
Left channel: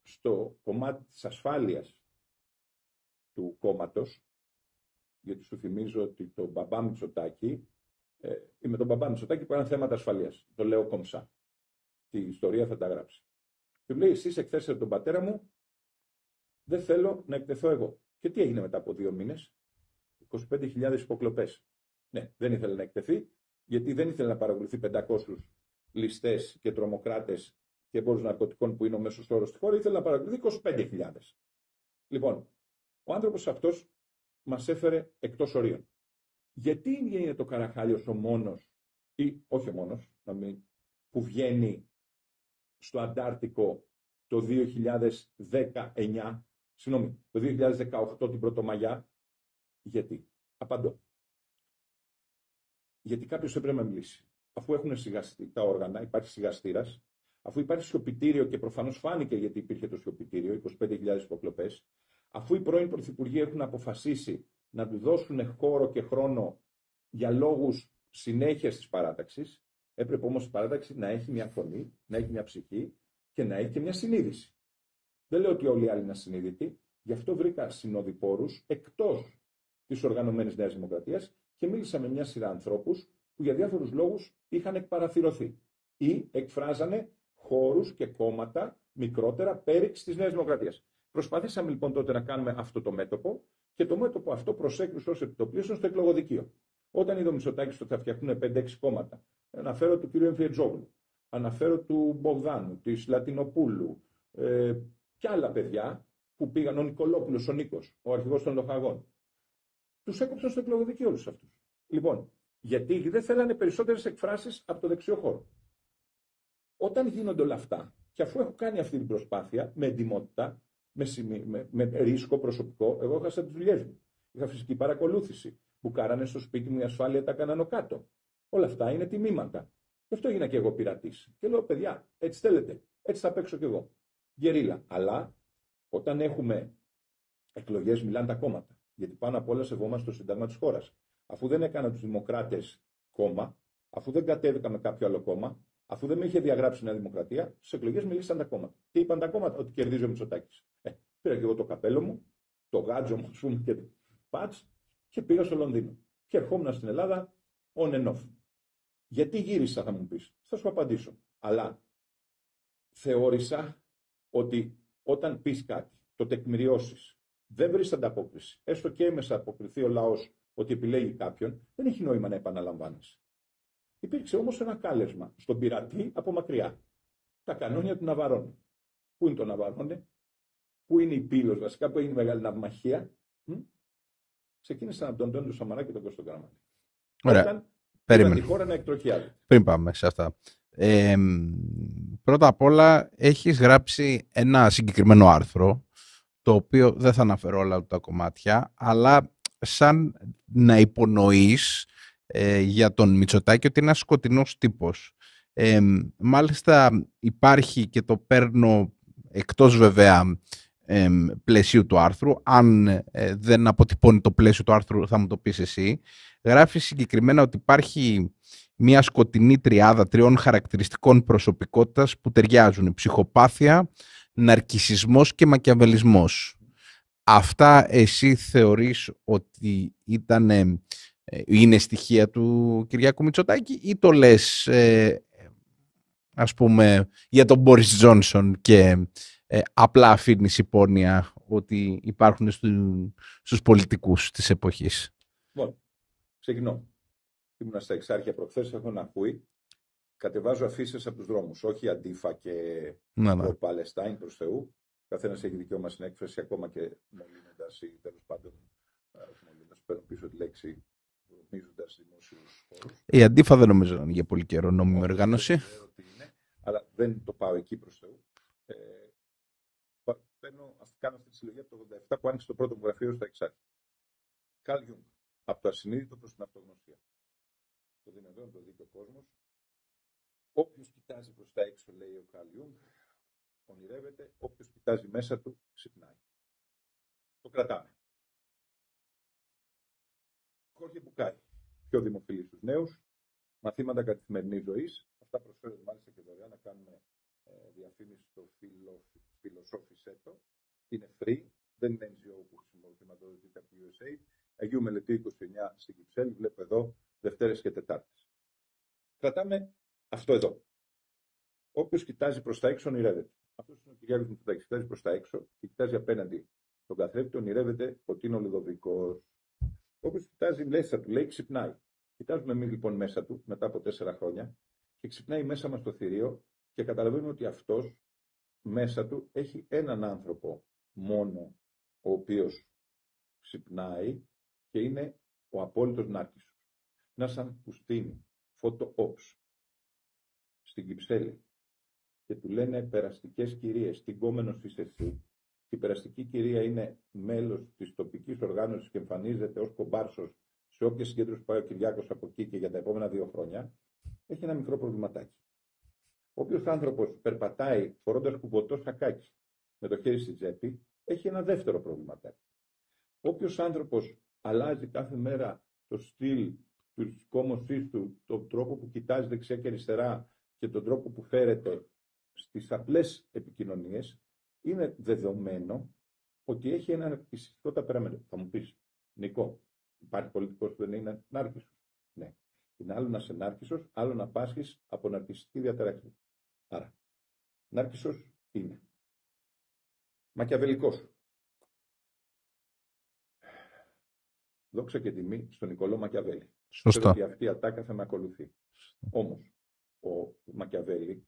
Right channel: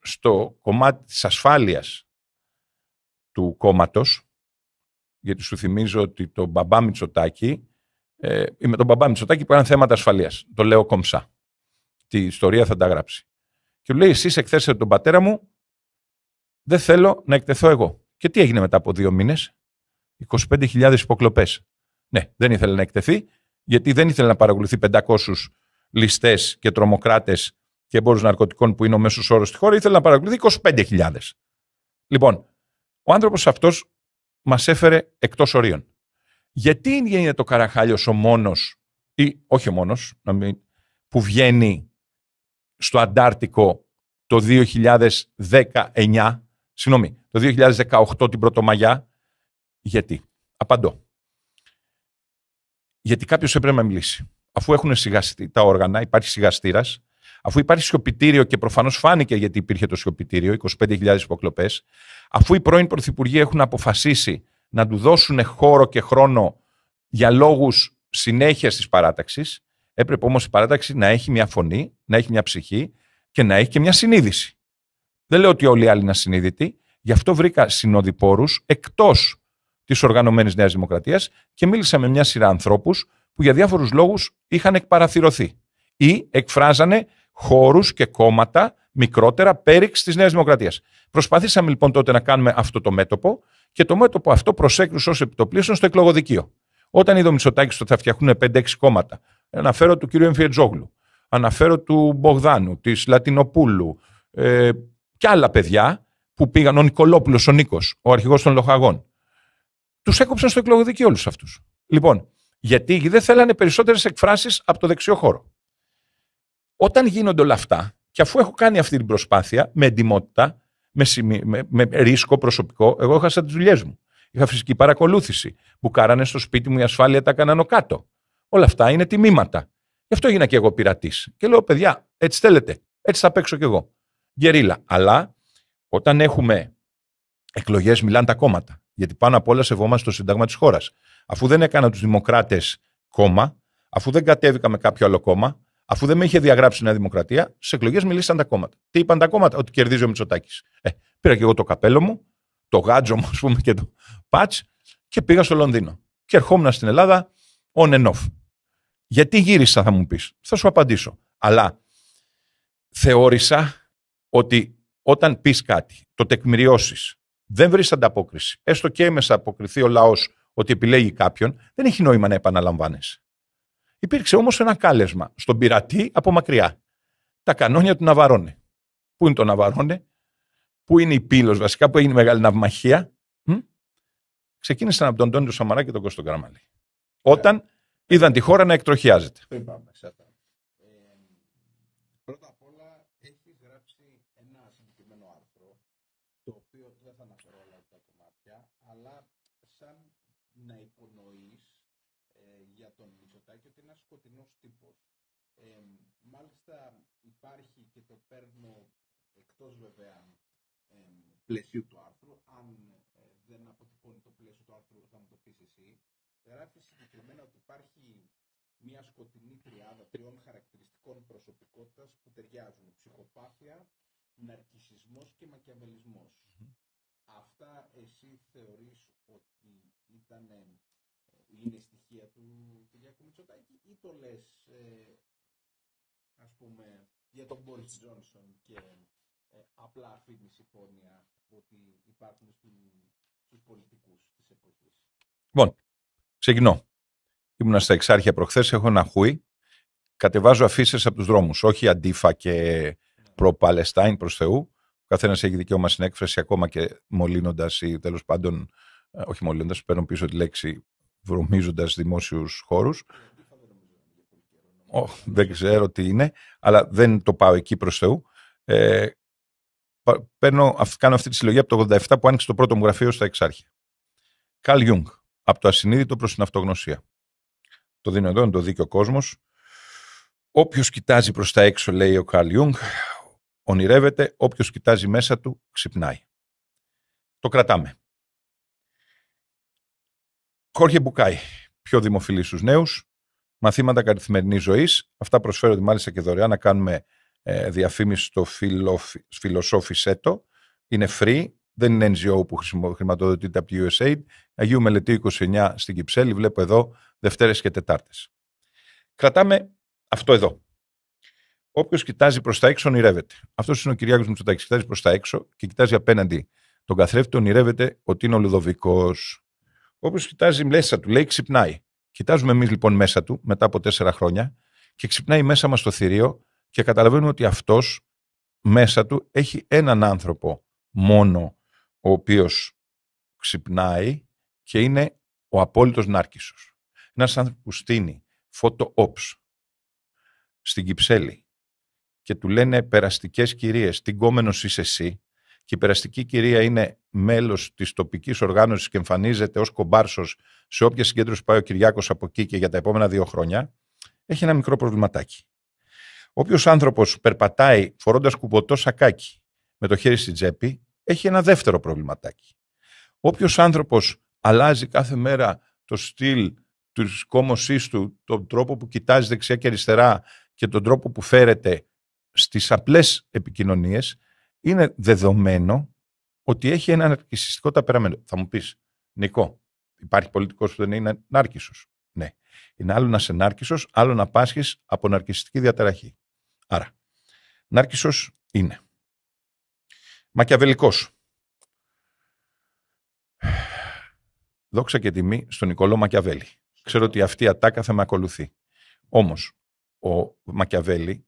στο κομμάτι της ασφάλειας του κόμματος, γιατί σου θυμίζω ότι τον μπαμπά Μητσοτάκη, με τον μπαμπά Μητσοτάκη που έκαναν θέματα ασφαλείας, το λέω κομψά. Τη ιστορία θα τα γράψει. Και του λέει: εσείς εκθέσατε τον πατέρα μου, δεν θέλω να εκτεθώ εγώ. Και τι έγινε μετά από 2 μήνες? 25.000 υποκλοπές. Ναι, δεν ήθελε να εκτεθεί, γιατί δεν ήθελε να παρακολουθεί 500 ληστές και τρομοκράτες και εμπόρους ναρκωτικών που είναι ο μέσος όρος στη χώρα, ήθελε να παρακολουθεί 25.000. Λοιπόν, ο άνθρωπος αυτός μας έφερε εκτός ορίων. Γιατί είναι το Καραχάλιος ο μόνος, ή όχι ο μόνος, να μην που βγαίνει στο Αντάρτικο το 2019, συγγνώμη, το 2018 την Πρωτομαγιά. Γιατί? Απαντώ. Γιατί κάποιος έπρεπε να μιλήσει. Αφού έχουν σιγαστεί τα όργανα, υπάρχει σιγαστήρας, αφού υπάρχει σιωπητήριο και προφανώς φάνηκε γιατί υπήρχε το σιωπητήριο, 25.000 υποκλοπές, αφού οι πρώην πρωθυπουργοί έχουν αποφασίσει να του δώσουν χώρο και χρόνο για λόγους συνέχειας της παράταξης, έπρεπε όμως η παράταξη να έχει μια φωνή, να έχει μια ψυχή και να έχει και μια συνείδηση. Δεν λέω ότι όλοι οι άλλοι είναι ασυνείδητοι, γι' αυτό βρήκα συνοδοιπόρους εκτός της οργανωμένης Νέας Δημοκρατίας και μίλησα με μια σειρά ανθρώπους που για διάφορους λόγους είχαν εκπαραθυρωθεί ή εκφράζανε χώρους και κόμματα μικρότερα πέριξ της Νέας Δημοκρατίας. Προσπαθήσαμε λοιπόν τότε να κάνουμε αυτό το μέτωπο και το μέτωπο αυτό προσέκρουσε ως επιτοπλίστων στο εκλογοδικείο. Όταν είδε ο Μητσοτάκης ότι θα φτιαχνούν 5-6 κόμματα, αναφέρω του κ. Εμφιετζόγλου, αναφέρω του Μπογδάνου, της Λατινοπούλου και άλλα παιδιά που πήγαν, ο Νικολόπουλος, ο Νίκος, ο αρχηγός των Λοχαγών, τους έκοψαν στο εκλογοδικείο όλους αυτούς. Λοιπόν, γιατί δεν θέλανε περισσότερες εκφράσεις από το δεξιό χώρο. Όταν γίνονται όλα αυτά, και αφού έχω κάνει αυτή την προσπάθεια με εντιμότητα, με ρίσκο προσωπικό, εγώ έχασα τις δουλειές μου. Είχα φυσική παρακολούθηση. Μπουκάρανε στο σπίτι μου, η ασφάλεια τα έκαναν κάτω. Όλα αυτά είναι τιμήματα. Γι' αυτό έγινα και εγώ πειρατής. Και λέω, παιδιά, έτσι θέλετε. Έτσι θα παίξω κι εγώ. Γκερίλα. Αλλά όταν έχουμε εκλογές, μιλάνε τα κόμματα. Γιατί πάνω απ' όλα σεβόμαστε το Σύνταγμα της χώρας. Αφού δεν έκανα τους Δημοκράτες κόμμα, αφού δεν κατέβηκα με κάποιο άλλο κόμμα, αφού δεν με είχε διαγράψει η Νέα Δημοκρατία, στις εκλογές μιλήσαν τα κόμματα. Τι είπαν τα κόμματα? Ότι κερδίζει ο Μητσοτάκης. Πήρα και εγώ το καπέλο μου, το γάτζο μου, ας πούμε, και το πατς και πήγα στο Λονδίνο. Και ερχόμουν στην Ελλάδα on and off. Γιατί γύρισα, θα μου πεις. Θα σου απαντήσω. Αλλά θεώρησα ότι όταν πεις κάτι, το τεκμηριώσεις, δεν βρεις ανταπόκριση, έστω και έμεσα αποκριθεί ο λαός ότι επιλέγει κάποιον, δεν έχει νόημα να επαναλαμβάνεσαι. Υπήρξε όμως ένα κάλεσμα στον πειρατή από μακριά. Τα κανόνια του Ναβαρώνε. Πού είναι το Ναβαρώνε? Πού είναι η Πύλος, βασικά, που έγινε μεγάλη ναυμαχία? Ξεκίνησαν από τον Αντώνιο Σαμαρά και τον Κώστο Καραμανλή. Όταν είδαν τη χώρα να εκτροχιάζεται. Πριν πάμε σε αυτά. Πρώτα απ' όλα έχεις γράψει ένα συγκεκριμένο άρθρο, το οποίο δεν θα αναφέρω όλα τα κομμάτια, αλλά σαν να υπονοείς για τον Μητσοτάκη ότι είναι ένας σκοτεινός τύπος. Μάλιστα υπάρχει, και το παίρνω εκτός βέβαια πλαισίου του άρθρου, αν δεν αποτυπώνει το πλαίσιο του άρθρου θα μου το πεις εσύ, γράφει συγκεκριμένα ότι υπάρχει μια σκοτεινή τριάδα 3 χαρακτηριστικών προσωπικότητας που ταιριάζουν: ψυχοπάθεια, ναρκισσισμός και μακιαβελισμός. Αυτά εσύ θεωρείς ότι είναι στοιχεία του Κυριάκου Μητσοτάκη, ή το λες ας πούμε για τον Μπόρις Τζόνσον και απλά αφήνεις υπόνοια ότι υπάρχουν στους πολιτικούς της εποχής? Λοιπόν, ξεκινώ. Ήμουνα στα Εξάρχεια προχθές, έχω ένα χούι. Κατεβάζω αφίσες από τους δρόμους, όχι αντίφα και προ-Παλαιστάιν, προς Θεού. Ο καθένας έχει δικαίωμα στην έκφραση, ακόμα και μολύνοντας ή τέλος πάντων, όχι μολύνοντας, παίρνω πίσω τη λέξη, βρωμίζοντας δημόσιους χώρους. Η αντίφα δεν νομίζω να είναι για πολύ καιρό νόμιμη οργάνωση. Δεν ξέρω τι είναι, αλλά δεν το πάω εκεί, προς Θεού. Κάνω αυτή τη συλλογή από το 87 που άνοιξε το πρώτο μου γραφείο στα Εξάρχεια. Καρλ Γιούγκ, από το ασυνείδητο προς την αυτογνωσία. Το δίνω εδώ, είναι το δίκαιο κόσμος. Όποιος κοιτάζει προς τα έξω, λέει ο Καρλ Γιούγκ, ονειρεύεται, όποιος κοιτάζει μέσα του, ξυπνάει. Το κρατάμε. Χόρχε Μπουκάι, πιο δημοφιλή στους νέους, μαθήματα καθημερινής ζωής. Αυτά προσφέρονται μάλιστα και δωρεάν, να κάνουμε διαφήμιση στο Φιλοσόφισέτο. Είναι free, δεν είναι NGO που χρηματοδοτείται από τη USAID. Αγίου Μελετίου 29 στην Κυψέλη, βλέπω εδώ, Δευτέρες και Τετάρτες. Κρατάμε αυτό εδώ. Όποιος κοιτάζει προς τα έξω, ονειρεύεται. Αυτός είναι ο Κυριάκος Μητσοτάκης. Κοιτάζει προς τα έξω και κοιτάζει απέναντι τον καθρέφτη, ονειρεύεται ότι είναι ο Λουδοβικός. Όποιος κοιτάζει μέσα του, λέει, ξυπνάει. Κοιτάζουμε εμείς λοιπόν μέσα του, μετά από 4 χρόνια, και ξυπνάει μέσα μας το θηρίο και καταλαβαίνουμε ότι αυτός μέσα του έχει έναν άνθρωπο μόνο, ο οποίος ξυπνάει και είναι ο απόλυτος νάρκισσος. Ένας άνθρωπος που στείνει photo ops στην Κυψέλη και του λένε περαστικές κυρίες, τι γκόμενος είσαι εσύ, και η περαστική κυρία είναι μέλος της τοπικής οργάνωσης και εμφανίζεται ως κομπάρσος σε όποια συγκέντρωση πάει ο Κυριάκος από εκεί και για τα επόμενα 2 χρόνια, έχει ένα μικρό προβληματάκι. Όποιος άνθρωπος περπατάει φορώντας κουποτό σακάκι με το χέρι στην τσέπη, έχει ένα δεύτερο προβληματάκι. Όποιος άνθρωπος αλλάζει κάθε μέρα το στυλ της κόμωσής του, τον τρόπο που κοιτάζει δεξιά και αριστερά και τον τρόπο που φέρεται στις απλές επικοινωνίες, είναι δεδομένο ότι έχει ένα ναρκισσιστικό ταπεραμένο. Θα μου πεις, Νικό, υπάρχει πολιτικός που δεν είναι νάρκισσος? Ναι. Είναι άλλο να είσαι νάρκισσος, άλλο να πάσχεις από ναρκισσιστική διαταραχή. Άρα, νάρκισσος είναι. Μακιαβελικός. Δόξα και τιμή στον Νικολό Μακιαβέλη. Ξέρω ότι αυτή η ατάκα θα με ακολουθεί. Όμως, ο Μακιαβέλη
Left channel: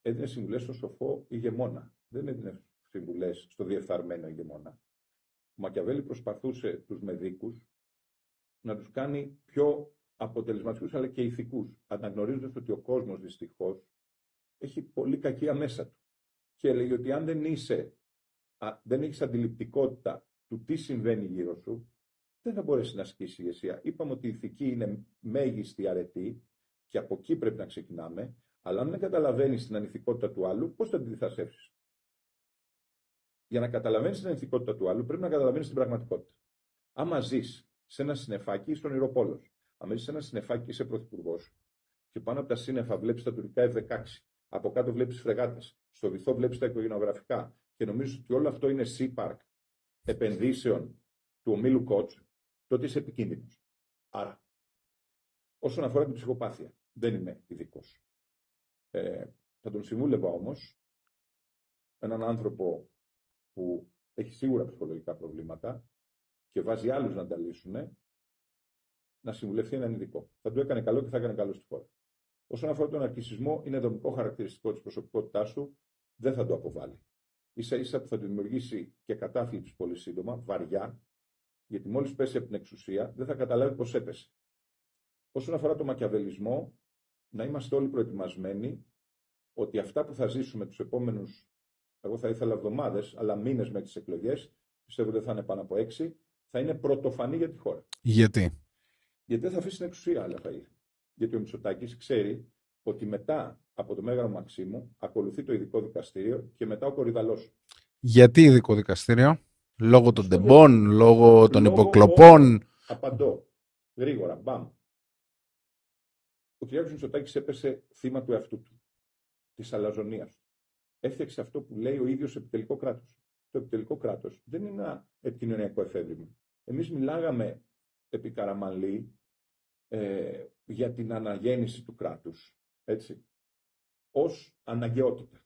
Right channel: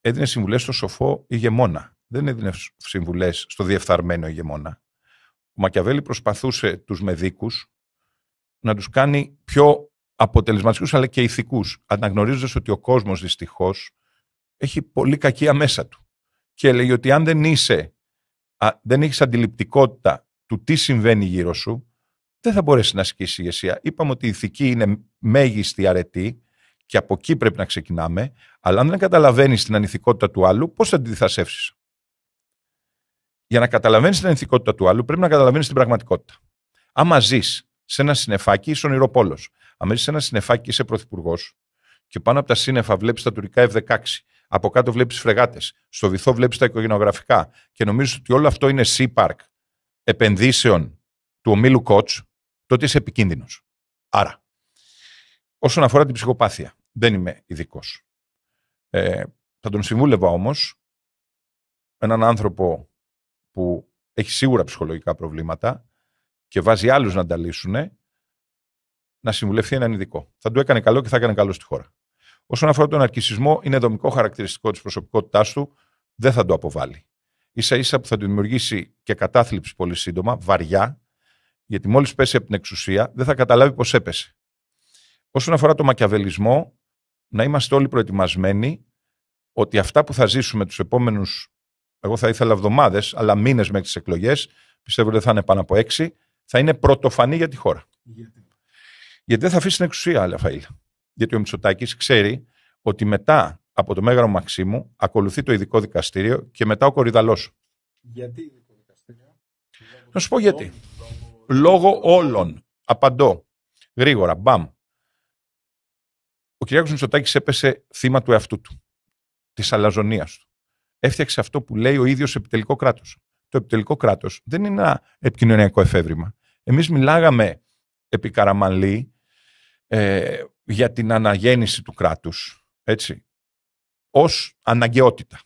έδινε συμβουλές στο σοφό ηγεμόνα. Δεν έδινε συμβουλές στο διεφθαρμένο ηγεμόνα. Ο Μακιαβέλη προσπαθούσε τους μεδίκους να τους κάνει πιο αποτελεσματικούς αλλά και ηθικούς, αναγνωρίζοντας ότι ο κόσμος δυστυχώς έχει πολύ κακία μέσα του. Και έλεγε ότι αν δεν έχεις αντιληπτικότητα του τι συμβαίνει γύρω σου, δεν θα μπορέσει να ασκήσει ηγεσία. Είπαμε ότι η ηθική είναι μέγιστη αρετή και από εκεί πρέπει να ξεκινάμε, αλλά αν δεν καταλαβαίνεις την ανηθικότητα του άλλου, πώς θα τη διθασεύσεις? Για να καταλαβαίνεις την ανηθικότητα του άλλου, πρέπει να καταλαβαίνεις την πραγματικότητα. Άμα ζεις σε ένα συννεφάκι, είσαι ονειροπόλος. Αν ζεις σε ένα συννεφάκι, είσαι πρωθυπουργός και πάνω από τα σύννεφα βλέπεις τα τουρκικά F-16, από κάτω βλέπεις φρεγάτες, στο βυθό βλέπεις τα οικογενειογραφικά και νομίζεις ότι όλο αυτό είναι Sea Park επενδύσεων του ομίλου Koch, τότε είσαι επικίνδυνος. Άρα, όσον αφορά την ψυχοπάθεια, δεν είμαι ειδικός. Θα τον συμβούλευα όμως έναν άνθρωπο που έχει σίγουρα ψυχολογικά προβλήματα και βάζει άλλους να τα λύσουν, να συμβουλευτεί έναν ειδικό. Θα του έκανε καλό και θα έκανε καλό στη χώρα. Όσον αφορά τον ναρκισσισμό, είναι δομικό χαρακτηριστικό της προσωπικότητάς του, δεν θα το αποβάλει. Ίσα-ίσα που θα του δημιουργήσει και κατάθλιψη πολύ σύντομα, βαριά, γιατί μόλις πέσει από την εξουσία δεν θα καταλάβει πώς έπεσε. Όσον αφορά το μακιαβελισμό, να είμαστε όλοι προετοιμασμένοι ότι αυτά που θα ζήσουμε τους επόμενους, εγώ θα ήθελα εβδομάδες, αλλά μήνες μέχρι τις εκλογές, πιστεύω ότι θα είναι πάνω από 6, θα είναι πρωτοφανή για τη χώρα. Γιατί? Γιατί δεν θα αφήσει την εξουσία, Ραφαήλ. Γιατί ο Μητσοτάκης ξέρει ότι μετά από το Μέγαρο Μαξίμου ακολουθεί το ειδικό δικαστήριο και μετά ο Κορυδαλός. Γιατί ειδικό δικαστήριο? Λόγω των τεμπών, λόγω των υποκλοπών? Απαντώ. Γρήγορα. Μπαμ. Ο Κυριάκος Μητσοτάκης έπεσε θύμα του εαυτού του. Της αλαζονίας του. Έφτιαξε αυτό που λέει ο ίδιος επιτελικό κράτος. Το επιτελικό κράτος δεν είναι ένα επικοινωνιακό εφεύρημα. Εμείς μιλάγαμε επί Καραμανλή για την αναγέννηση του κράτους, έτσι, ως αναγκαιότητα.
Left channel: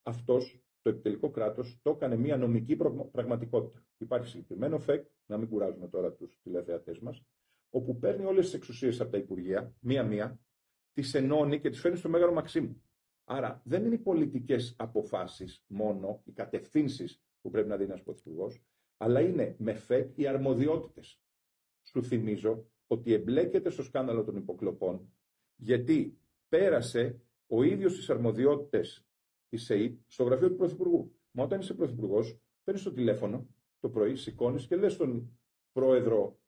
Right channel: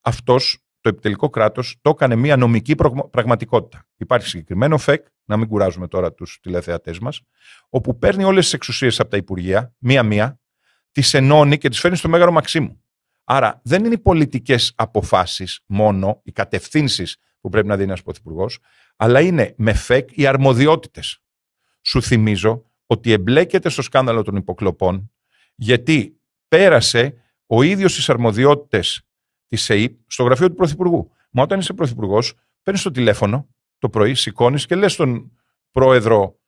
Αυτός, το επιτελικό κράτος, το έκανε μια νομική πραγματικότητα. Υπάρχει συγκεκριμένο ΦΕΚ, να μην κουράζουμε τώρα τους τηλεθεατές μας, όπου παίρνει όλες τις εξουσίες από τα Υπουργεία, μία-μία, τις ενώνει και τις φέρνει στο Μέγαρο Μαξίμου. Άρα δεν είναι οι πολιτικές αποφάσεις μόνο, οι κατευθύνσεις που πρέπει να δίνει ένας πρωθυπουργός, αλλά είναι με ΦΕΚ οι αρμοδιότητες. Σου θυμίζω ότι εμπλέκεται στο σκάνδαλο των υποκλοπών, γιατί πέρασε ο ίδιος τις αρμοδιότητες της ΕΕΠ στο γραφείο του Πρωθυπουργού. Μα όταν είσαι πρωθυπουργός, παίρνεις το τηλέφωνο το πρωί, σηκώνεις και λες στον πρόεδρο,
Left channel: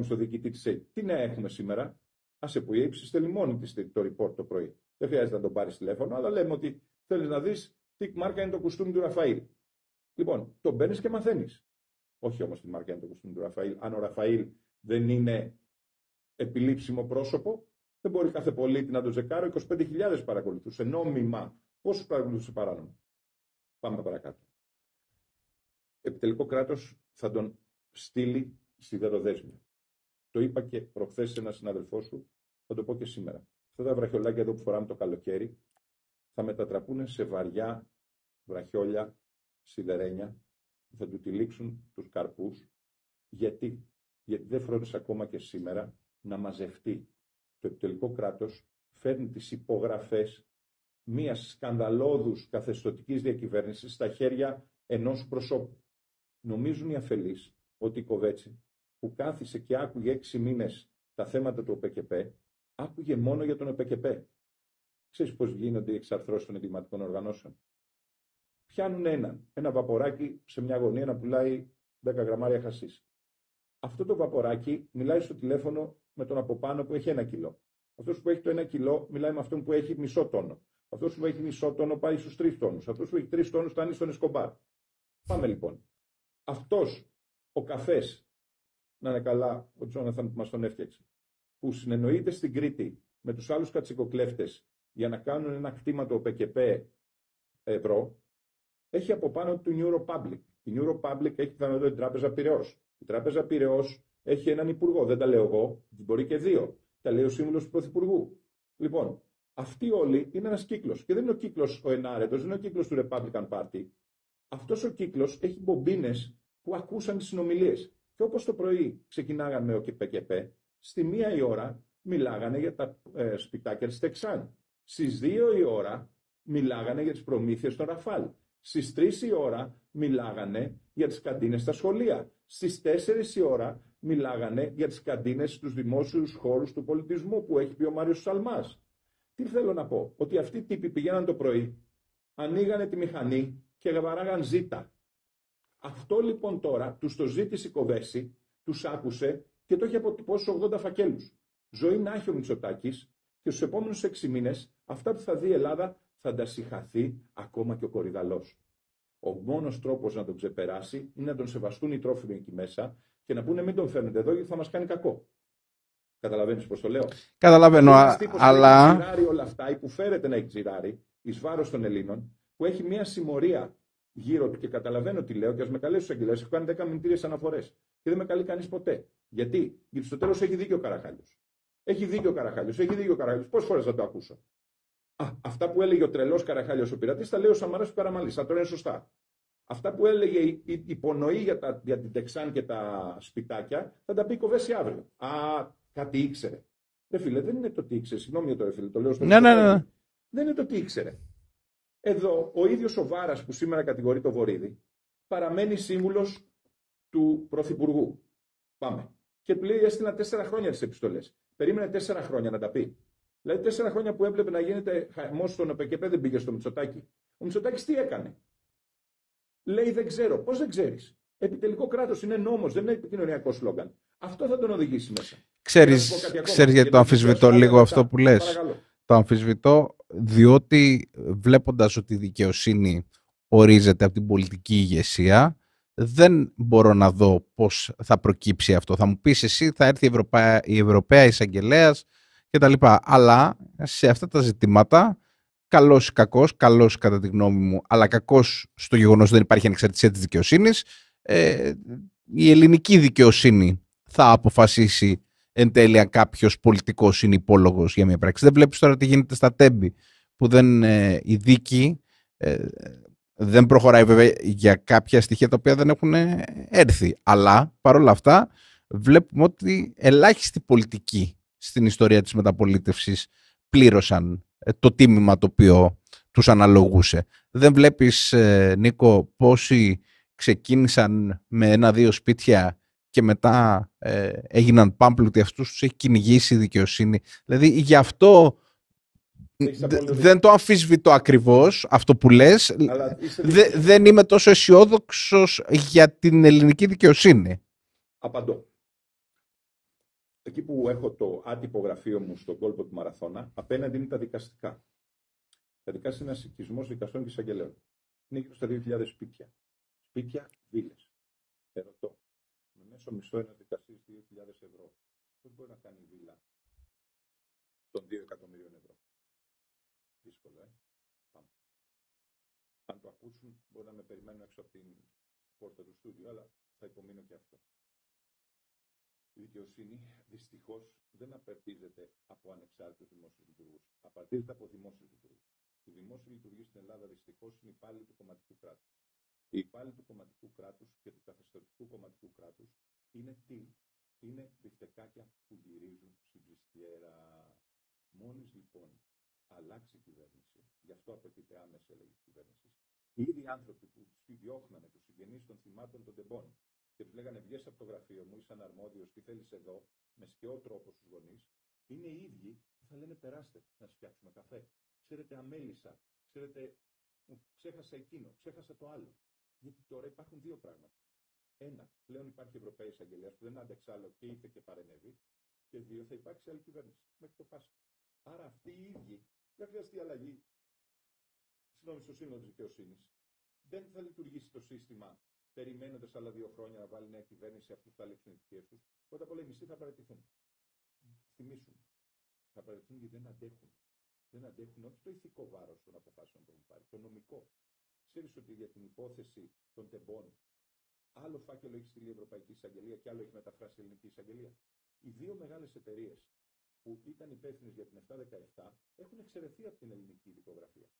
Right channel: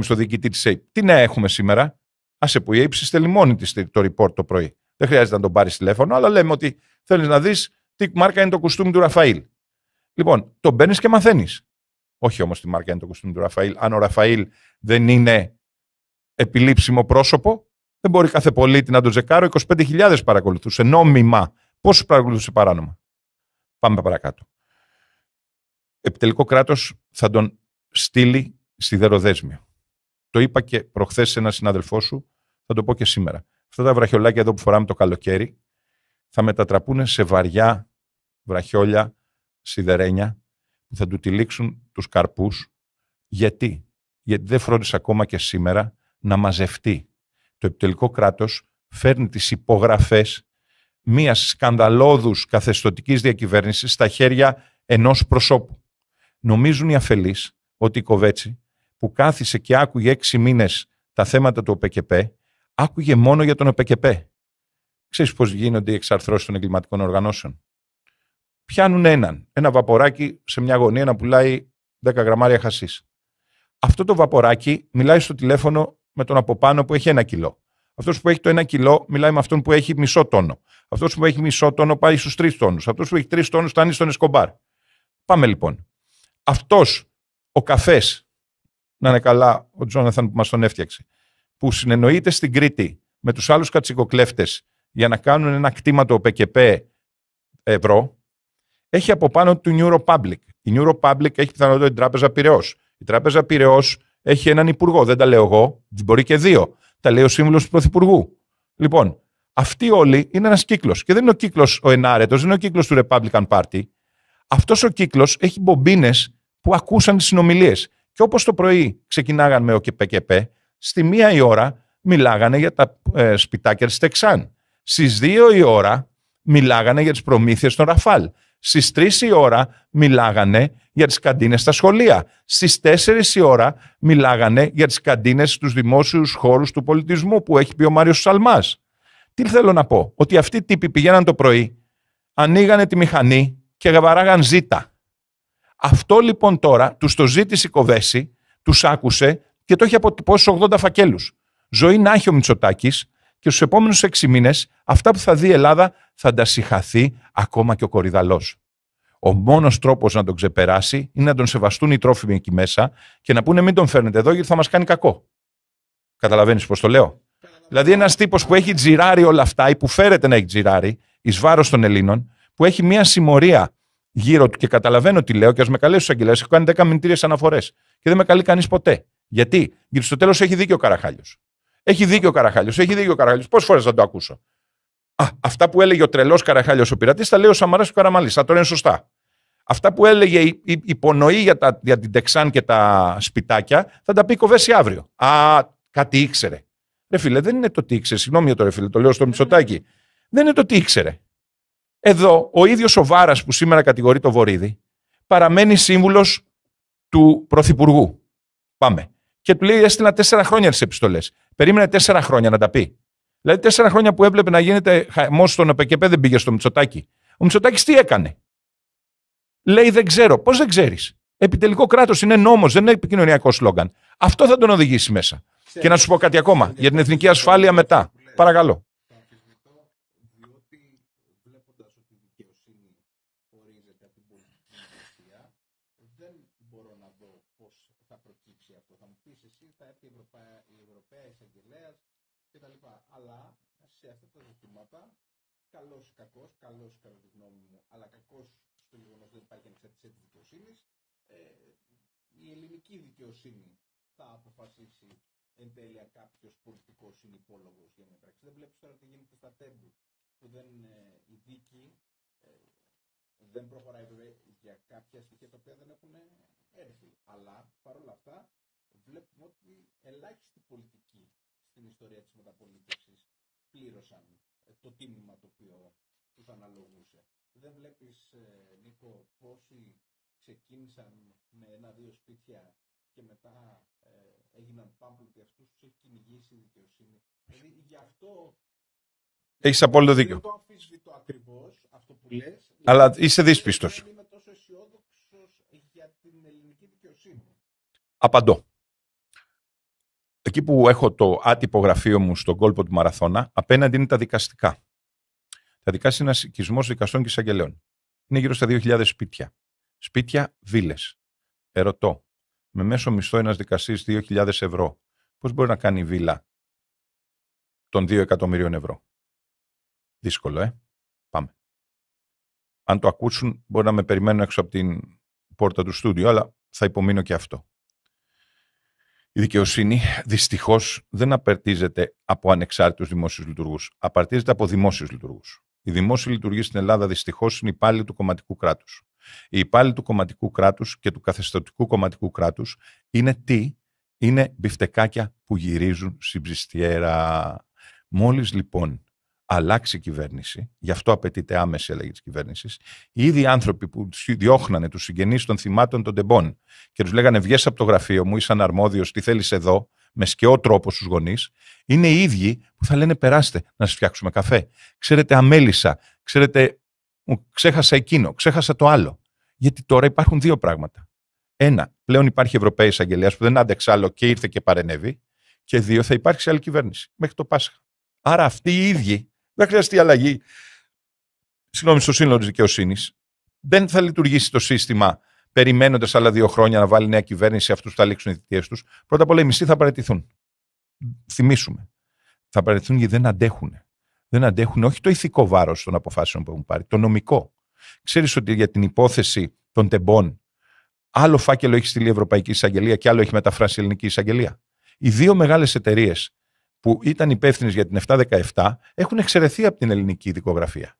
στο διοικητή της ΕΕΠ, τι νέα έχουμε σήμερα? Άσε που η ΕΕΠ συστέλνει μόνη της το report το πρωί. Δεν χρειάζεται να τον πάρεις τηλέφωνο, αλλά λέμε ότι θέλεις να δεις τι μάρκα είναι το κουστούμι του Ραφαήλ. Λοιπόν, τον παίρνεις και μαθαίνεις. Όχι όμως τι μάρκα είναι το κουστούμι του Ραφαήλ. Αν ο Ραφαήλ δεν είναι επιλήψιμο πρόσωπο, δεν μπορεί κάθε πολίτη να τον ζεκάρω. 25.000 παρακολουθούσε νόμιμα. Πόσους παρακολουθούσε παράνομα? Πάμε παρακάτω. Επιτελικό κράτος θα τον στείλει σιδεροδέσμιο. Το είπα και προχθές σε έναν συνάδελφό σου, θα το πω και σήμερα. Αυτά τα βραχιολάκια εδώ που φοράμε το καλοκαίρι θα μετατραπούν σε βαριά βραχιόλια σιδερένια που θα του τυλίξουν τους καρπούς. Γιατί? Γιατί δεν φρόντισε ακόμα και σήμερα να μαζευτεί. Το επιτελικό κράτος φέρνει τις υπογραφές μιας σκανδαλώδους καθεστωτικής διακυβέρνησης στα χέρια ενός προσώπου. Νομίζουν οι αφελείς ότι η Κοβέτσι που κάθισε και άκουγε 6 μήνες τα θέματα του ΟΠΕΚΕΠΕ, άκουγε μόνο για τον ΟΠΕΚΕΠΕ. Ξέρεις πώς γίνονται οι εξαρθρώσεις των εγκληματικών οργανώσεων? Πιάνουν ένα βαποράκι σε μια γωνία να πουλάει 10 γραμμάρια χασίς. Αυτό το βαποράκι μιλάει στο τηλέφωνο με τον από πάνω που έχει 1 κιλό. Αυτός που έχει το 1 κιλό μιλάει με αυτόν που έχει μισό τόνο. Αυτός που έχει μισό τόνο πάει στους 3 τόνους. Αυτός που έχει 3 τόνους φτάνει στον Εσκομπάρ. Πάμε λοιπόν. Αυτός ο καφές, να είναι καλά ο Τζόναθαν που μας τον έφτιαξε, που συνεννοείται στην Κρήτη με τους άλλους κατσικοκλέφτες για να κάνουν ένα κτήματο ΠΚΠ ευρώ, έχει από πάνω του New Republic. Η New Republic έχει πιθανότητα την Τράπεζα Πειραιώς. Η Τράπεζα Πειραιώς έχει έναν υπουργό. Δεν τα λέω εγώ, μπορεί και 2. Τα λέει ο σύμβουλος του Πρωθυπουργού. Λοιπόν, αυτοί όλοι είναι ένας κύκλος. Και δεν είναι ο κύκλος ο ενάρετος, δεν είναι ο κύκλος του Republican Party. Αυτός ο κύκλος έχει μπομπίνες που ακούσαν τις συνομιλίες. Και όπως το πρωί ξεκινάγαν με ΟΚΠΚΠ, στη 1 η ώρα μιλάγανε για τα σπιτάκια της Τεξάν. Στις 2 η ώρα μιλάγανε για τις προμήθειες των Ραφάλ. Στις 3 η ώρα μιλάγανε για τις καντίνες στα σχολεία. Στις 4 η ώρα μιλάγανε για τις καντίνες στους δημόσιους χώρους του πολιτισμού που έχει πει ο Μάριος Σαλμάς. Τι θέλω να πω? Ότι αυτοί οι τύποι πηγαίναν το πρωί, ανοίγανε τη μηχανή και βαράγαν ζήτα. Αυτό λοιπόν τώρα τους το ζήτησε η Κοβέση, τους άκουσε και το έχει αποτυπώσει στους 80 φακέλους. Ζωή να έχει ο Μητσοτάκης και στους επόμενους 6 μήνες αυτά που θα δει η Ελλάδα θα τα συγχαθεί ακόμα και ο Κορυδαλός. Ο μόνος τρόπος να τον ξεπεράσει είναι να τον σεβαστούν οι τρόφιμοι εκεί μέσα και να πούνε μην τον φέρνετε εδώ γιατί θα μας κάνει κακό. Καταλαβαίνεις πώς το λέω? Καταλαβαίνω. Δηλαδή ένας τύπος που έχει τζιράρει όλα αυτά ή που φέρεται να έχει τζιράρει εις βάρος των Ελλήνων, που έχει μια συμμορία γύρω του και καταλαβαίνω τι λέω και ας με καλέσει στους αγγελέες, έχω κάνει 10 μηνυτήριες αναφορές και δεν με καλεί κανείς ποτέ. Γιατί στο τέλος έχει δίκιο ο Καραχάλιος. Έχει δίκιο ο Καραχάλιος. Πόσες φορές θα το ακούσω? Αυτά που έλεγε ο τρελός Καραχάλιος ο πειρατής, τα λέει ο Σαμαράς και ο Καραμανλής. Θα τώρα είναι σωστά. Αυτά που έλεγε η υπονοή για την Τεξάν και τα σπιτάκια, θα τα πει η Κοβέση αύριο. Κάτι ήξερε. Ρε φίλε, δεν είναι το τι ήξερε. Συγγνώμη για το ρε φίλε, το λέω στο Μητσοτάκη. Ναι. Δεν είναι το τι ήξερε. Εδώ ο ίδιος ο Βάρας που σήμερα κατηγορεί το Βορίδη παραμένει σύμβουλος του Πρωθυπουργού. Πάμε. Και του λέει: έστειλα 4 χρόνια τις επιστολές. Περίμενε 4 χρόνια να τα πει. Δηλαδή 4 χρόνια που έβλεπε να γίνεται χαμός στον ΟΠΚΠ δεν πήγε στο Μητσοτάκη. Ο Μητσοτάκης τι έκανε? Λέει: δεν ξέρω. Πώς δεν ξέρεις? Επιτελικό κράτος είναι νόμος, δεν είναι επικοινωνιακό σλόγγαν. Αυτό θα τον οδηγήσει μέσα. Ξέρεις, και να σου πω κάτι ακόμα για την εθνική ασφάλεια μετά. Παρακαλώ. Το αμφισβητώ, διότι βλέποντας ότι η δικαιοσύνη ορίζεται από την πολιτική ηγεσία, δεν μπορώ να δω πώς θα προκύψει αυτό. Θα μου πεις εσύ, θα έρθει η Ευρωπαία Εισαγγελέας κτλ. Αλλά σε αυτά τα ζητήματα, καλός ή κακός, καλός κατά τη γνώμη μου, αλλά κακός στο γεγονός ότι δεν υπάρχει ανεξαρτησία της δικαιοσύνης, η ελληνική δικαιοσύνη θα αποφασίσει εν τέλει αν κάποιος πολιτικός είναι υπόλογος για μια πράξη. Δεν βλέπεις τώρα τι γίνεται στα Τέμπη, που η δίκη δεν προχωράει βέβαια για κάποια στοιχεία τα οποία δεν έχουν έρθει. Αλλά παρόλα αυτά βλέπουμε ότι ελάχιστοι πολιτικοί στην ιστορία της μεταπολίτευσης πλήρωσαν το τίμημα το οποίο τους αναλογούσε. Δεν βλέπεις, Νίκο, πόσοι ξεκίνησαν με 1-2 σπίτια και μετά έγιναν πάμπλουτοι, αυτούς τους έχει κυνηγήσει η δικαιοσύνη. Δηλαδή γι' αυτό δεν το αμφισβητώ ακριβώς αυτό που λες, αλλά είσαι δύσπιστος. Δεν είμαι τόσο αισιόδοξος για την ελληνική δικαιοσύνη. Απαντώ. Εκεί που έχω το άτυπο γραφείο μου στον κόλπο του Μαραθώνα, απέναντι είναι τα δικαστικά. Τα δικαστικά είναι ένας οικισμός δικαστών και εισαγγελέων. Είναι γύρω στα 2.000 σπίτια. Σπίτια, βίλες. Ερωτώ. Με μέσο μισθό ένας δικαστής 2.000 ευρώ, πώς μπορεί να κάνει βίλα των 2 εκατομμυρίων ευρώ? Δύσκολο, Πάμε. Αν το ακούσουν, μπορεί να με περιμένουν έξω από την πόρτα του στούντιο, αλλά θα υπομείνω και αυτό. Η δικαιοσύνη, δυστυχώς, δεν απαρτίζεται από ανεξάρτητους δημόσιους λειτουργούς. Απαρτίζεται από δημόσιους λειτουργούς. Οι δημόσιοι λειτουργοί στην Ελλάδα, δυστυχώς, είναι υπάλληλοι του κομματικού κράτους. Οι υπάλληλοι του κομματικού κράτους και του καθεστωτικού κομματικού κράτους είναι τι? Είναι μπιφτεκάκια που γυρίζουν στην ψιστιέρα. Μόλις λοιπόν αλλάξει η κυβέρνηση, γι' αυτό απαιτείται άμεση αλλαγή της κυβέρνησης, οι ίδιοι άνθρωποι που διώχνανε τους συγγενείς των θυμάτων των τεμπών και τους λέγανε βγες από το γραφείο μου, είσαι αναρμόδιος, τι θέλεις εδώ, με σκαιό τρόπο στους γονείς, είναι οι ίδιοι που θα λένε περάστε να σας φτιάξουμε καφέ. Ξέρετε, αμέλησα, ξέρετε, ξέχασα εκείνο, ξέχασα το άλλο. Γιατί τώρα υπάρχουν δύο πράγματα. Ένα, πλέον υπάρχει Ευρωπαίος Εισαγγελέας που δεν άντεξε άλλο και ήρθε και παρενέβη. Και δύο, θα υπάρξει άλλη κυβέρνηση μέχρι το Πάσχα. Άρα αυτοί οι ίδιοι δεν χρειαστεί αλλαγή. Στο σύνολο της δικαιοσύνης. Δεν θα λειτουργήσει το σύστημα περιμένοντας άλλα 2 χρόνια να βάλει νέα κυβέρνηση, αυτούς θα λήξουν οι θητείες τους. Πρώτα απ' όλα οι μισθοί θα παραιτηθούν. Θυμίσουμε. Θα παραιτηθούν γιατί δεν αντέχουν. Δεν αντέχουν όχι το ηθικό βάρος των αποφάσεων που έχουν πάρει, το νομικό. Ξέρεις ότι για την υπόθεση των τεμπών, άλλο φάκελο έχει στείλει η Ευρωπαϊκή Εισαγγελία και άλλο έχει μεταφράσει η Ελληνική Εισαγγελία. Οι δύο μεγάλες εταιρείες που ήταν υπεύθυνες για την 717 έχουν εξαιρεθεί από την ελληνική δικογραφία.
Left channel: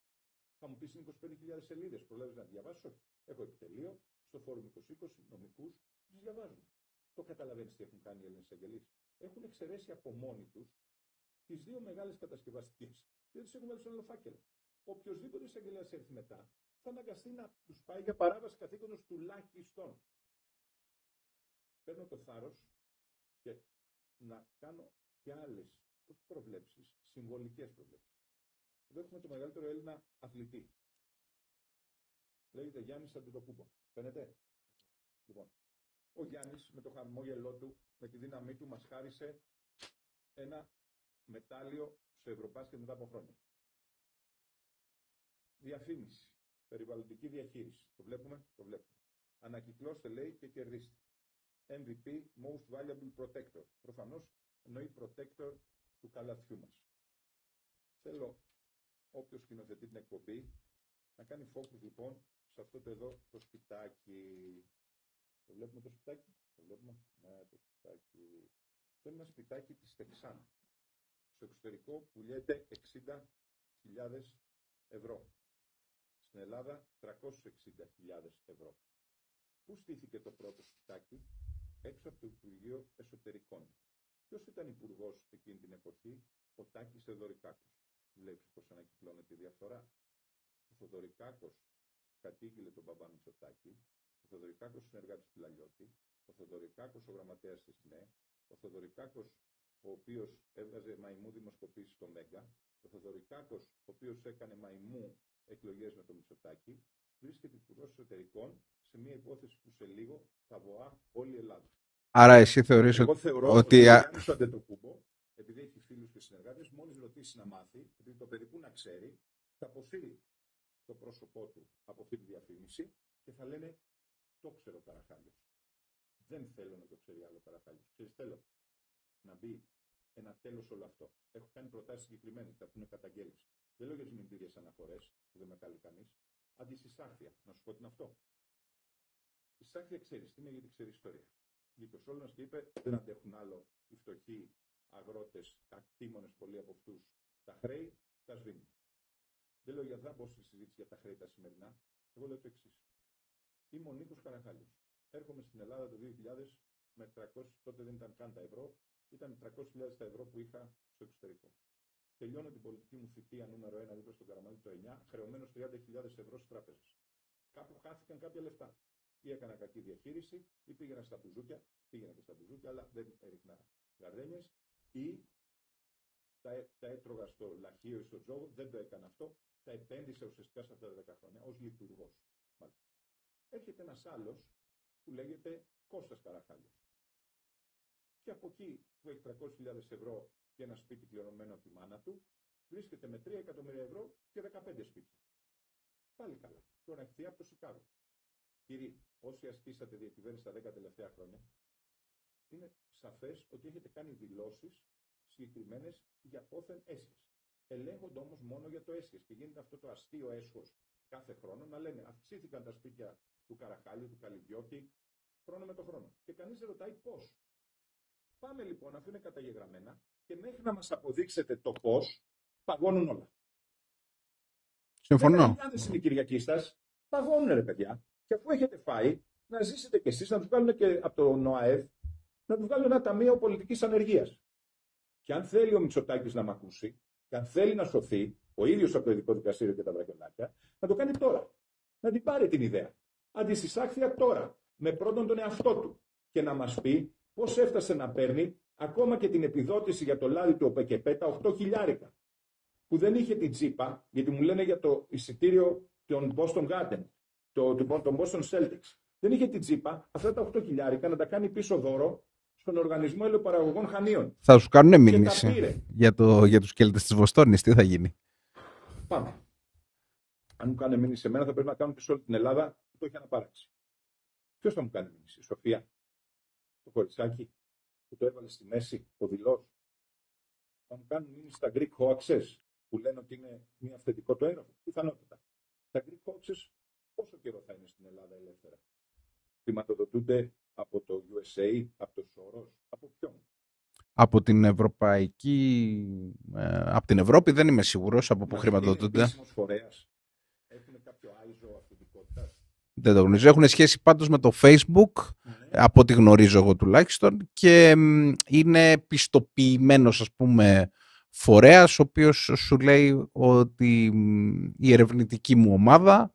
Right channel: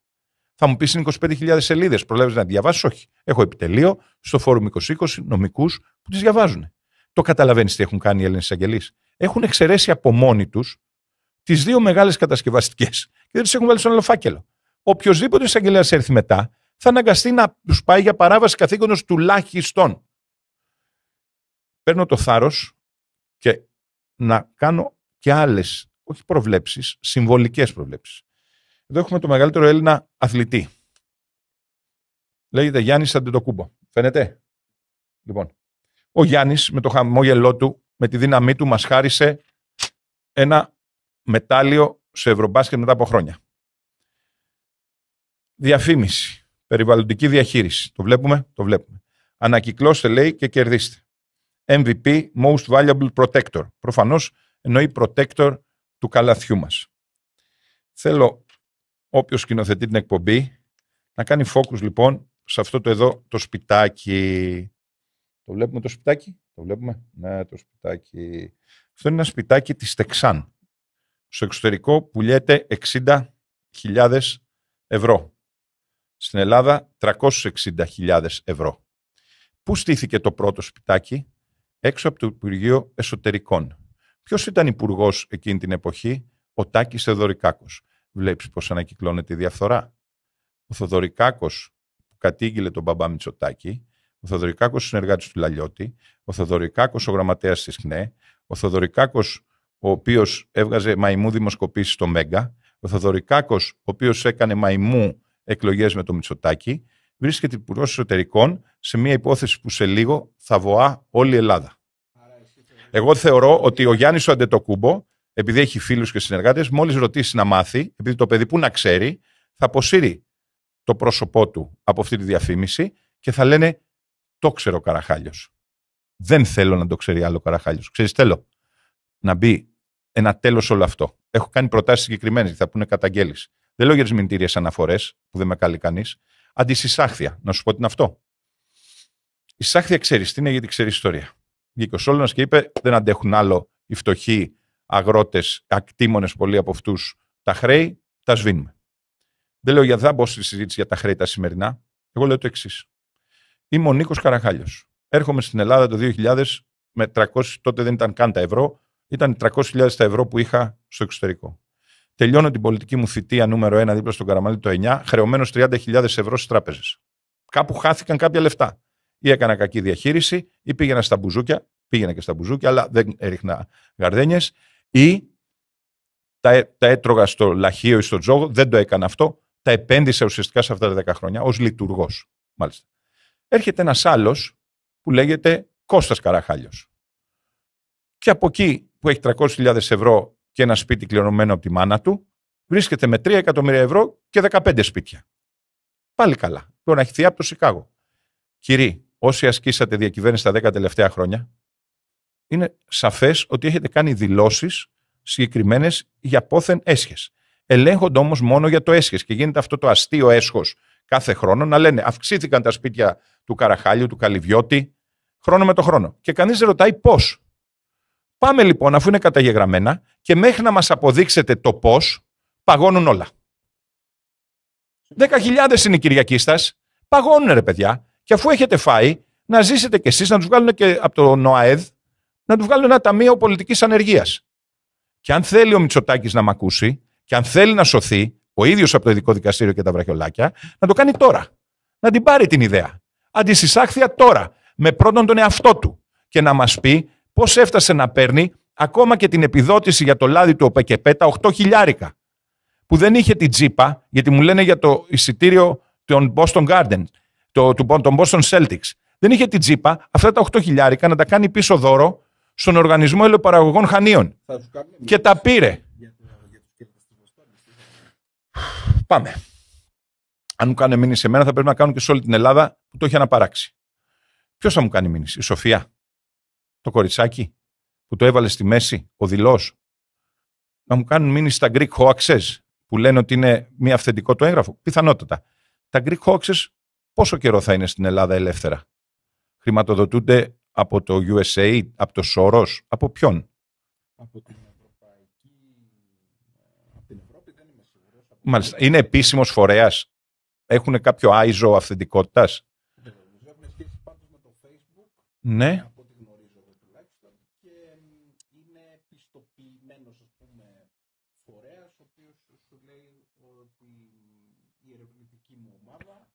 Θα μου πεις είναι 25.000 σελίδες. Προλάβεις να διαβάσεις? Όχι. Έχω επιτελείο στο Φόρουμ 2020 νομικούς που τις διαβάζουν. Το καταλαβαίνεις τι έχουν κάνει οι Έλληνες εισαγγελείς? Έχουν εξαιρέσει από μόνοι τους τις δύο μεγάλες κατασκευαστικές και δεν τις έχουν βάλει στον άλλο φάκελο. Οποιοςδήποτε εισαγγελέας έρθει μετά θα αναγκαστεί να τους πάει για παράβαση καθήκοντος τουλάχιστον. Παίρνω το θάρρος και να κάνω και άλλες, όχι προβλέψεις, συμβολικές προβλέψεις. Εδώ έχουμε το μεγαλύτερο Έλληνα αθλητή. Λέγεται Γιάννης Αντετοκούμπο. Φαίνεται? Λοιπόν, ο Γιάννης με το χαμόγελό του, με τη δύναμή του, μας χάρισε ένα μετάλλιο σε Ευρωμπάσκετ μετά από χρόνια. Διαφήμιση. Περιβαλλοντική διαχείριση. Το βλέπουμε? Το βλέπουμε. Ανακυκλώστε, λέει, και κερδίστε. MVP, Most Valuable Protector. Προφανώς εννοεί protector του καλαθιού μας. Θέλω όποιος σκηνοθετεί την εκπομπή να κάνει focus λοιπόν σε αυτό το εδώ το σπιτάκι. Το βλέπουμε το σπιτάκι? Το βλέπουμε? Ναι, το σπιτάκι. Αυτό είναι ένα σπιτάκι της Τεξάν. Στο εξωτερικό πουλιέται 60.000 ευρώ. Στην Ελλάδα 360.000 ευρώ. Πού στήθηκε το πρώτο σπιτάκι? Έξω από το Υπουργείο Εσωτερικών. Ποιος ήταν υπουργός εκείνη την εποχή? Ο Τάκης Θεοδωρικάκος. Βλέπεις πώς ανακυκλώνεται η διαφθορά. Ο Θεοδωρικάκος που κατήγγειλε τον μπαμπά Μητσοτάκη, ο Θεοδωρικάκος ο συνεργάτης του Λαλιώτη, ο Θεοδωρικάκος ο γραμματέας της ΧΝΕ, ο Θεοδωρικάκος ο οποίος έβγαζε μαϊμού δημοσκοπήσεις στο Μέγκα, ο Θεοδωρικάκος ο οποίος έκανε μαϊμού εκλογές με το Μητσοτάκη, βρίσκεται υπουργός εσωτερικών σε μια υπόθεση που σε λίγο θα βοά όλη η Ελλάδα. Άρα εσύ θεωρείς? Εγώ θεωρώ ότι ο Γιάννης ο Αντετοκούμπο, επειδή έχει φίλους και συνεργάτες, μόλις ρωτήσει να μάθει, επειδή το παιδί που να ξέρει, θα αποσύρει το πρόσωπό του από αυτή τη διαφήμιση και θα λένε το ξέρω ο Καραχάλιος. Δεν θέλω να το ξέρει άλλο ο Καραχάλιος. Ξέρεις, θέλω να μπει ένα τέλος όλο αυτό. Έχω κάνει προτάσεις συγκεκριμένες, θα πούνε καταγγέλεις. Δεν λέω για τις μηνυτήριες αναφορές, που δεν με καλεί κανείς. Αντισυσάχθεια. Να σου πω τι είναι αυτό. Η σάχθεια ξέρεις τι είναι, γιατί ξέρει ιστορία. Βγήκε ο Σόλωνας και είπε: δεν αντέχουν άλλο οι φτωχοί αγρότες, ακτήμονες πολλοί από αυτούς, τα χρέη, τα σβήνουμε. Δεν λέω για θα μπω στη συζήτηση για τα χρέη τα σημερινά. Εγώ λέω το εξής. Είμαι ο Νίκος Καραχάλιος. Έρχομαι στην Ελλάδα το 2000 με 300, τότε δεν ήταν καν τα ευρώ, ήταν 300.000 τα ευρώ που είχα στο εξωτερικό. Τελειώνω την πολιτική μου θητεία νούμερο 1 δίπλα στον Καραμανλή το 9, χρεωμένος 30.000 ευρώ στις τράπεζες. Κάπου χάθηκαν κάποια λεφτά. Ή έκανα κακή διαχείριση, ή πήγαινα στα μπουζούκια, πήγαινα και στα μπουζούκια, αλλά δεν έριχνα γαρδένιες, ή τα έτρωγα στο λαχείο ή στο τζόγο, δεν το έκανα αυτό, τα επένδυσα ουσιαστικά σε αυτά τα 10 χρόνια ως λειτουργός. Μάλιστα. Έρχεται ένας άλλος που λέγεται Κώστας Καραχάλιος. Και από εκεί που έχει 300.000 ευρώ και ένα σπίτι κληρονομμένο από τη μάνα του, βρίσκεται με 3 εκατομμύρια ευρώ και 15 σπίτια. Πάλι καλά. Τώρα έχει θεία από το Σικάγο. Κύριοι, όσοι ασκήσατε διακυβέρνηση τα 10 τελευταία χρόνια, είναι σαφές ότι έχετε κάνει δηλώσεις συγκεκριμένες για πόθεν έσχες. Ελέγχονται όμως μόνο για το έσχες και γίνεται αυτό το αστείο έσχος κάθε χρόνο να λένε αυξήθηκαν τα σπίτια του Καραχάλιου, του Καλυβιώτη, χρόνο με το χρόνο. Και κανείς δεν ρωτάει πώς. Πάμε λοιπόν, αφού είναι καταγεγραμμένα, και μέχρι να μας αποδείξετε το πώς, παγώνουν όλα. 10.000 είναι οι Κυριακίστας, παγώνουν ρε παιδιά. Και αφού έχετε φάει, να ζήσετε κι εσείς, να τους βγάλουν και από το ΝΟΑΕΔ, να τους βγάλουν ένα ταμείο πολιτικής ανεργίας. Και αν θέλει ο Μητσοτάκης να μ' ακούσει, και αν θέλει να σωθεί, ο ίδιος από το ειδικό δικαστήριο και τα βραχιολάκια, να το κάνει τώρα. Να την πάρει την ιδέα. Αντισυσάχθεια τώρα, με πρώτον τον εαυτό του. Και να μας πει πώς έφτασε να παίρνει ακόμα και την επιδότηση για το λάδι του ΟΠΕΚΕΠΕ, τα 8.000, που δεν είχε την τζίπα, γιατί μου λένε για το εισιτήριο των Boston Garden, των Boston Celtics. Δεν είχε την τζίπα, αυτά τα 8.000 να τα κάνει πίσω δώρο στον Οργανισμό Ελαιοπαραγωγών Χανίων. Θα σου κάνουν μήνυση. Και τα πήρε. Για τους Κέλτες της Βοστόνης, τι θα γίνει. Πάμε. Αν μου κάνει μήνυση σε μένα, θα πρέπει να κάνουν και σε όλη την Ελλάδα που το έχει αναπαράξει. Ποιος θα μου κάνει μήνυση, η Σοφία, το κοριτσάκι που το έβαλε στη μέση, ο Δηλός. Να μου κάνουν μήνυση στα Greek hoaxes που λένε ότι είναι μη αυθεντικό το έγγραφο. Πιθανότατα. Τα Greek hoaxes πόσο καιρό θα είναι στην Ελλάδα ελεύθερα? Χρηματοδοτούνται από το USA, από το Soros, από ποιον? Από την Ευρωπαϊκή... από την Ευρώπη δεν είμαι σίγουρος. Είναι επίσημος φορέας? Έχουν κάποιο ISO αυθεντικότητας? Δεν το γνωρίζω. Έχουν σχέση πάντως με το Facebook, ναι. Από ό,τι γνωρίζω εγώ τουλάχιστον, και είναι πιστοποιημένος, ας πούμε, φορέας, ο οποίος σου λέει ότι η ερευνητική μου ομάδα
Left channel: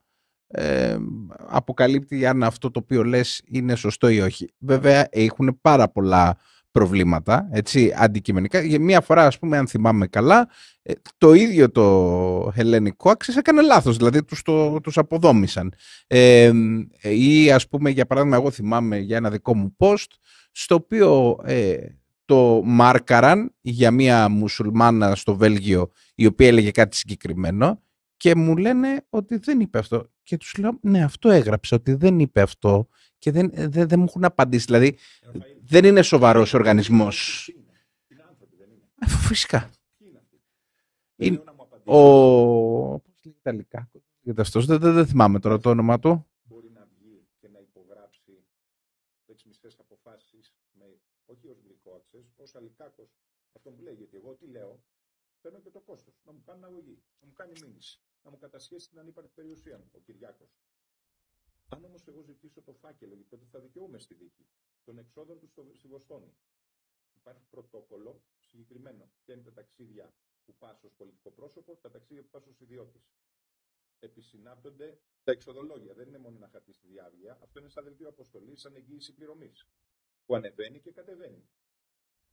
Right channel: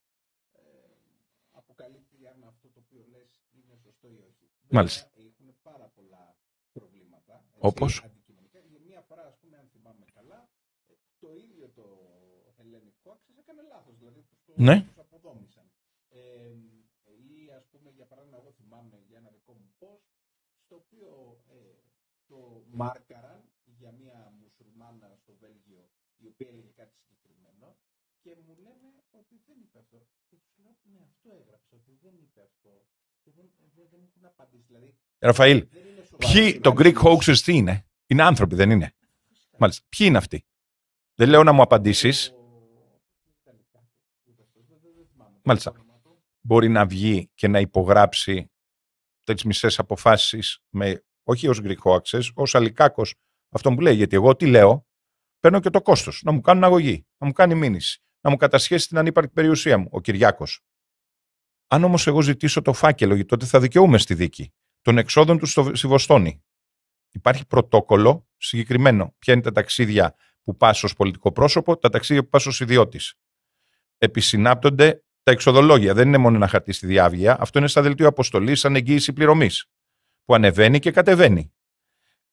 αποκαλύπτει αν αυτό το οποίο λες είναι σωστό ή όχι. Βέβαια, έχουν πάρα πολλά προβλήματα, έτσι, αντικειμενικά. Για μία φορά, ας πούμε, αν θυμάμαι καλά, το ίδιο το Hellenic Access έκανε λάθος, δηλαδή τους αποδόμησαν. Ή, ας πούμε, για παράδειγμα, εγώ θυμάμαι για ένα δικό μου post, στο οποίο το μάρκαραν για μία μουσουλμάνα στο Βέλγιο, η οποία έλεγε κάτι συγκεκριμένο, και μου λένε ότι δεν είπε αυτό. Και τους λέω, ναι, αυτό έγραψε, ότι δεν είπε αυτό. Και δεν μου έχουν απαντήσει. Δηλαδή, Ραφαήλ, δεν είναι σοβαρός οργανισμός. Το Greek hoaxers τι είναι? Είναι άνθρωποι, δεν είναι? Φυσικά. Μάλιστα. Ποιοι είναι αυτοί? Δεν λέω να μου απαντήσεις. Πώς λέγεται Ιταλικά? Δεν θυμάμαι τώρα το όνομα του. Μπορεί να βγει και να υπογράψει τις μισές αποφάσεις όχι ως Greek hoaxers, ως Αλικάκος, αυτό που λέει. Γιατί εγώ τι λέω? Παίρνω και το κόστος. Να μου κάνουν αγωγή, να μου κάνει μήνυση, να μου κατασχέσει την ανύπαρκτη περιουσία μου, ο Κυριάκος. Αν όμως εγώ ζητήσω το φάκελο, τότε θα δικαιούμαι στη δίκη των εξόδων του στη Βοστόνη. Υπάρχει πρωτόκολλο συγκεκριμένο. Ποια είναι τα ταξίδια που πας ως πολιτικό πρόσωπο, τα ταξίδια που πας ως ιδιώτης. Επισυνάπτονται τα εξοδολόγια. Δεν είναι μόνο ένα χαρτί στη διάβγεια. Αυτό είναι στα δελτίο αποστολής, σαν εγγύηση πληρωμής, που ανεβαίνει και κατεβαίνει.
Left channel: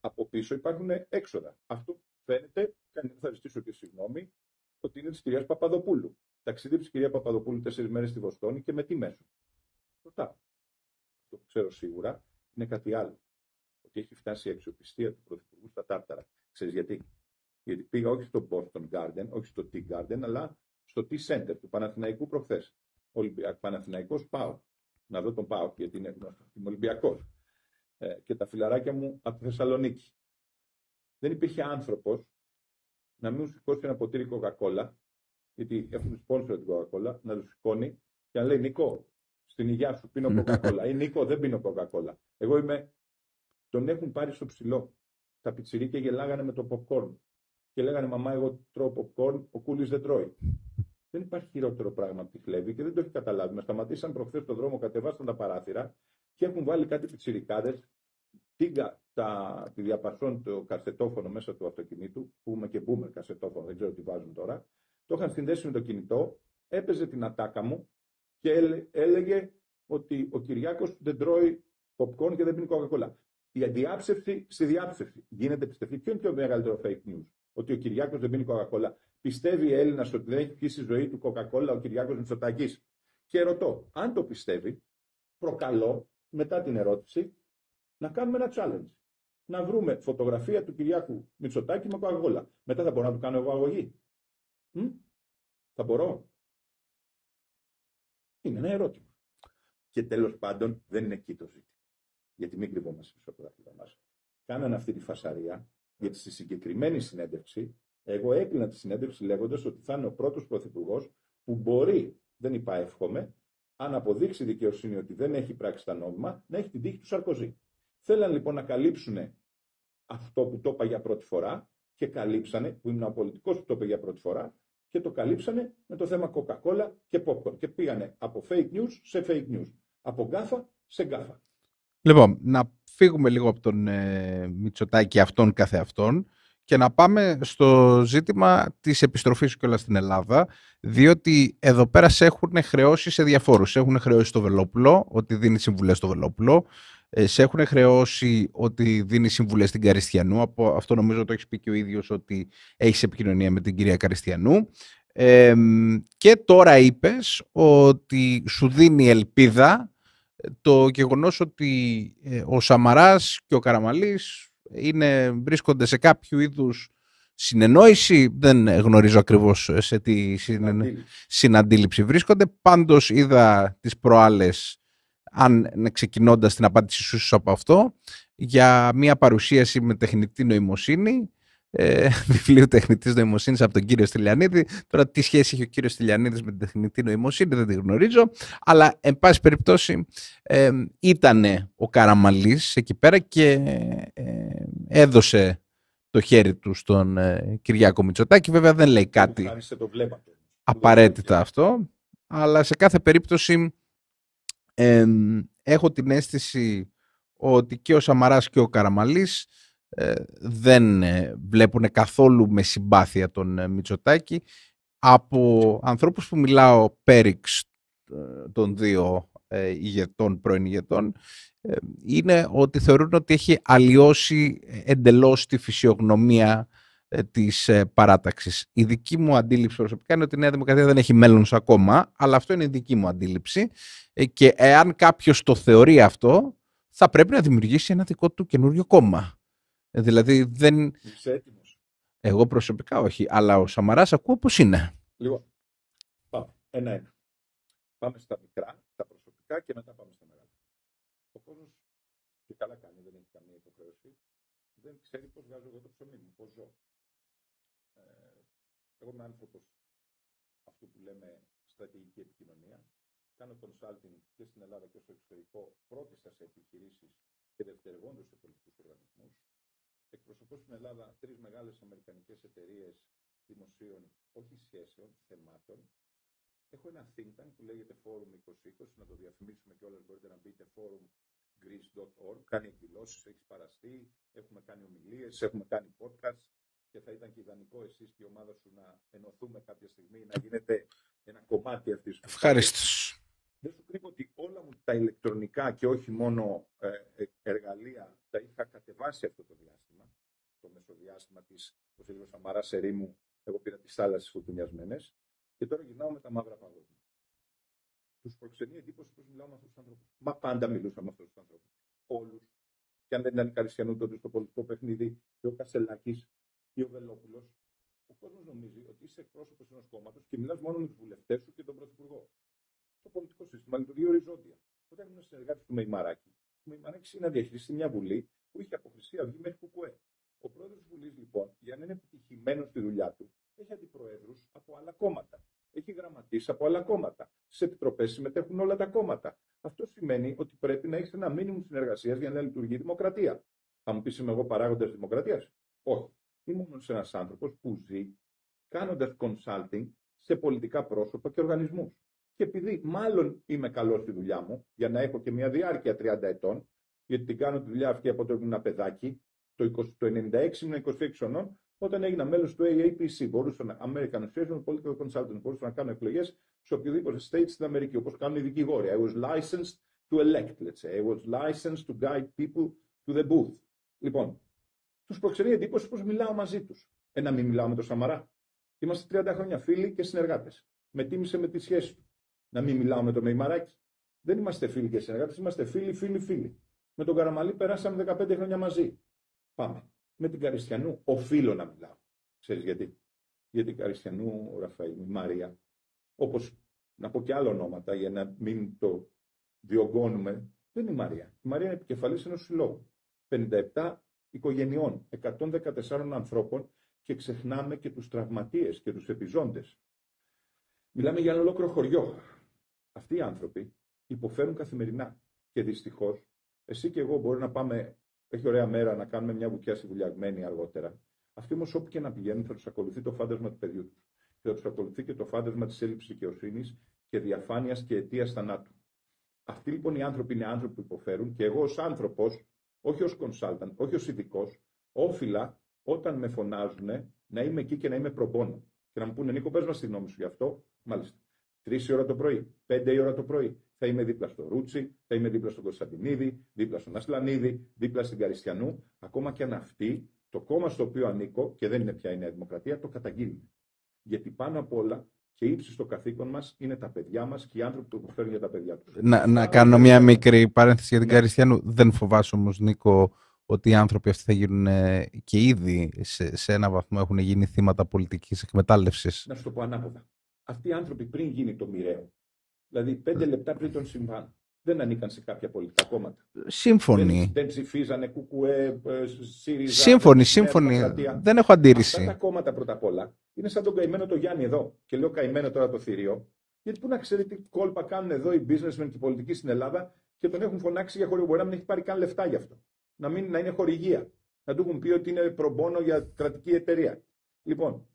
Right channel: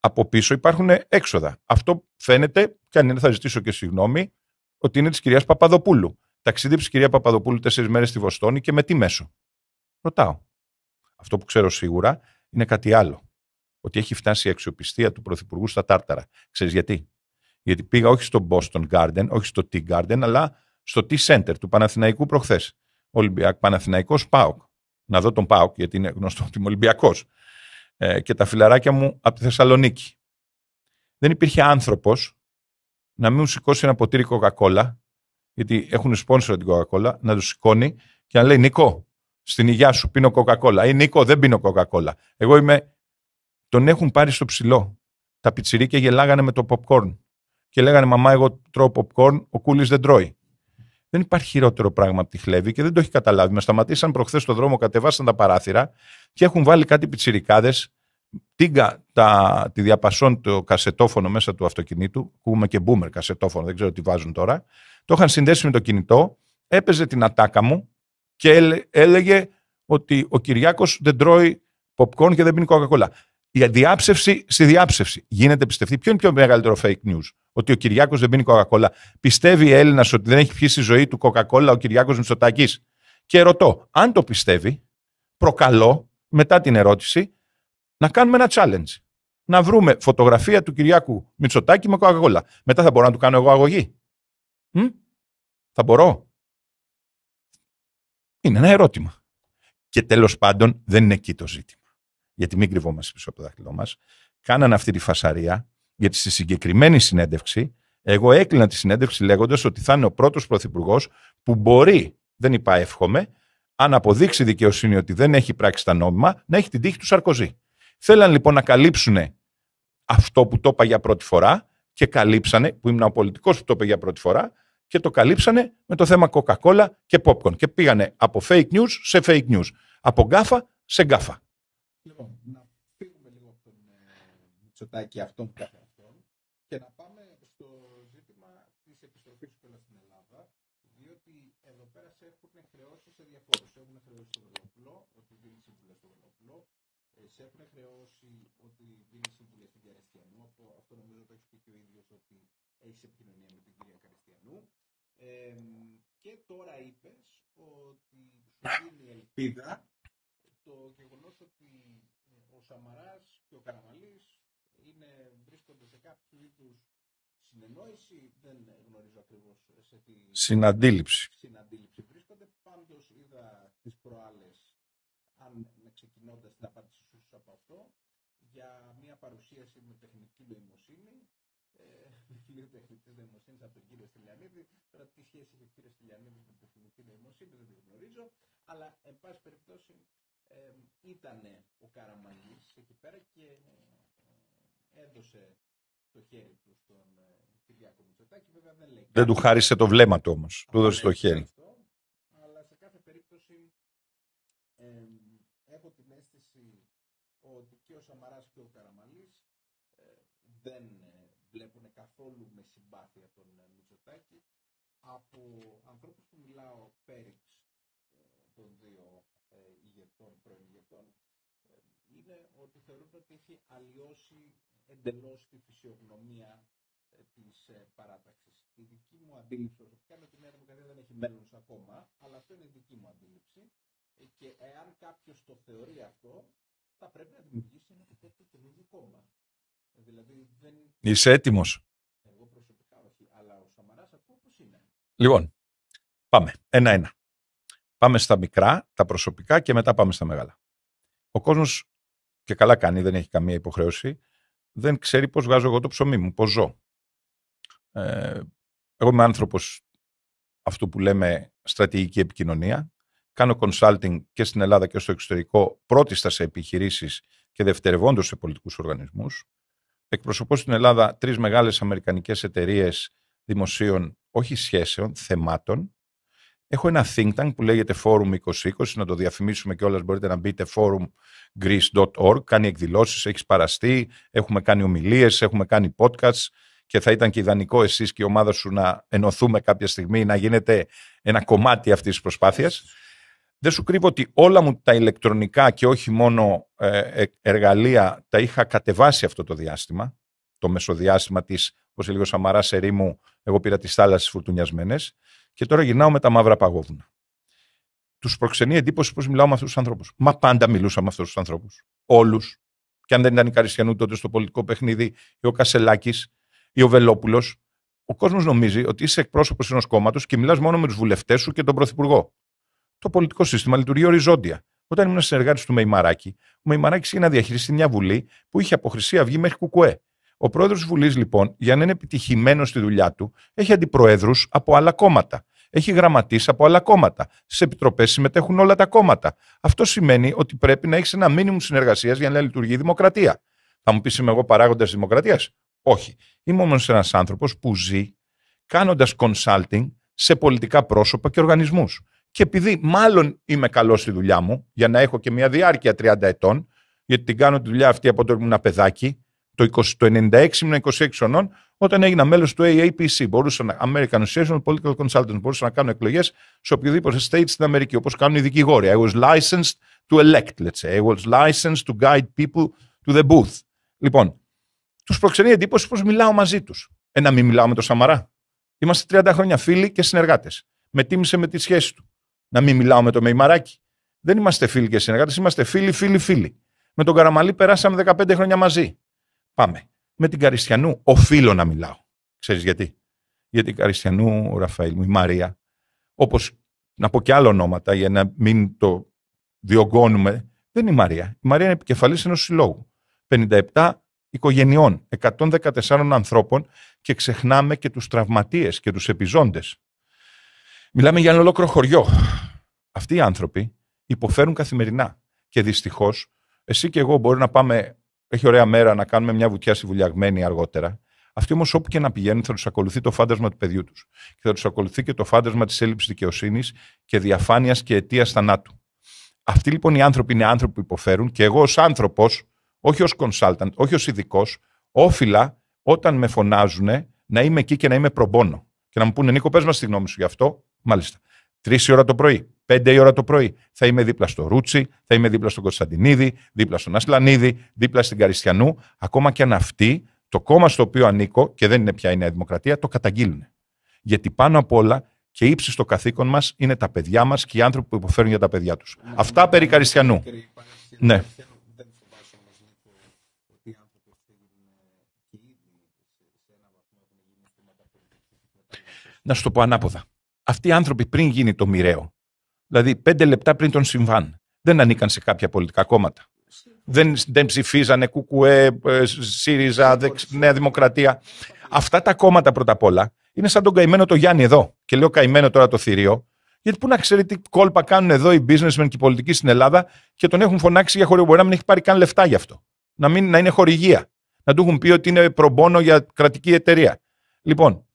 Από πίσω υπάρχουν έξοδα. Αυτό φαίνεται, και αν είναι θα ζητήσω και συγγνώμη, ότι είναι της κυρίας Παπαδοπούλου. Ταξίδι της κυρία Παπαδοπούλου 4 μέρες στη Βοστόνη και με τι μέσο? Ρωτάω. Αυτό που ξέρω σίγουρα είναι κάτι άλλο. Ότι έχει φτάσει η αξιοπιστία του Πρωθυπουργού στα τάρταρα. Ξέρεις γιατί? Γιατί πήγα όχι στο Boston Garden, όχι στο Tea Garden, αλλά στο Tea Center του Παναθηναϊκού προχθές. Παναθηναϊκός ΠΑΟΚ. Να δω τον ΠΑΟΚ, γιατί είναι γνωστό ότι είμαι Ολυμπιακός. Και τα φιλαράκια μου από τη Θεσσαλονίκη. Δεν υπήρχε άνθρωπος να μην μου σηκώσει ένα ποτήρι κοκακόλα, γιατί έχουν σπόνσορα την κοκακόλα, να του σηκώνει και να λέει, Νίκο, στην υγειά σου πίνω κοκακόλα. Ή Νίκο, δεν πίνω κοκακόλα. Εγώ είμαι. Τον έχουν πάρει στο ψηλό. Τα πιτσιρίκια γελάγανε με το popcorn. Και λέγανε, μαμά, εγώ τρώω popcorn, ο Κούλης δεν τρώει. Δεν υπάρχει χειρότερο πράγμα από τη χλέβη και δεν το έχει καταλάβει. Με σταματήσαν προχθές στον δρόμο, κατεβάσαν τα παράθυρα και έχουν βάλει κάτι πιτσιρικάδες, τη διαπασόν το κασετόφωνο μέσα του αυτοκινήτου. Ακούμε και boomer κασετόφωνο, δεν ξέρω τι βάζουν τώρα. Το είχαν συνδέσει με το κινητό, έπαιζε την ατάκα μου και έλεγε ότι ο Κυριάκος δεν τρώει popcorn και δεν πίνει κοκακόλα. Η διάψευση στη διάψευση. Γίνεται πιστευτή. Ποιο είναι πιο μεγαλύτερο fake news? Ότι ο Κυριάκος δεν πίνει κοκακόλα? Πιστεύει η Έλληνας ότι δεν έχει πιει στη ζωή του κοκακόλα ο Κυριάκος Μητσοτάκης? Και ρωτώ, αν το πιστεύει, προκαλώ μετά την ερώτηση να κάνουμε ένα challenge. Να βρούμε φωτογραφία του Κυριάκου Μητσοτάκη με κοκακόλα. Μετά θα μπορώ να του κάνω εγώ αγωγή? Θα μπορώ? Είναι ένα ερώτημα. Και τέλος πάντων δεν είναι εκεί το ζήτημα. Γιατί μην κρυβόμαστε πίσω από το δάχτυλό μας. Κάνανε αυτή τη φασαρία, γιατί στη συγκεκριμένη συνέντευξη, εγώ έκλεινα τη συνέντευξη λέγοντας ότι θα είναι ο πρώτος πρωθυπουργός που μπορεί, δεν είπα εύχομαι, αν αποδείξει δικαιοσύνη ότι δεν έχει πράξει τα νόμιμα, να έχει την τύχη του Σαρκοζή. Θέλαν λοιπόν να καλύψουν αυτό που το είπα για πρώτη φορά και καλύψανε, που ήμουν ο πολιτικός που το είπε για πρώτη φορά, και το καλύψανε με το θέμα Coca-Cola και popcorn. Και πήγανε από fake news σε fake news. Από γκάφα σε γκάφα. Λοιπόν, να φύγουμε λίγο από τον Μητσοτάκη αυτόν καθεαυτόν Και να πάμε στο ζήτημα της επιστροφής σου κιόλας στην Ελλάδα, διότι εδώ πέρα σε έχουν χρεώσει σε διαφόρους. Σε έχουν χρεώσει στο Βελόπουλο, ότι δίνει συμβουλές στο Βελόπουλο. Σε έχουν χρεώσει ότι δίνει συμβουλές στην Καριστιανού. Από αυτό νομίζω το έχεις πει και ο ίδιος, ότι έχεις επικοινωνία με την κυρία Καριστιανού. Και τώρα είπες ότι σου δίνει ελπίδα το γεγονός ότι ο Σαμαράς και ο Καραμανλής βρίσκονται σε κάποιο είδους συνεννόηση. Δεν γνωρίζω ακριβώς σε τι συναντήληψη βρίσκονται. Πάντως είδα τις προάλλες, ξεκινώντας την απάντηση σου από αυτό, για μια παρουσίαση με τεχνητή νοημοσύνη, βιβλίου τεχνητής νοημοσύνης από τον κύριο Στυλιανίδη. Τώρα τι σχέση έχει ο κύριος Στυλιανίδης με την τεχνητή νοημοσύνη δεν τη γνωρίζω, αλλά εν πάση περιπτώσει ήτανε ο Καραμανλής εκεί πέρα και έδωσε το χέρι του στον Κυριάκο Μητσοτάκη. Βέβαια δεν λέει κάτι. Δεν του χάρισε το βλέμμα του όμως. Απαραίτητα αυτό, αλλά σε κάθε περίπτωση έχω την αίσθηση ότι και ο Σαμαράς και ο Καραμανλής δεν βλέπουν καθόλου με συμπάθεια τον Μητσοτάκη. Από ανθρώπους που μιλάω πέριξ των δύο πρώην ηγετών, είναι ότι θεωρούν ότι έχει αλλοιώσει εντελώς τη φυσιογνωμία της παράταξης. Η δική μου αντίληψη προσωπικά είναι ότι η Νέα Δημοκρατία δεν έχει μέλλον ακόμα, αλλά αυτό είναι η δική μου αντίληψη, και εάν κάποιος το θεωρεί αυτό, θα πρέπει να δημιουργήσει ένα δικό του καινούριο κόμμα. Δηλαδή δεν... Είσαι έτοιμος? Εγώ προσωπικά όχι, αλλά ο Σαμαράς ακούω πως είναι. Λοιπόν, πάμε ένα-ένα. Πάμε στα μικρά, τα προσωπικά, και μετά πάμε στα μεγάλα. Ο κόσμος, και καλά κάνει, δεν έχει καμία υποχρέωση, δεν ξέρει πώς βγάζω εγώ το ψωμί μου, πώς ζω. Εγώ είμαι άνθρωπος αυτού που λέμε στρατηγική επικοινωνία. Κάνω consulting και στην Ελλάδα και στο εξωτερικό, πρώτιστα σε επιχειρήσεις και δευτερευόντως σε πολιτικούς οργανισμούς. Εκπροσωπώ στην Ελλάδα 3 μεγάλες αμερικανικές εταιρείες δημοσίων, όχι σχέσεων, θεμάτων. Έχω ένα think tank που λέγεται Forum 2020, να το διαφημίσουμε κιόλας, μπορείτε να μπείτε forumgreece.org, κάνει εκδηλώσεις, έχει παραστεί, έχουμε κάνει ομιλίες, έχουμε κάνει podcasts, και θα ήταν και ιδανικό εσείς και η ομάδα σου να ενωθούμε κάποια στιγμή, να γίνετε ένα κομμάτι αυτής της προσπάθειας. Δεν σου κρύβω ότι όλα μου τα ηλεκτρονικά και όχι μόνο εργαλεία τα είχα κατεβάσει αυτό το διάστημα, το μεσοδιάστημα της, όπως έλεγε ο Σαμαράς, ερήμου, εγώ πήρα τις θάλασσες φουρτουνιασμένες, και τώρα γυρνάω με τα μαύρα παγόβουνα. Τους προξενεί εντύπωση πώς μιλάω με αυτούς τους ανθρώπους. Μα πάντα μιλούσα με αυτούς τους ανθρώπους. Όλους. Και αν δεν ήταν η Καριστιανού τότε στο πολιτικό παιχνίδι, ή ο Κασελάκης, ή ο Βελόπουλος, ο κόσμος νομίζει ότι είσαι εκπρόσωπος ενός κόμματος και μιλάς μόνο με τους βουλευτές σου και τον πρωθυπουργό. Το πολιτικό σύστημα λειτουργεί οριζόντια. Όταν ήμουν συνεργάτης του Μεϊμαράκη, ο Μεϊμαράκης είχε να διαχειριστεί μια Βουλή που είχε από Χρυσή Αυγή μέχρι Κουκουέ. Ο πρόεδρος της Βουλής, λοιπόν, για να είναι επιτυχημένος στη δουλειά του, έχει αντιπροέδρους από άλλα κόμματα. Έχει γραμματείς από άλλα κόμματα. Στις επιτροπές συμμετέχουν όλα τα κόμματα. Αυτό σημαίνει ότι πρέπει να έχεις ένα μίνιμουμ συνεργασίας για να λειτουργεί η δημοκρατία. Θα μου πεις, είμαι εγώ παράγοντας δημοκρατίας? Όχι. Είμαι όμως ένας άνθρωπος που ζει κάνοντας consulting σε πολιτικά πρόσωπα και οργανισμούς. Και επειδή μάλλον είμαι καλός στη δουλειά μου, για να έχω και μια διάρκεια 30 ετών, γιατί την κάνω τη δουλειά αυτή από όταν ήμουν ένα παιδάκι, το 96 ήμουν 26 χρονών, όταν έγινα μέλος του AAPC, American Association of Political Consultants, μπορούσα να κάνω εκλογές σε οποιοδήποτε state στην Αμερική, όπως κάνουν οι δικηγόροι. I was licensed to elect, let's say. I was licensed to guide people to the booth. Λοιπόν, τους προξενεί εντύπωση πώς μιλάω μαζί τους. Να μην μιλάω με τον Σαμαρά? Είμαστε 30 χρόνια φίλοι και συνεργάτες. Με τίμησε με τη σχέση του. Να μην μιλάω με τον Μεϊμαράκη? Δεν είμαστε φίλοι και συνεργάτες, είμαστε φίλοι. Με τον Καραμανλή περάσαμε 15 χρόνια μαζί. Πάμε. Με την Καριστιανού οφείλω να μιλάω. Ξέρεις γιατί? Γιατί η Καριστιανού, Ραφαήλ μου, η Μαρία, όπως να πω και άλλα ονόματα για να μην το διωγγώνουμε, δεν είναι η Μαρία. Η Μαρία είναι επικεφαλής ενός συλλόγου. 57 οικογενειών, 114 ανθρώπων, και ξεχνάμε και τους τραυματίες και τους επιζώντες. Μιλάμε για ένα ολόκληρο χωριό. Αυτοί οι άνθρωποι υποφέρουν καθημερινά. Και δυστυχώς, εσύ και εγώ μπορεί να πάμε, έχει ωραία μέρα, να κάνουμε μια βουτιά στη Βουλιαγμένη αργότερα. Αυτοί όμως όπου και να πηγαίνουν θα τους ακολουθεί το φάντασμα του παιδιού τους. Και θα τους ακολουθεί και το φάντασμα της έλλειψης δικαιοσύνης και διαφάνειας και αιτίας θανάτου. Αυτοί λοιπόν οι άνθρωποι είναι άνθρωποι που υποφέρουν, και εγώ ως άνθρωπος, όχι ως consultant, όχι ως ειδικός, όφιλα όταν με φωνάζουν να είμαι εκεί και να είμαι προμπόνο. Και να μου πούνε, Νίκο, πες μας τη γνώμη σου γι' αυτό. Μάλιστα. 3 η ώρα το πρωί, 5 η ώρα το πρωί, θα είμαι δίπλα στο Ρούτσι, θα είμαι δίπλα στον Κωνσταντινίδη, δίπλα στον Ασλανίδη, δίπλα στην Καριστιανού, ακόμα και αν αυτοί, το κόμμα στο οποίο ανήκω, και δεν είναι πια η Νέα Δημοκρατία, το καταγγείλουν. Γιατί πάνω απ' όλα και ύψιστο καθήκον μας είναι τα παιδιά μας και οι άνθρωποι που υποφέρουν για τα παιδιά τους. Αυτά περί Καριστιανού. Μια μικρή παρένθεση για την Καριστιανού. Δεν φοβάσαι όμως, Νίκο, ότι οι άνθρωποι αυτοί θα γίνουν και ήδη σε ένα βαθμό έχουν γίνει θύματα πολιτικής εκμετάλλευσης? Να σου το πω ανάποδα. Αυτοί οι άνθρωποι πριν γίνει το μοιραίο, δηλαδή 5 λεπτά πριν τον συμβάν, δεν ανήκαν σε κάποια πολιτικά κόμματα. Δεν ψηφίζανε ΚΚΕ, ΣΥΡΙΖΑ, Νέα Δημοκρατία. Δεν έχω αντίρρηση. Αυτά τα κόμματα πρώτα απ' όλα είναι σαν τον καημένο το Γιάννη εδώ. Και λέω καημένο τώρα το θηρίο, γιατί πού να ξέρει τι κόλπα κάνουν εδώ οι businessmen και οι πολιτικοί στην Ελλάδα και τον έχουν φωνάξει για χορηγία. Μπορεί να μην έχει πάρει καν λεφτά γι' αυτό. Να είναι χορηγία. Να του έχουν πει ότι είναι προμπόνο για κρατική εταιρεία. Λοιπόν,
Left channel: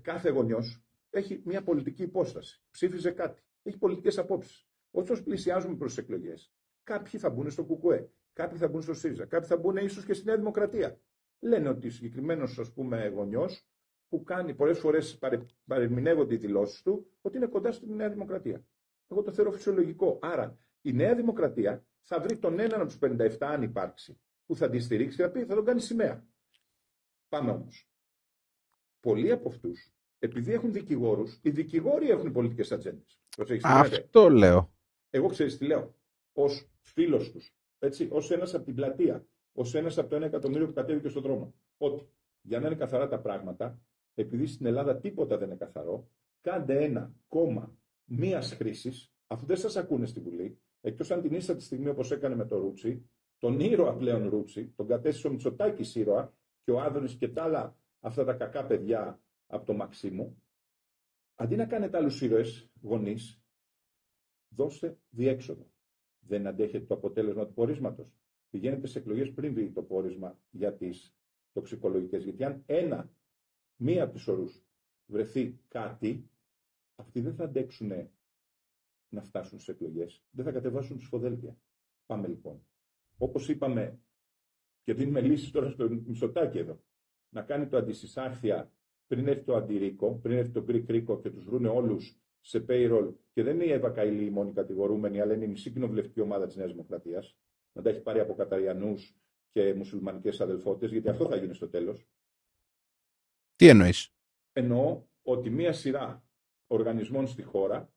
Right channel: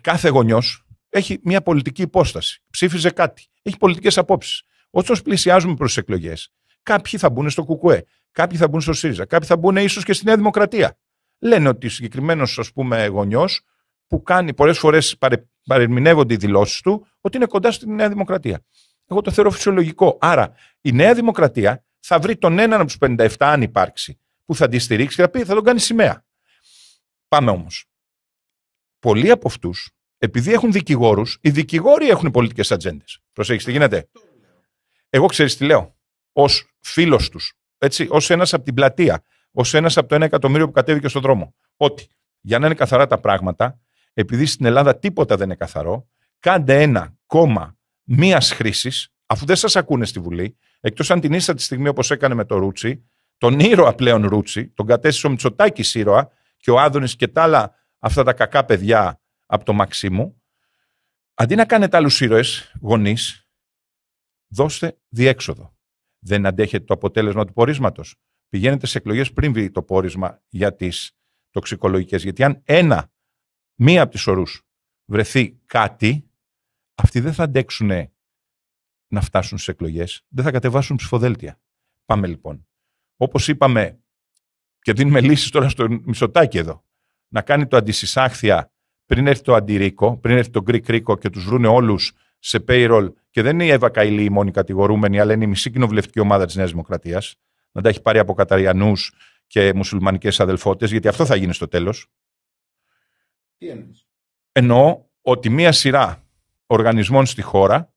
κάθε γονιός έχει μια πολιτική υπόσταση. Ψήφιζε κάτι. Έχει πολιτικές απόψεις. Όταν πλησιάζουμε προς τις εκλογές, κάποιοι θα μπουν στο ΚΚΕ, κάποιοι θα μπουν στο ΣΥΡΙΖΑ, κάποιοι θα μπουν ίσως και στη Νέα Δημοκρατία. Λένε ότι συγκεκριμένος, ας πούμε, γονιός που κάνει πολλές φορές παρερμηνεύονται οι δηλώσεις του ότι είναι κοντά στη Νέα Δημοκρατία. Εγώ το θεωρώ φυσιολογικό. Άρα η Νέα Δημοκρατία θα βρει τον έναν από τους 57, αν υπάρξει, που θα τη στηρίξει και θα πει θα τον κάνει σημαία. Πάμε όμως. Πολλοί από αυτούς, επειδή έχουν δικηγόρους, οι δικηγόροι έχουν πολιτικές ατζέντες. Προσέχεις τι γίνεται. Αυτό λέω. Εγώ ξέρεις τι λέω. Ως φίλος τους, έτσι, ως ένας από την πλατεία, ως ένας από το 1 εκατομμύριο που κατέβηκε στον δρόμο. Ότι για να είναι καθαρά τα πράγματα, επειδή στην Ελλάδα τίποτα δεν είναι καθαρό, κάντε ένα κόμμα μίας χρήσης, αφού δεν σας ακούνε στη Βουλή, εκτός αν την είστε τη στιγμή όπως έκανε με το Ρούτσι, τον ήρωα πλέον Ρούτσι, τον κατέστησε ο Μητσοτάκης ήρωα και ο Άδωνης και τα άλλα αυτά τα κακά παιδιά από το Μαξίμου, αντί να κάνετε άλλους ήρωες, γονείς, δώστε διέξοδο. Δεν αντέχετε το αποτέλεσμα του πορίσματος. Πηγαίνετε σε εκλογές πριν βγει το πόρισμα για τις τοξικολογικές. Γιατί αν μία από τις ορούς βρεθεί κάτι, αυτοί δεν θα αντέξουν να φτάσουν στις εκλογές, δεν θα κατεβάσουν ψηφοδέλτια. Πάμε λοιπόν. Όπως είπαμε, και δίνουμε λύσεις τώρα στο Μητσοτάκη εδώ, να κάνει το αντισυσάχθεια πριν έρθει το αντιρίκο, πριν έρθει το Greek Ρίκο και τους βρούνε όλους σε payroll, και δεν είναι η Εύα Καηλή η μόνη κατηγορούμενη, αλλά είναι η μισή κοινοβουλευτική ομάδα της Νέας Δημοκρατίας, να τα έχει πάρει από Καταριανούς και μουσουλμανικές αδελφότητες, γιατί αυτό θα γίνει στο τέλος. Τι εννοείς? Εννοώ ότι μία σειρά οργανισμών στη χώρα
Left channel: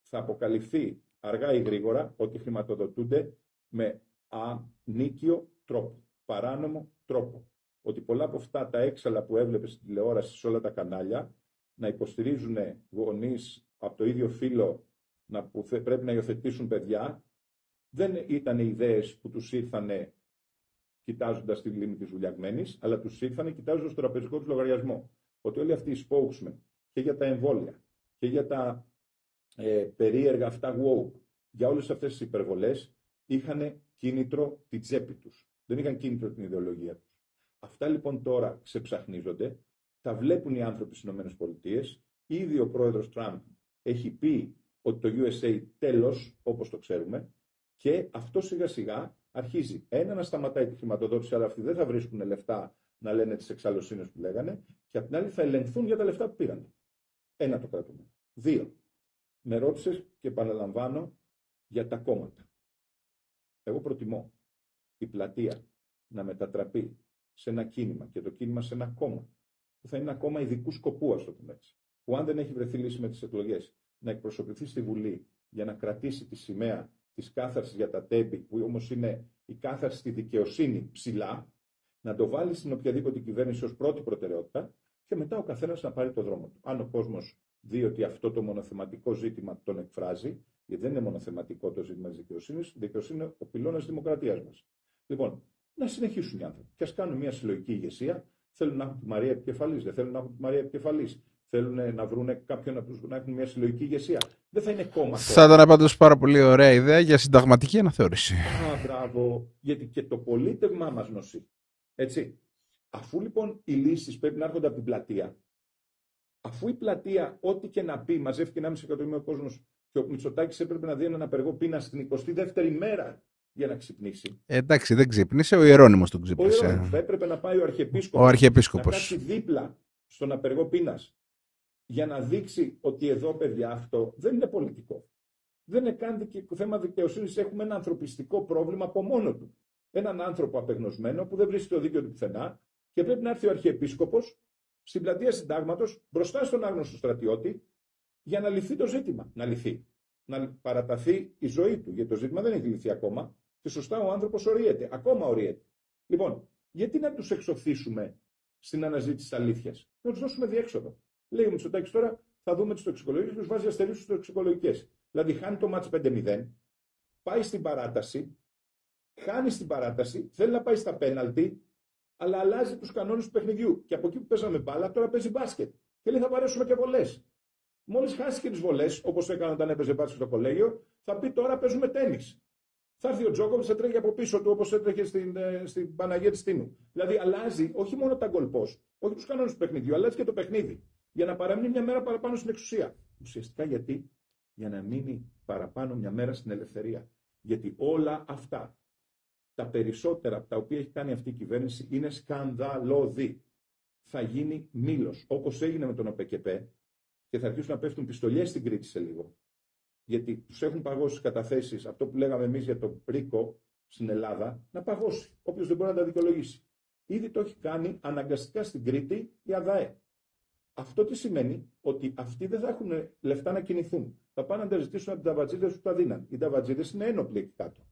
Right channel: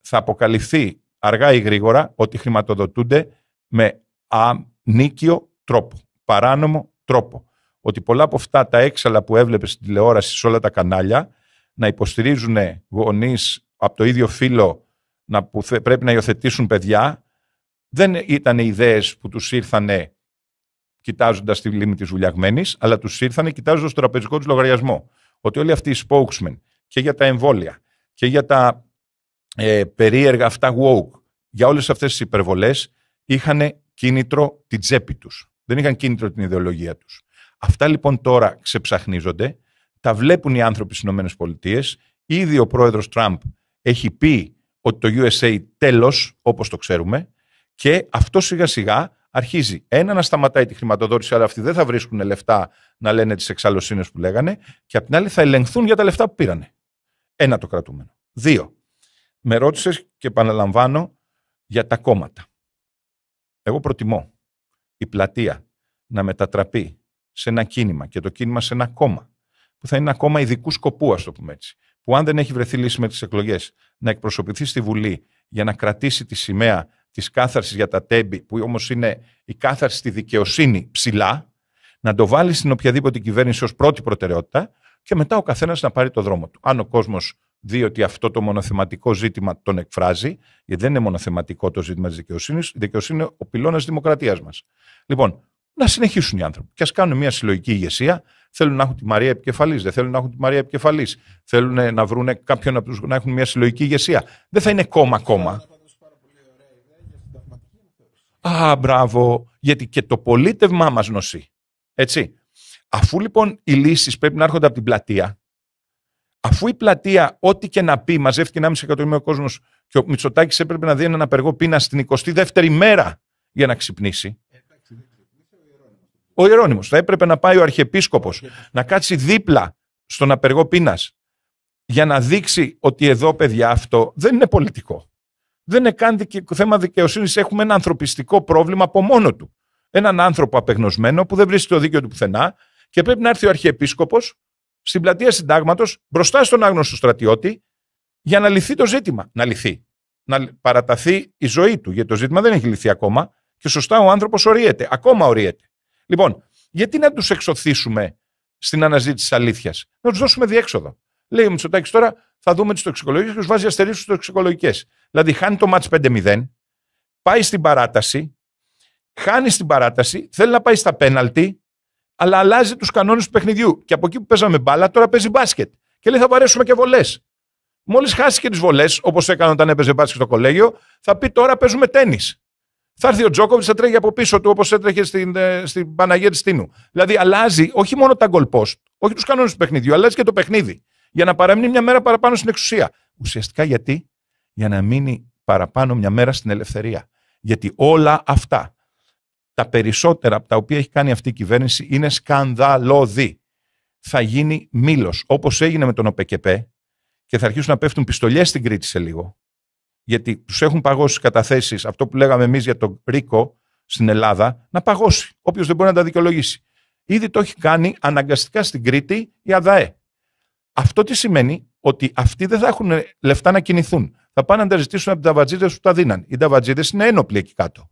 θα αποκαλυφθεί αργά ή γρήγορα ότι χρηματοδοτούνται με ανίκιο τρόπο, παράνομο τρόπο. Ότι πολλά από αυτά τα έξαλα που έβλεπες στην τηλεόραση σε όλα τα κανάλια να υποστηρίζουν γονείς από το ίδιο φύλο που πρέπει να υιοθετήσουν παιδιά, δεν ήταν ιδέες που τους ήρθανε κοιτάζοντας τη λίμνη της Βουλιαγμένης, αλλά τους ήρθανε κοιτάζοντας το τραπεζικό τους λογαριασμό. Ότι όλοι αυτοί οι spokesmen και για τα εμβόλια και για τα περίεργα αυτά woke, για όλες αυτές τις υπερβολές, είχαν κίνητρο την τσέπη τους. Δεν είχαν κίνητρο την ιδεολογία τους. Αυτά λοιπόν τώρα ξεψαχνίζονται, τα βλέπουν οι άνθρωποι στις ΗΠΑ. Ήδη ο πρόεδρος Τραμπ έχει πει ότι το USA τέλος, όπως το ξέρουμε, και αυτό σιγά σιγά αρχίζει να σταματάει τη χρηματοδότηση, αλλά αυτοί δεν θα βρίσκουν λεφτά να λένε τις εξαλλοσύνες που λέγανε, και απ' την άλλη θα ελεγχθούν για τα λεφτά που πήρανε. Ένα το κρατούμενο. 2. Με ρώτησες και επαναλαμβάνω για τα κόμματα. Εγώ προτιμώ η πλατεία να μετατραπεί σε ένα κίνημα και το κίνημα σε ένα κόμμα, που θα είναι ένα κόμμα ειδικού σκοπού, ας το πούμε έτσι, που αν δεν έχει βρεθεί λύση με τις εκλογές, να εκπροσωπηθεί στη Βουλή για να κρατήσει τη σημαία της κάθαρσης για τα τέμπη, που όμως είναι η κάθαρση στη δικαιοσύνη ψηλά, να το βάλει στην οποιαδήποτε κυβέρνηση ως πρώτη προτεραιότητα και μετά ο καθένας να πάρει το δρόμο του. Αν ο κόσμος δει ότι αυτό το μονοθεματικό ζήτημα τον εκφράζει, γιατί δεν είναι μονοθεματικό το ζήτημα της δικαιοσύνης, η δικαιοσύνη είναι ο πυλώνας της δημοκρατίας μας. Λοιπόν, να συνεχίσουν οι άνθρωποι και ας κάνουν μια συλλογική ηγεσία. Θέλουν να έχουν τη Μαρία επικεφαλής, δεν θέλουν να έχουν τη Μαρία επικεφαλής. Θέλουν να βρουν κάποιον από τους να έχουν μια συλλογική ηγεσία. Δεν θα είναι κόμμα. Θα ήταν πάντως πάρα πολύ ωραία ιδέα για συνταγματική αναθεώρηση. Μπράβο. Γιατί και το πολίτευμά μας νοσεί. Έτσι. Αφού λοιπόν οι λύσεις πρέπει να έρχονται από την πλατεία, αφού η πλατεία, ό,τι και να πει, μαζεύτηκε 1,5 εκατομμύριο κόσμος και ο Μητσοτάκης έπρεπε να δει έναν απεργό πείνα στην 22η μέρα για να ξυπνήσει. Εντάξει, δεν ξύπνησε, ο Ιερώνυμος τον ξύπνησε. Ο Ιερώνυμος. Θα έπρεπε να πάει ο Αρχιεπίσκοπος να κάτσει δίπλα στον απεργό πείνας για να δείξει ότι εδώ, παιδιά, αυτό δεν είναι πολιτικό. Δεν είναι καν θέμα δικαιοσύνης. Έχουμε ένα ανθρωπιστικό πρόβλημα από μόνο του. Έναν άνθρωπο απεγνωσμένο που δεν βρίσκει το δίκαιο του πουθενά και πρέπει να έρθει ο Αρχιεπίσκοπος στην πλατεία Συντάγματος μπροστά στον άγνωστο στρατιώτη για να λυθεί το ζήτημα. Να λυθεί. Να παραταθεί η ζωή του, γιατί το ζήτημα δεν έχει λυθεί ακόμα και σωστά ο άνθρωπος οριέται. Ακόμα οριέται. Λοιπόν, γιατί να τους εξωθήσουμε στην αναζήτηση της αλήθειας? Να τους δώσουμε διέξοδο. Λέει ο Μητσοτάκης τώρα, θα δούμε τις τοξικολογίες και τους βάζει αστερίσκους στις τοξικολογικές. Δηλαδή, χάνει το μάτς 5-0, πάει στην παράταση, χάνει στην παράταση, θέλει να πάει στα πέναλτι, αλλά αλλάζει τους κανόνες του παιχνιδιού. Και από εκεί που παίζαμε μπάλα, τώρα παίζει μπάσκετ. Και λέει, θα βαρέσουμε και βολές. Μόλις χάσει και τις βολές, όπως έκανε όταν έπαιζε μπάσκετ στο κολέγιο, θα πει τώρα παίζουμε τένις. Θα έρθει ο Τζόκοβιτς, θα τρέχει από πίσω του όπως έτρεχε στην Παναγία της Τίνου. Δηλαδή, αλλάζει όχι μόνο τα goal post, όχι τους κανόνες του παιχνιδιού, αλλάζει και το παιχνίδι. Για να παραμείνει μια μέρα παραπάνω στην εξουσία. Ουσιαστικά γιατί? Για να μείνει παραπάνω μια μέρα στην ελευθερία. Γιατί όλα αυτά, τα περισσότερα από τα οποία έχει κάνει αυτή η κυβέρνηση, είναι σκανδαλώδη. Θα γίνει μήλος, όπως έγινε με τον ΟΠΕΚΕΠΕ, και θα αρχίσουν να πέφτουν πιστολιές στην Κρήτη σε λίγο. Γιατί τους έχουν παγώσει τις καταθέσεις, αυτό που λέγαμε εμείς για τον Ρίκο στην Ελλάδα, να παγώσει. Όποιος δεν μπορεί να τα δικαιολογήσει. Ήδη το έχει κάνει αναγκαστικά στην Κρήτη η ΑΔΑΕ. Αυτό τι σημαίνει? Ότι αυτοί δεν θα έχουν λεφτά να κινηθούν. Θα πάνε να τα ζητήσουν από τους ταβατζίδες που τα δίναν. Οι ταβατζίδες είναι ένοπλοι εκεί κάτω.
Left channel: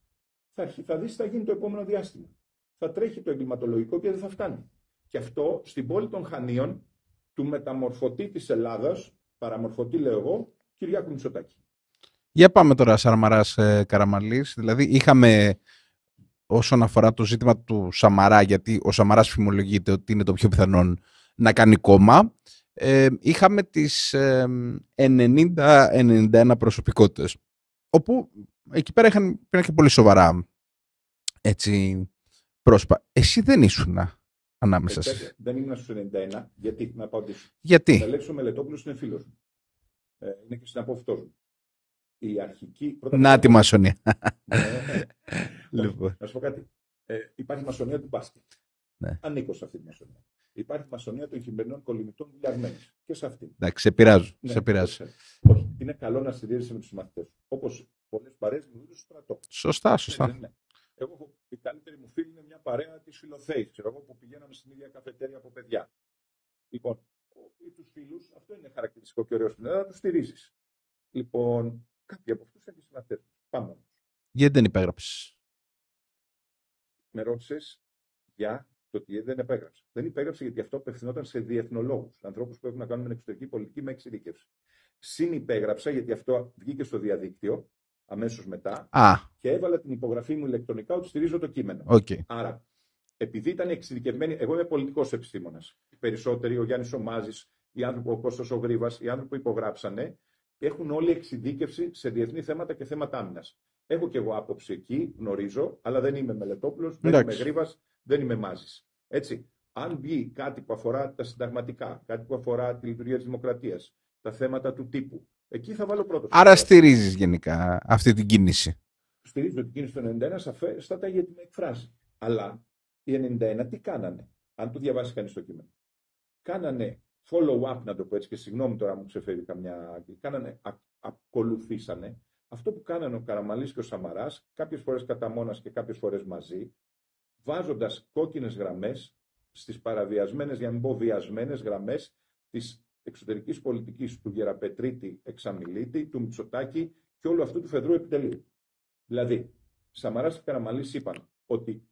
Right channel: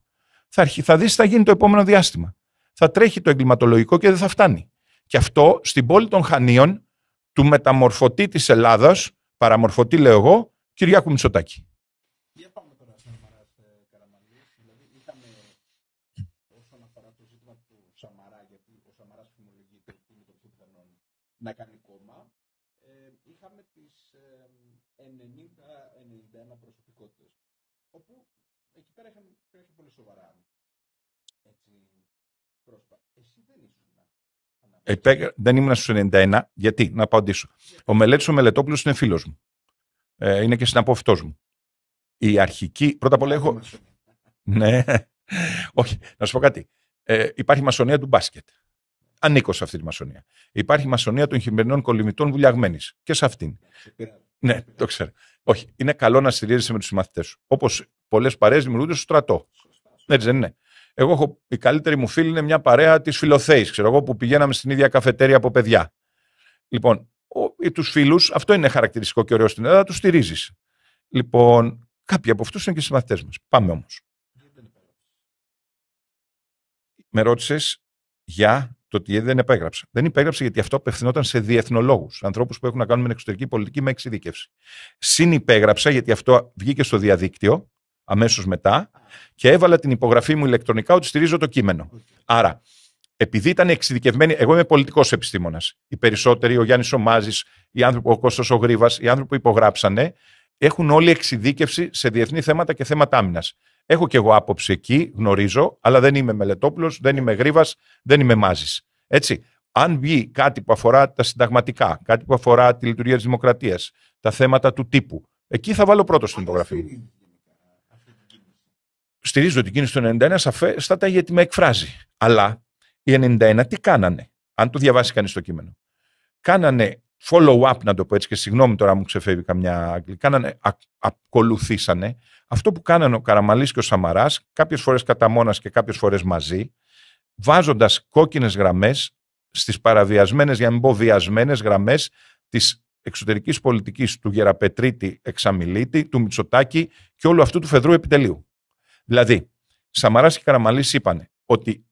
Θα δεις τι θα γίνει το επόμενο διάστημα. Θα τρέχει το εγκληματολογικό και δεν θα φτάνει. Και αυτό στην πόλη των Χανίων, του μεταμορφωτή της Ελλάδας, παραμορφωτή λέω εγώ, Κυριάκου Μητσοτάκη. Για πάμε τώρα Σαμαράς Καραμανλής. Δηλαδή είχαμε όσον αφορά το ζήτημα του Σαμαρά, γιατί ο Σαμαράς φημολογείται ότι είναι το πιο πιθανόν να κάνει κόμμα. Είχαμε τις 90-91 προσωπικότητες, όπου εκεί πέρα υπήρχαν και πολύ σοβαρά έτσι, πρόσωπα. Εσύ δεν ήσουν ανάμεσα. Δεν ήμουν στους 91. Γιατί? Να απαντήσω. Γιατί? Ο Μελέτης ο Μελετόπουλος είναι φίλος μου. Είναι και συναπόφυτός μου. Η αρχική... Να τη μασονία. Ναι. Όχι, να σου πω κάτι. Υπάρχει μασονία του μπάσκετ. Ναι. Ανήκω σε αυτή τη μασονία. Υπάρχει μασονία των χειμερινών κολυμητών βουλιαγμένης. Και σε αυτήν. Εντάξει, σε πειράζω. Ναι, το ξέρω. Όχι, είναι καλό να στηρίζεσαι με τους συμμαθητές σου. Όπως πολλές παρέες δημιουργούνται στο στρατό. Σωστά. Έτσι δεν είναι? Εγώ έχω, η καλύτερη μου φίλη είναι μια παρέα της Φιλοθέης, ξέρω εγώ, που πηγαίναμε στην ίδια καφετέρια από παιδιά. Λοιπόν, τους φίλους, αυτό είναι χαρακτηριστικό και ωραίο στην Ελλάδα, τους στηρίζεις. Λοιπόν, κάποιοι από αυτούς είναι και συμμαθητές μας. Πάμε όμως. Γιατί δεν υπέγραψες? Με ρώτησες για το ότι δεν υπέγραψα. Δεν υπέγραψα γιατί αυτό απευθυνόταν σε διεθνολόγους, ανθρώπους που έχουν να κάνουν με εξωτερική πολιτική με εξειδίκευση. Συνυπέγραψα γιατί αυτό βγήκε στο διαδίκτυο αμέσως μετά και έβαλα την υπογραφή μου ηλεκτρονικά ότι στηρίζω το κείμενο. Okay. Άρα, επειδή ήταν εξειδικευμένοι, εγώ είμαι πολιτικός επιστήμονας. Οι περισσότεροι, ο Γιάννης ο Μάζης, οι άνθρωποι, ο Κώστας ο Γρίβας, οι άνθρωποι που υπογράψανε, έχουν όλη εξειδίκευση σε διεθνή θέματα και θέματα άμυνας. Έχω κι εγώ άποψη εκεί, γνωρίζω, αλλά δεν είμαι Μελετόπουλος, δεν είμαι Γρίβας, δεν είμαι Μάζης. Έτσι. Αν βγει κάτι που αφορά τα συνταγματικά, κάτι που αφορά τη λειτουργία της δημοκρατίας, τα θέματα του τύπου, εκεί θα βάλω πρώτο. Άρα στηρίζεις γενικά αυτή την κίνηση? Στηρίζω την κίνηση του 91 σαφέστατα γιατί με εκφράζει. Αλλά οι 91 τι κάνανε? Αν το διαβάσει κανείς το κείμενο. Κάνανε follow-up, να το πω έτσι, και συγγνώμη τώρα μου ξεφεύγει καμιά αγγλική. Ακολουθήσανε αυτό που κάνανε ο Καραμανλής και ο Σαμαράς, κάποιες φορές κατά μόνας και κάποιες φορές μαζί, βάζοντας κόκκινες γραμμές στις παραβιασμένες, για να μην πω βιασμένες γραμμές της εξωτερικής πολιτικής του Γεραπετρίτη Εξαμιλίτη, του Μητσοτάκη και όλου αυτού του φεδρού επιτελείου. Δηλαδή, Σαμαράς και Καραμανλής είπαν ότι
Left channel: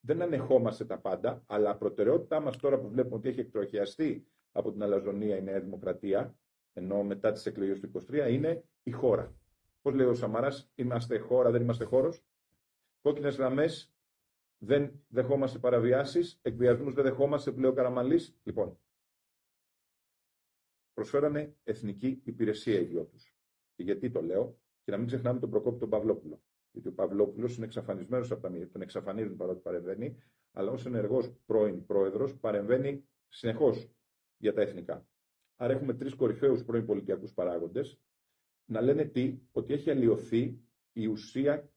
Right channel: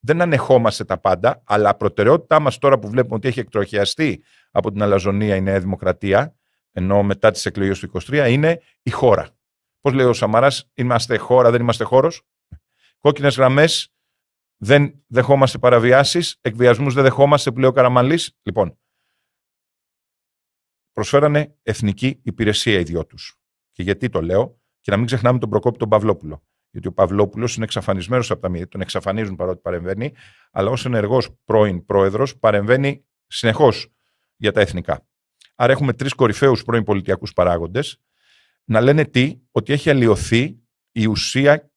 δεν ανεχόμαστε τα πάντα, αλλά προτεραιότητά μας τώρα που βλέπουμε ότι έχει εκτροχιαστεί από την αλαζονία η Νέα Δημοκρατία, ενώ μετά τις εκλογές του 23, είναι η χώρα. Πώς λέει ο Σαμαράς, είμαστε χώρα, δεν είμαστε χώρος. Κόκκινες γραμμές, δεν δεχόμαστε παραβιάσεις, εκβιασμούς δεν δεχόμαστε, που λέει ο Καραμανλής. Λοιπόν, προσφέρανε εθνική υπηρεσία οι δυο τους. Και γιατί το λέω? Και να μην ξεχνάμε τον Προκόπη τον Παυλόπουλο. Γιατί ο Παυλόπουλος είναι εξαφανισμένος από τα μύδια, τον εξαφανίζουν παρότι παρεμβαίνει, αλλά ως ενεργός πρώην πρόεδρος παρεμβαίνει συνεχώς για τα εθνικά. Άρα έχουμε τρεις κορυφαίους πρώην πολιτιακούς παράγοντες να λένε ότι έχει αλλοιωθεί η ουσία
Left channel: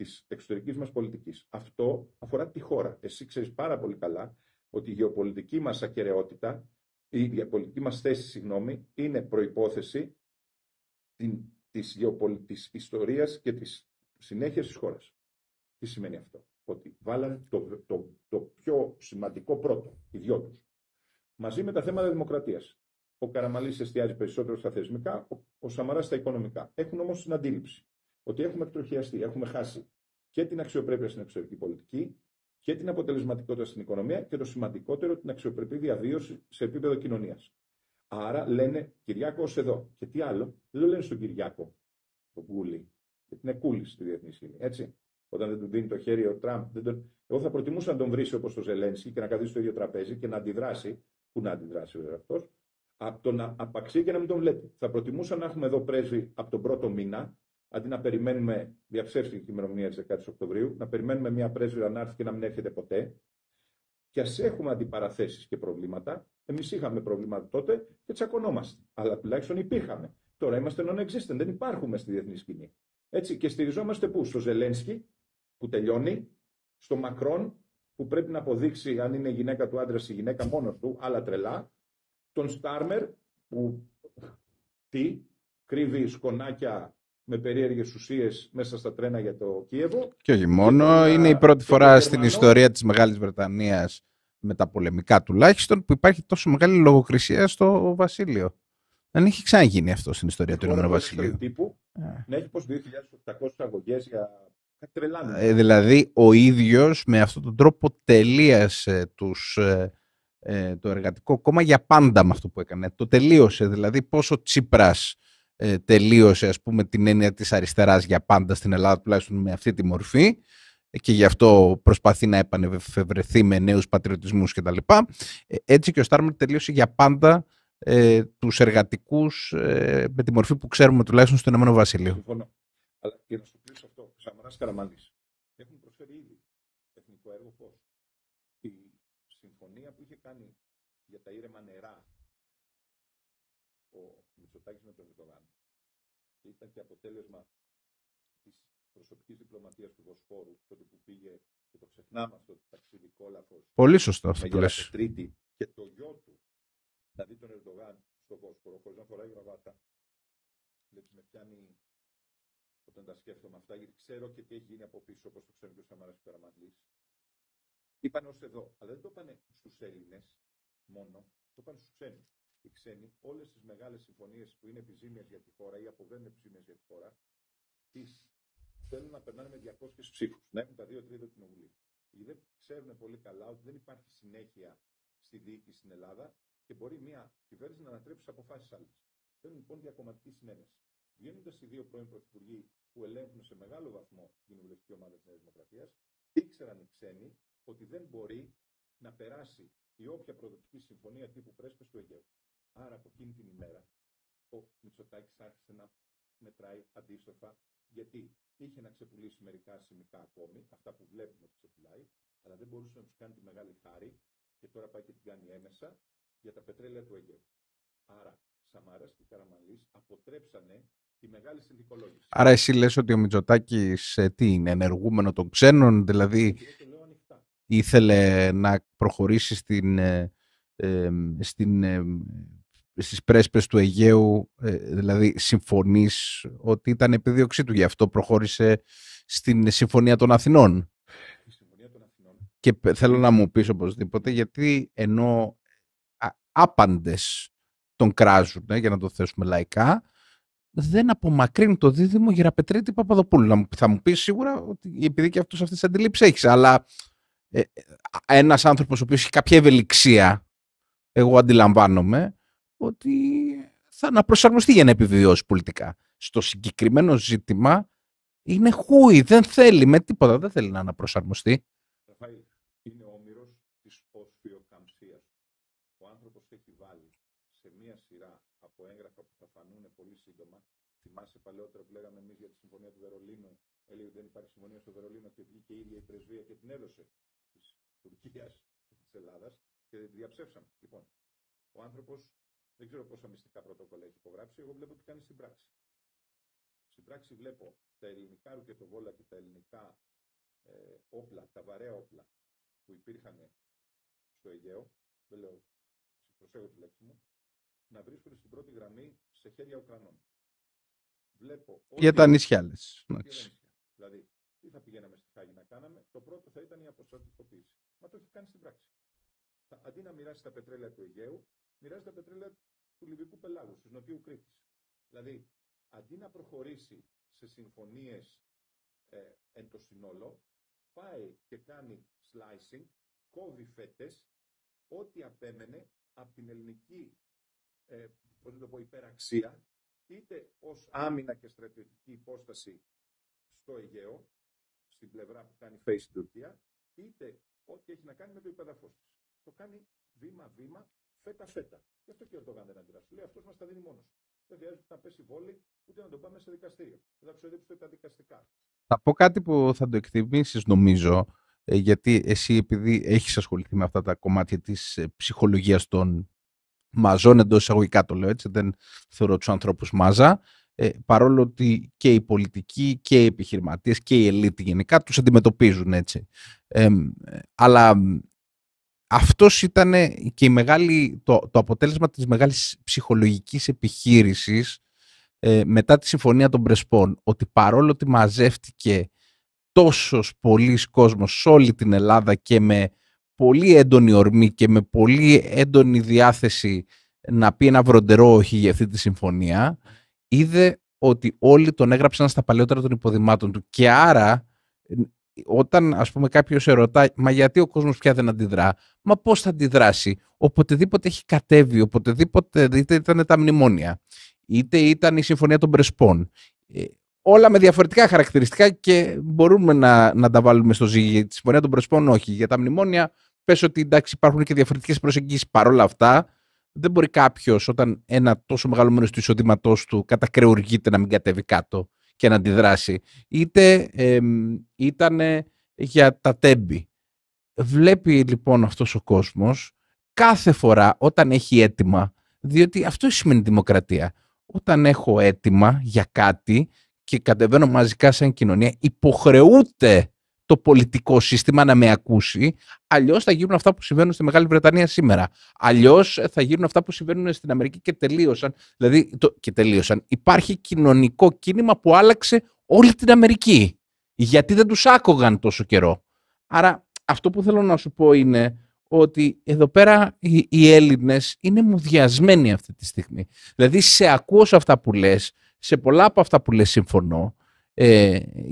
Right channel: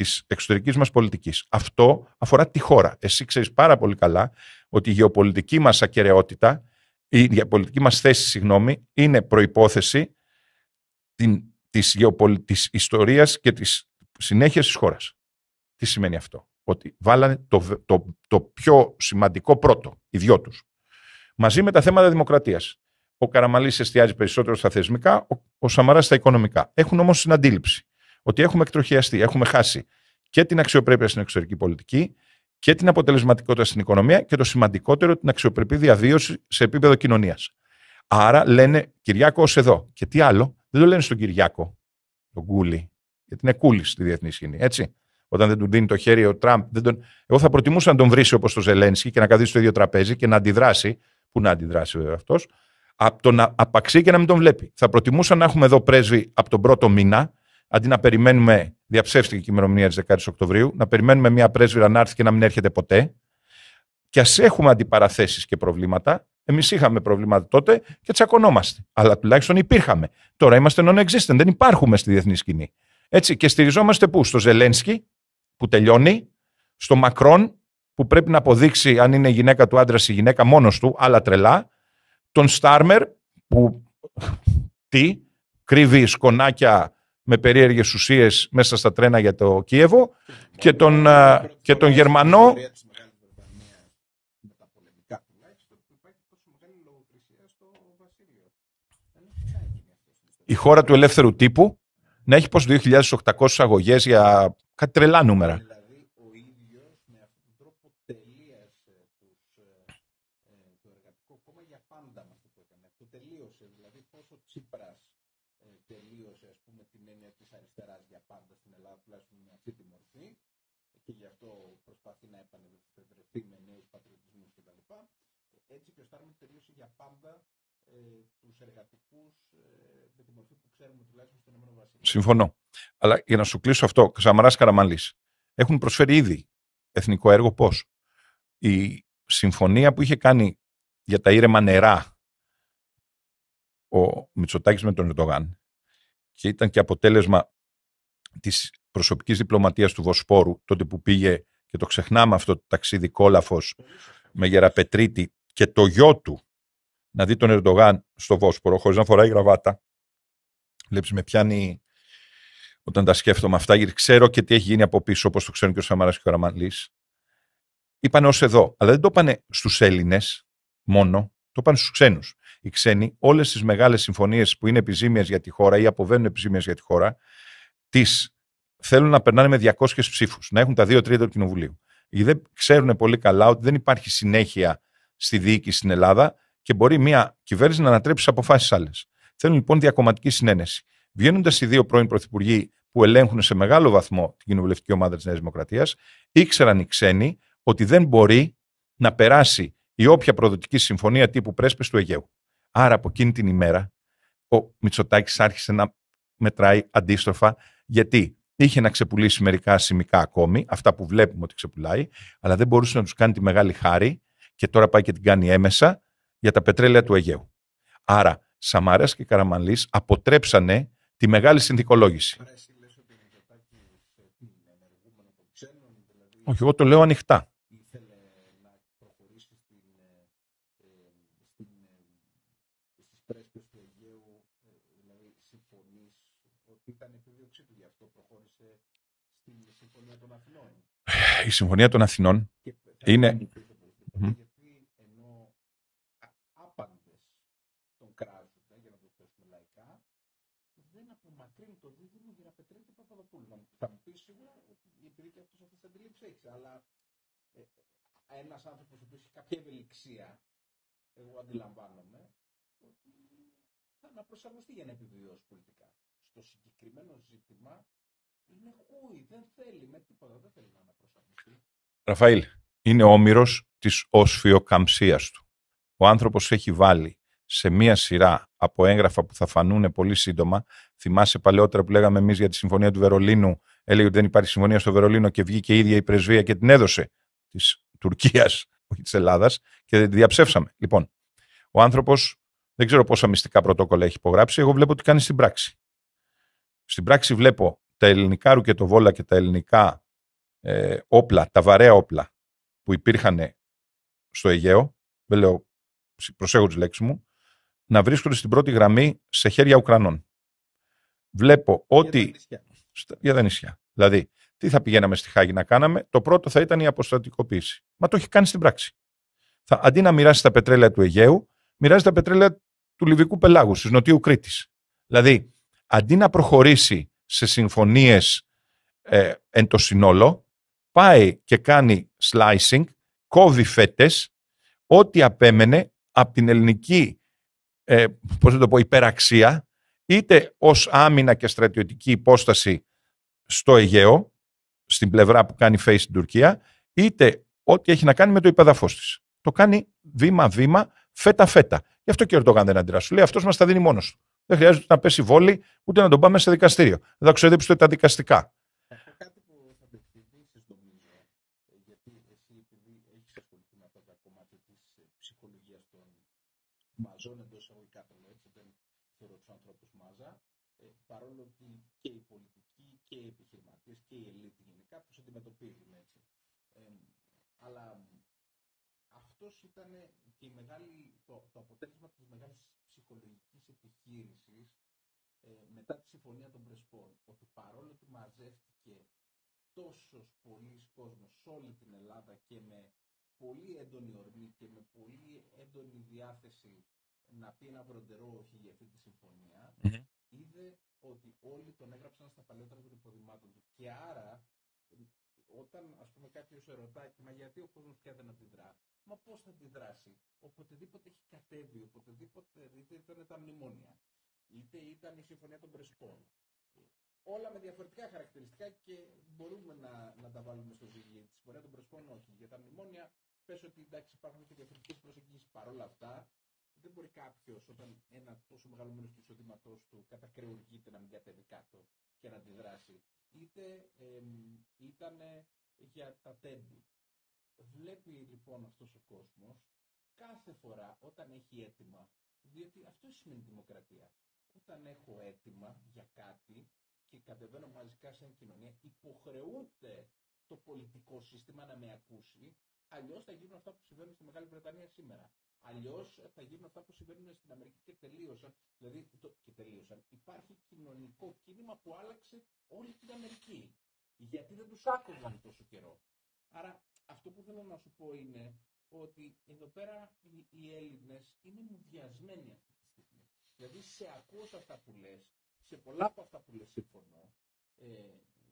της εξωτερικής μας πολιτικής. Αυτό αφορά τη χώρα. Εσύ ξέρεις πάρα πολύ καλά ότι η γεωπολιτική μας ακεραιότητα, η γεωπολιτική μας θέση, είναι προϋπόθεση της ιστορίας και της συνέχειας της χώρας. Τι σημαίνει αυτό? Ότι βάλανε το πιο σημαντικό πρώτο, οι δυο τους. Μαζί με τα θέματα δημοκρατίας. Ο Καραμανλής εστιάζει περισσότερο στα θεσμικά, ο Σαμαράς στα οικονομικά. Έχουν όμως την αντίληψη ότι έχουμε εκτροχιαστεί, έχουμε χάσει και την αξιοπρέπεια στην εξωτερική πολιτική και την αποτελεσματικότητα στην οικονομία και το σημαντικότερο, την αξιοπρεπή διαβίωση σε επίπεδο κοινωνίας. Άρα λένε Κυριάκο ως εδώ. Και τι άλλο, δεν το λένε στον Κυριάκο, τον Κούλι, γιατί είναι κούλι στη διεθνή σκηνή, έτσι. Όταν δεν του δίνει το χέρι ο Τραμπ, εγώ θα προτιμούσα να τον βρίσει όπως το Ζελένσκι και να καθίσει στο ίδιο τραπέζι και να αντιδράσει. Πού να αντιδράσει βέβαια αυτός, από το να απαξεί και να μην τον βλέπει. Θα προτιμούσα να έχουμε εδώ πρέσβη από τον πρώτο μήνα, αντί να περιμένουμε, διαψεύστηκε η ημερομηνία της 10 Οκτωβρίου, να περιμένουμε μια πρέσβυρα να έρθει και να μην έρχεται ποτέ. Και ας έχουμε αντιπαραθέσεις και προβλήματα. Εμείς είχαμε προβλήματα τότε και τσακωνόμαστε. Αλλά τουλάχιστον υπήρχαμε. Τώρα είμαστε non-existent, δεν υπάρχουμε στη διεθνή σκηνή. Έτσι, και στηριζόμαστε πού? Στο Ζελένσκι, που τελειώνει, στο Μακρόν, που πρέπει να αποδείξει αν είναι η γυναίκα του άντρα ή η γυναίκα μόνος του, άλλα τρελά, τον Στάρμερ, που κρύβει σκονάκια με περίεργες ουσίες μέσα στα τρένα για το Κίεβο, και τον, είναι η πρώτη φορά στην ιστορία της Μεγάλης Βρετανίας, με τα πολεμικά τουλάχιστον, που υπάρχει τόσο μεγάλη λογοκρισία στο Βασίλειο. Δεν έχει ξαναγίνει αυτό στην ιστορία. Η χώρα του ελεύθερου τύπου να έχει πως 2.800 αγωγές για κάτι τρελά νούμερα. Δηλαδή ο ίδιος με αυτόν τον τρόπο τελείασε το Εργατικό Κόμμα για πάντα με αυτό που έκανε. Το τελείωσε. Δηλαδή πόσο Τσίπρας τελείωσε, ας πούμε, την έννοια της αριστεράς για πάντα στην Ελλάδα, τουλάχιστον με αυτή τη μορφή, και γι' αυτό προσπαθεί να επανεφευρεθεί με νέους πατριωτισμούς κτλ. Έτσι και ο Στάρμερ τελείωσε για πάντα τους εργατικούς με τη μορφή που ξέρουμε τουλάχιστον στο Ηνωμένο Βασίλειο. Συμφωνώ. Αλλά για να σου κλείσω αυτό, Σαμαράς, Καραμανλής έχουν προσφέρει ήδη εθνικό έργο. Πώς? Η συμφωνία που είχε κάνει για τα ήρεμα νερά ο Μητσοτάκης με τον Ερντογάν και ήταν και αποτέλεσμα της προσωπικής διπλωματίας του Βοσπόρου, τότε που πήγε, και το ξεχνάμε αυτό το ταξίδι κόλαφος, πολύ σωστό, με Γεραπετρίτη και το γιο του να δει τον Ερντογάν στο Βόσπορο χωρίς να φοράει γραβάτα. Βλέπεις, με πιάνει όταν τα σκέφτομαι αυτά, γιατί ξέρω και τι έχει γίνει από πίσω, όπως το ξέρουν και ο Σαμαράς και ο Καραμανλής. Είπανε ως εδώ, αλλά δεν το είπανε στους Έλληνες μόνο, το είπανε στους ξένους. Οι ξένοι όλες τις μεγάλες συμφωνίες που είναι επιζήμιες για τη χώρα ή αποβαίνουν επιζήμιες για τη χώρα, τις θέλουν να περνάνε με 200 ψήφους, να έχουν τα 2 τρίτα του Κοινοβουλίου. Γιατί δεν ξέρουν πολύ καλά ότι δεν υπάρχει συνέχεια στη διοίκηση στην Ελλάδα και μπορεί μια κυβέρνηση να ανατρέψει τις αποφάσεις άλλες. Θέλουν λοιπόν διακομματική συνένεση. Βγαίνοντας οι δύο πρώην πρωθυπουργοί που ελέγχουν σε μεγάλο βαθμό την κοινοβουλευτική ομάδα της Νέας Δημοκρατίας, ήξεραν οι ξένοι ότι δεν μπορεί να περάσει η όποια προδοτική συμφωνία τύπου πρέσπες του Αιγαίου. Άρα από εκείνη την ημέρα ο Μητσοτάκης άρχισε να μετράει αντίστροφα, γιατί είχε να ξεπουλήσει μερικά σημικά ακόμη, αυτά που βλέπουμε ότι ξεπουλάει, αλλά δεν μπορούσε να τους κάνει τη μεγάλη χάρη και τώρα πάει και την κάνει έμεσα για τα πετρέλαια του Αιγαίου. Άρα Σαμαράς και Καραμανλής αποτρέψανε τη μεγάλη συνθηκολόγηση. Άρα εσύ λες ότι ο Μητσοτάκης τι είναι, ενεργούμενο των ξένων, δηλαδή? Όχι, εγώ το λέω ανοιχτά. Ήθελε να προχωρήσει στις πρέσπες του Αιγαίου, δηλαδή συμφωνείς ότι ήταν επιδίωξή του, γι' αυτό προχώρησε στην Συμφωνία των Αθηνών? Η Συμφωνία των Αθηνών. Και θέλω να μου πεις οπωσδήποτε, γιατί ενώ άπαντες τον κράζουν, για να το θέσουμε λαϊκά, δεν απομακρύνει το δίδυμο Γεραπετρίτη Παπαδοπούλου. Θα μου πεις σίγουρα ότι επειδή και αυτός αυτές τις αντιλήψεις έχεις, αλλά ένας άνθρωπος ο οποίος έχει κάποια ευελιξία, εγώ αντιλαμβάνομαι ότι θα να προσαρμοστεί για να επιβιώσει πολιτικά. Στο συγκεκριμένο ζήτημα είναι χούι, δεν θέλει με τίποτα, δεν θέλει να αναπροσαρμοστεί. Ραφαήλ, είναι όμηρος της οσφιοκαμψίας του. Ο άνθρωπος έχει βάλει σε μία σειρά από έγγραφα που θα φανούν πολύ σύντομα. Θυμάσαι παλαιότερα που λέγαμε εμείς για τη Συμφωνία του Βερολίνου, έλεγε ότι δεν υπάρχει συμφωνία στο Βερολίνο και βγήκε η ίδια η πρεσβεία και την έδωσε της Τουρκίας, όχι της Ελλάδας, και διαψεύσαμε. Λοιπόν, ο άνθρωπος δεν ξέρω πόσα μυστικά πρωτόκολλα έχει υπογράψει, εγώ βλέπω τι κάνει στην πράξη. Στην πράξη βλέπω τα ελληνικά ρουκετοβόλα και τα ελληνικά όπλα, τα βαρέα όπλα που υπήρχαν στο Αιγαίο, δεν λέω, προσέχω τις λέξεις μου, να βρίσκονται στην πρώτη γραμμή σε χέρια Ουκρανών. Βλέπω ότι... Για τα νησιά, λες. Για τα νησιά. Δηλαδή, τι θα πηγαίναμε στη Χάγη να κάναμε? Το πρώτο θα ήταν η αποστρατικοποίηση. Μα το έχει κάνει στην πράξη. Αντί να μοιράσει τα πετρέλαια του Αιγαίου, μοιράζει τα πετρέλαια του Λιβικού πελάγου, της Νοτιού Κρήτης. Δηλαδή, αντί να προχωρήσει σε συμφωνίες εν το συνόλο, πάει και κάνει slicing, κόβει φέτες, ό,τι απέμενε από την ελληνική υπεραξία, είτε ως άμυνα και στρατιωτική υπόσταση στο Αιγαίο, στην πλευρά που κάνει face στην Τουρκία, είτε ό,τι έχει να κάνει με το υπεδαφός της. Το κάνει βήμα-βήμα, φέτα-φέτα. Γι' αυτό και ο Ερντογάν δεν αντιδρά. Σου λέει, αυτός μας τα δίνει μόνος του. Δεν χρειάζεται να πέσει βόλη, ούτε να τον πάμε σε δικαστήριο. Δεν θα ξοδέψει τα δικαστικά. Θα πω κάτι που θα το εκτιμήσεις, νομίζω, γιατί εσύ, επειδή έχεις ασχοληθεί με αυτά τα κομμάτια της ψυχολογίας των μαζών, εντός εισαγωγικά το λέω έτσι, δεν θεωρώ τους ανθρώπους μάζα, παρόλο ότι και οι πολιτικοί και οι επιχειρηματίες και η ελίτ γενικά τους αντιμετωπίζουν έτσι. Αλλά αυτός ήταν και το αποτέλεσμα της μεγάλης ψυχολογικής επιχείρησης μετά τη Συμφωνία των Πρεσπών, ότι παρόλο ότι μαζεύτηκε τόσος πολλής κόσμος σε όλη την Ελλάδα και με πολύ έντονη ορμή και με πολύ έντονη διάθεση να πει ένα βροντερό όχι για αυτή τη συμφωνία, είδε ότι όλοι τον έγραψαν στα παλαιότερα των υποδημάτων του. Και άρα, όταν ας πούμε κάποιος ερωτάει, μα γιατί ο κόσμος πια δεν αντιδρά, μα πώς θα αντιδράσει? Οποτεδήποτε έχει κατέβει, οποτεδήποτε, είτε ήταν τα μνημόνια, είτε ήταν η Συμφωνία των Πρεσπών, όλα με διαφορετικά χαρακτηριστικά και μπορούμε να τα βάλουμε στο ζύγι. Για τη Συμφωνία των Πρεσπών όχι. Για τα μνημόνια πες ότι εντάξει, υπάρχουν και διαφορετικές προσεγγίσεις. Παρ' όλα αυτά, δεν μπορεί κάποιος όταν ένα τόσο μεγάλο μέρος του εισοδήματός του κατακρεουργείται να μην κατέβει κάτω και να αντιδράσει. Είτε ήταν για τα τέμπη. Βλέπει λοιπόν αυτός ο κόσμος κάθε φορά όταν έχει αίτημα, διότι αυτό σημαίνει δημοκρατία. Όταν έχω αίτημα για κάτι και κατεβαίνω μαζικά σαν κοινωνία, υποχρεούται το πολιτικό σύστημα να με ακούσει, αλλιώς θα γίνουν αυτά που συμβαίνουν στη Μεγάλη Βρετανία σήμερα. Αλλιώς θα γίνουν αυτά που συμβαίνουν στην Αμερική και τελείωσαν. Δηλαδή, Υπάρχει κοινωνικό κίνημα που άλλαξε όλη την Αμερική. Γιατί δεν τους άκουγαν τόσο καιρό. Άρα, αυτό που θέλω να σου πω είναι ότι εδώ πέρα οι Έλληνες είναι μουδιασμένοι αυτή τη στιγμή. Δηλαδή, σε ακούω σε αυτά που λες, σε πολλά από αυτά που λες συμφωνώ,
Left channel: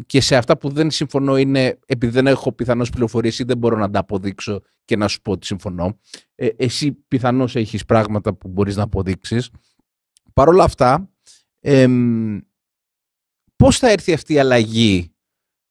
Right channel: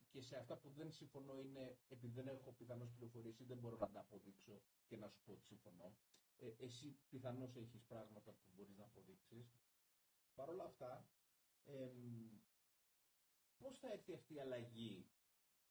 και σε αυτά που δεν συμφωνώ είναι επειδή δεν έχω πιθανώς πληροφορίες ή δεν μπορώ να τα αποδείξω και να σου πω ότι συμφωνώ. Εσύ πιθανώς έχεις πράγματα που μπορείς να αποδείξεις. Παρ' όλα αυτά, πώς θα έρθει αυτή η αλλαγή?